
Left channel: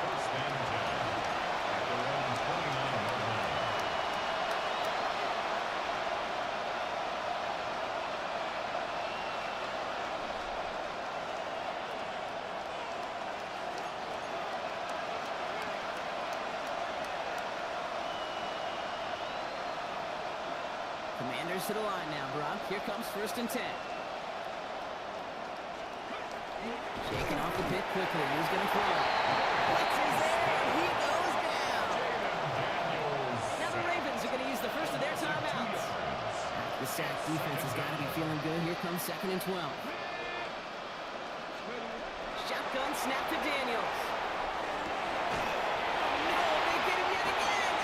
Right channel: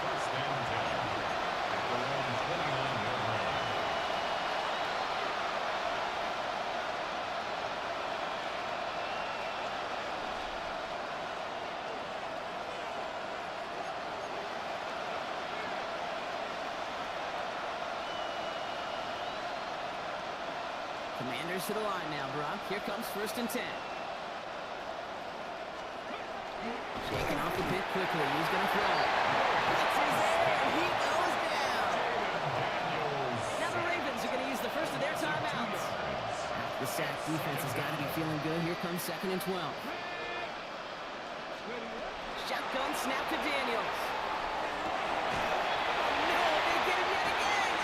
First and 10 at their own 29-yard line. Commanders to the line now, Brock. Here comes 1st and 10. Shaking off the pit quickly. He's going to throw. Blitz is there, and he goes down. Now the Ravens are going to use the first of their timeouts. The sack defense has got to be feeling good. Here comes 2nd and 12. Shotgun snap to Daniels. Oh, no, they get him yet again.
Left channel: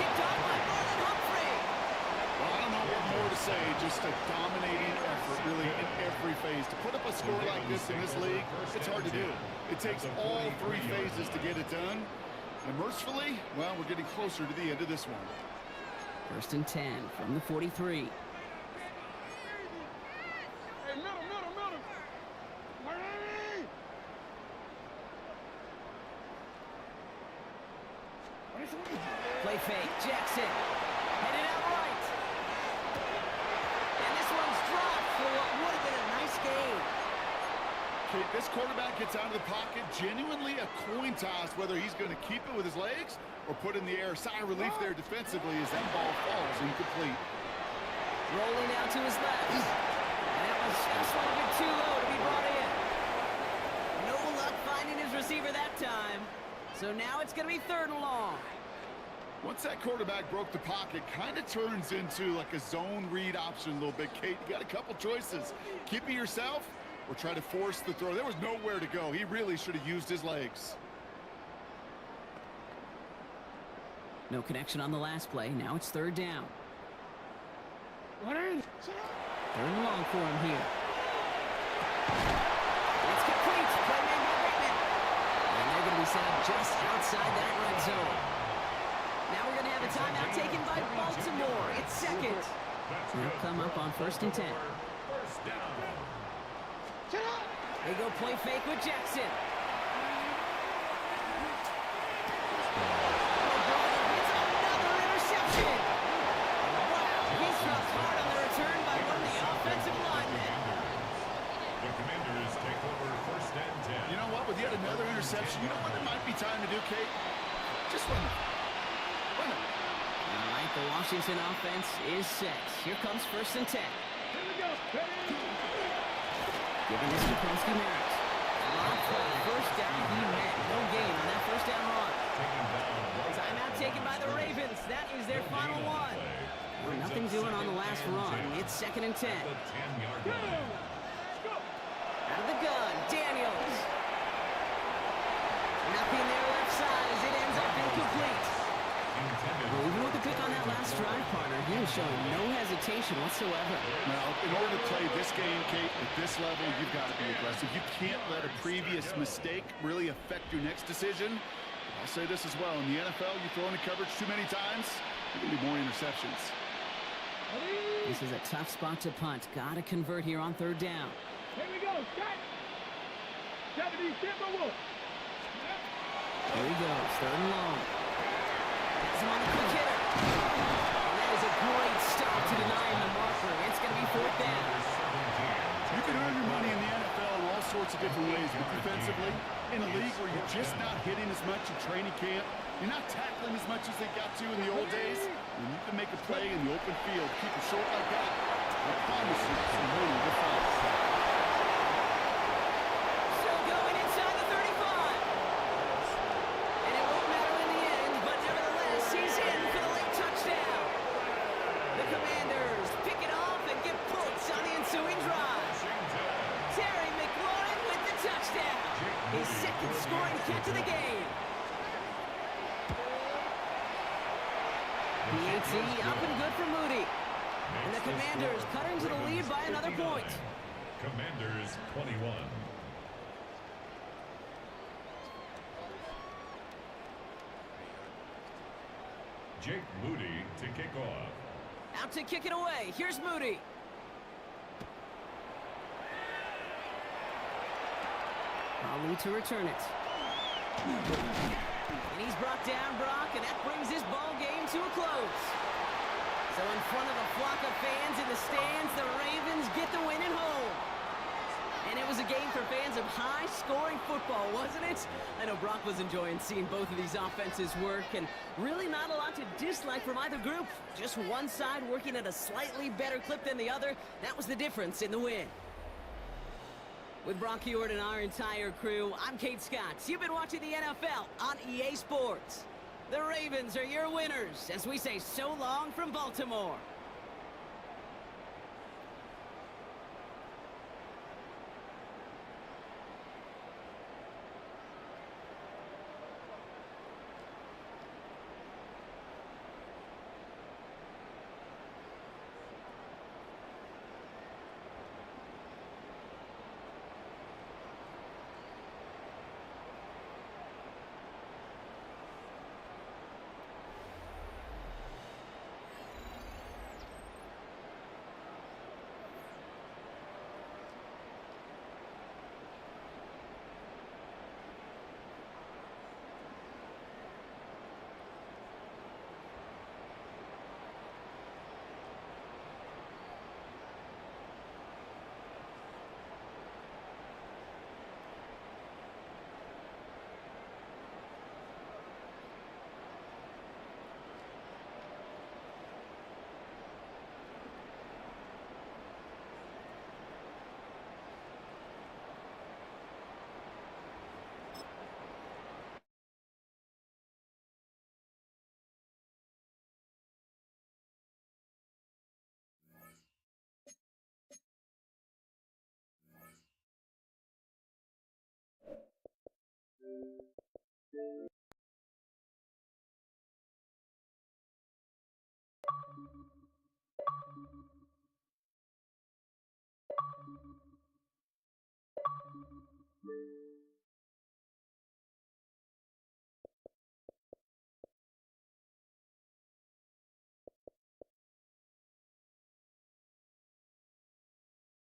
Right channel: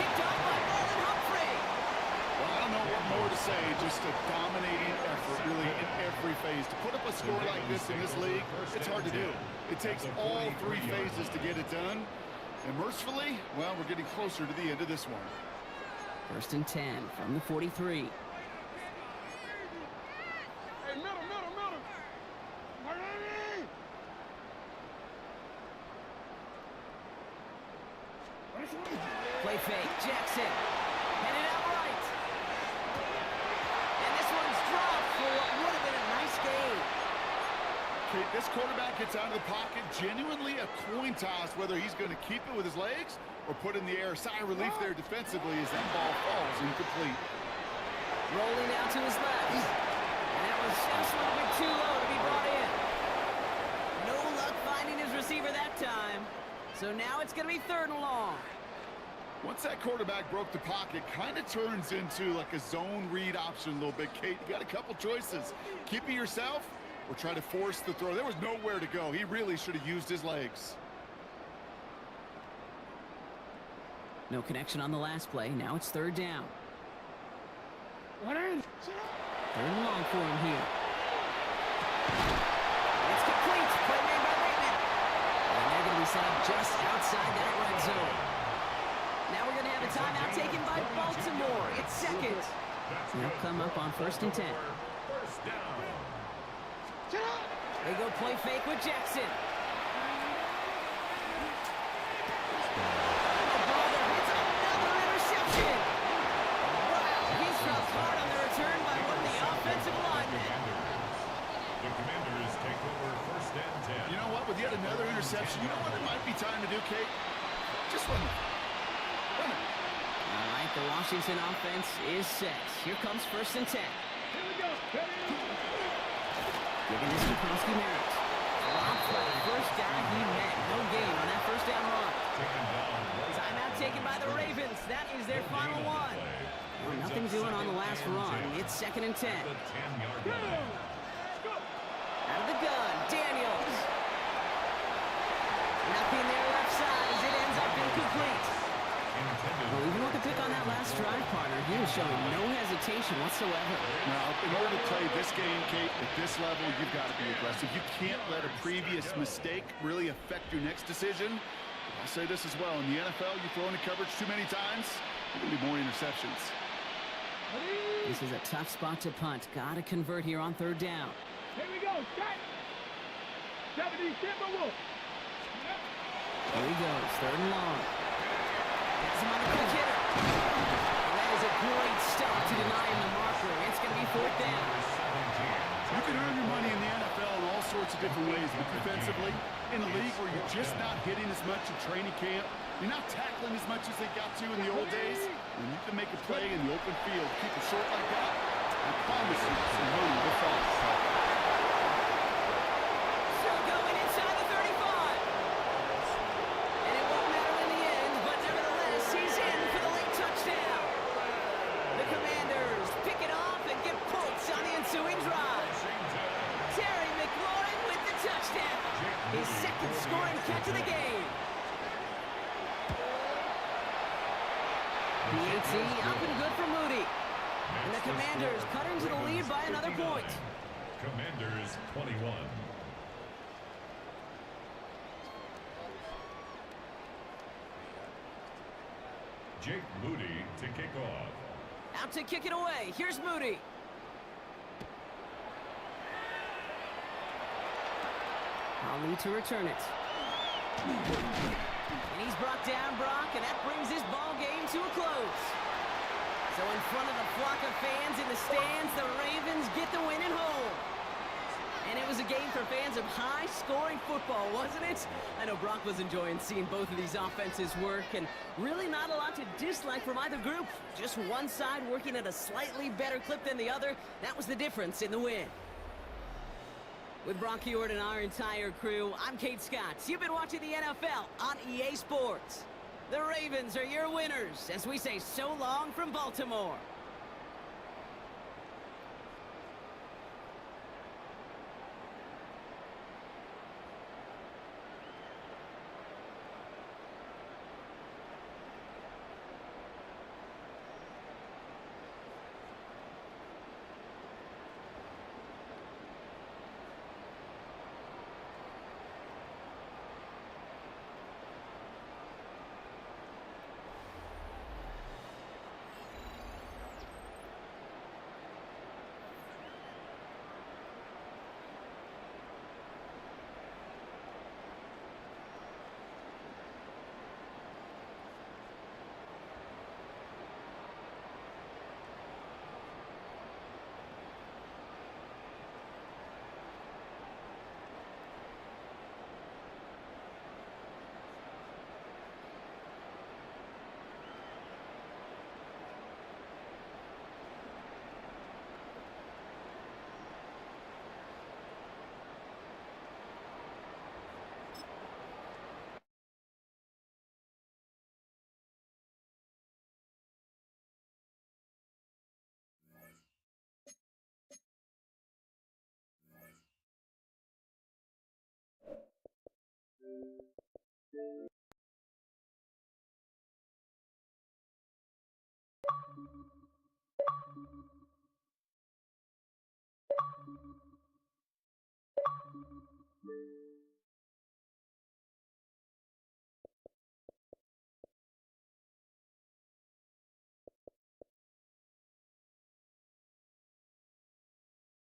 Picked off by Marlon Humphrey. Well, I don't know what more to say. Just a dominating effort, really, in every phase. To put up a score like this in this league, it's hard to do. It takes all 3 phases to get it done. And mercifully, well, we're getting closer to the end of this one. 1st and 10 from the 43. Hey, middle. Miami! Play fake. Jackson. Headed out right. And this one's dropped for what would have been a nice game. Okay, this quarterback gets out of the pocket, genuinely a coin toss, whether he's going to keep it with his legs or put in the air. Sigh of relief there defensively as that ball falls incomplete. Rolling out to his left. And that was just a little bit too low to be brought in. No luck finding his receiver that time. So now it's going to be 3rd and long. Once that quarterback broke the pocket, kind of turns into like a zone read option a little bit. Kate, you got a couple choices. Keep it yourself or try to force the throw. There was nowhere to go. He really should have used his legs. No connection on the last play. Now it's 3rd down. 3rd and long for him here. It's complete. Play made by Bateman. And they're going to be set up just outside that red zone. Now we're going to have a timeout taken by Baltimore. It's 2nd. They'll come up on 1st and 10. First down. They go play fake with Jackson. Oh, brother, it's another interception. Wow, he's dropped hard on the return by one of the offensive linemen. The Commanders take over 1st and 10. You know what? With yet another interception, you know what it might be time to do, Kate? Just run it. Run it. All right, the Washington offense is set. Here comes 1st and 10. Here we go. Giving this to Kronsky-Merritt. Dropped by the first guy he met. No gain on that 1st down run. Timeout taken by the Ravens. That is their final one. Well, nothing doing on the last run. It's 2nd and 10. Out of the gun, Daniels. Nothing there left side as it ends up incomplete. Well, even with the pick on that last stride, partner. He is showing no hesitation whatsoever. Now, in order to play this game, Kate, at this level, you've got to be aggressive. You can't let a previous mistake really affect your next decision. I'll say this as well. In the NFL, you throw into coverage too many times, there can be more interceptions. This is a tough spot to punt. Got to convert here on 3rd down. Here we go. Cut. 70, Timberwolves. Here he goes. 3rd and long. Has him on the quick hitter. And that is a great stop to deny him the marker. It's going to be 4th down. You can earn your money in the NFL in all sorts of different ways, but defensively, in a league where you're just not hitting as much in training camp, you're not tackling as much as they got to in the old days, when you can make a play in the open field, keep it short like that, I promise you some money will follow. Still going inside the 35. And it won't matter in the end, but nevertheless, he's in for the late touchdown. The Commanders pick it off and get points on the ensuing drive. Terry McLaurin with the touchdown. His 2nd scoring catch of the game. The AT up and good for Moody. And the Commanders cut into the lead by another point. Commanders 21. Jake Moody to kick off. Out to kick it away. Here's Moody. Ali to return it. And he's brought down, Brock, and that brings this ball game to a close. So in front of the flock of fans in the stands, the Ravens get the win at home. And it was a game for fans of high-scoring football, wasn't it? I know Brock was enjoying seeing both of these offenses work, and really not a lot to dislike from either group. Just one side working at a slightly better clip than the other. That was the difference in the win. With Brock Heward and our entire crew, I'm Kate Scott. You've been watching the NFL on EA Sports. The Ravens are your winners as we say so long from Baltimore.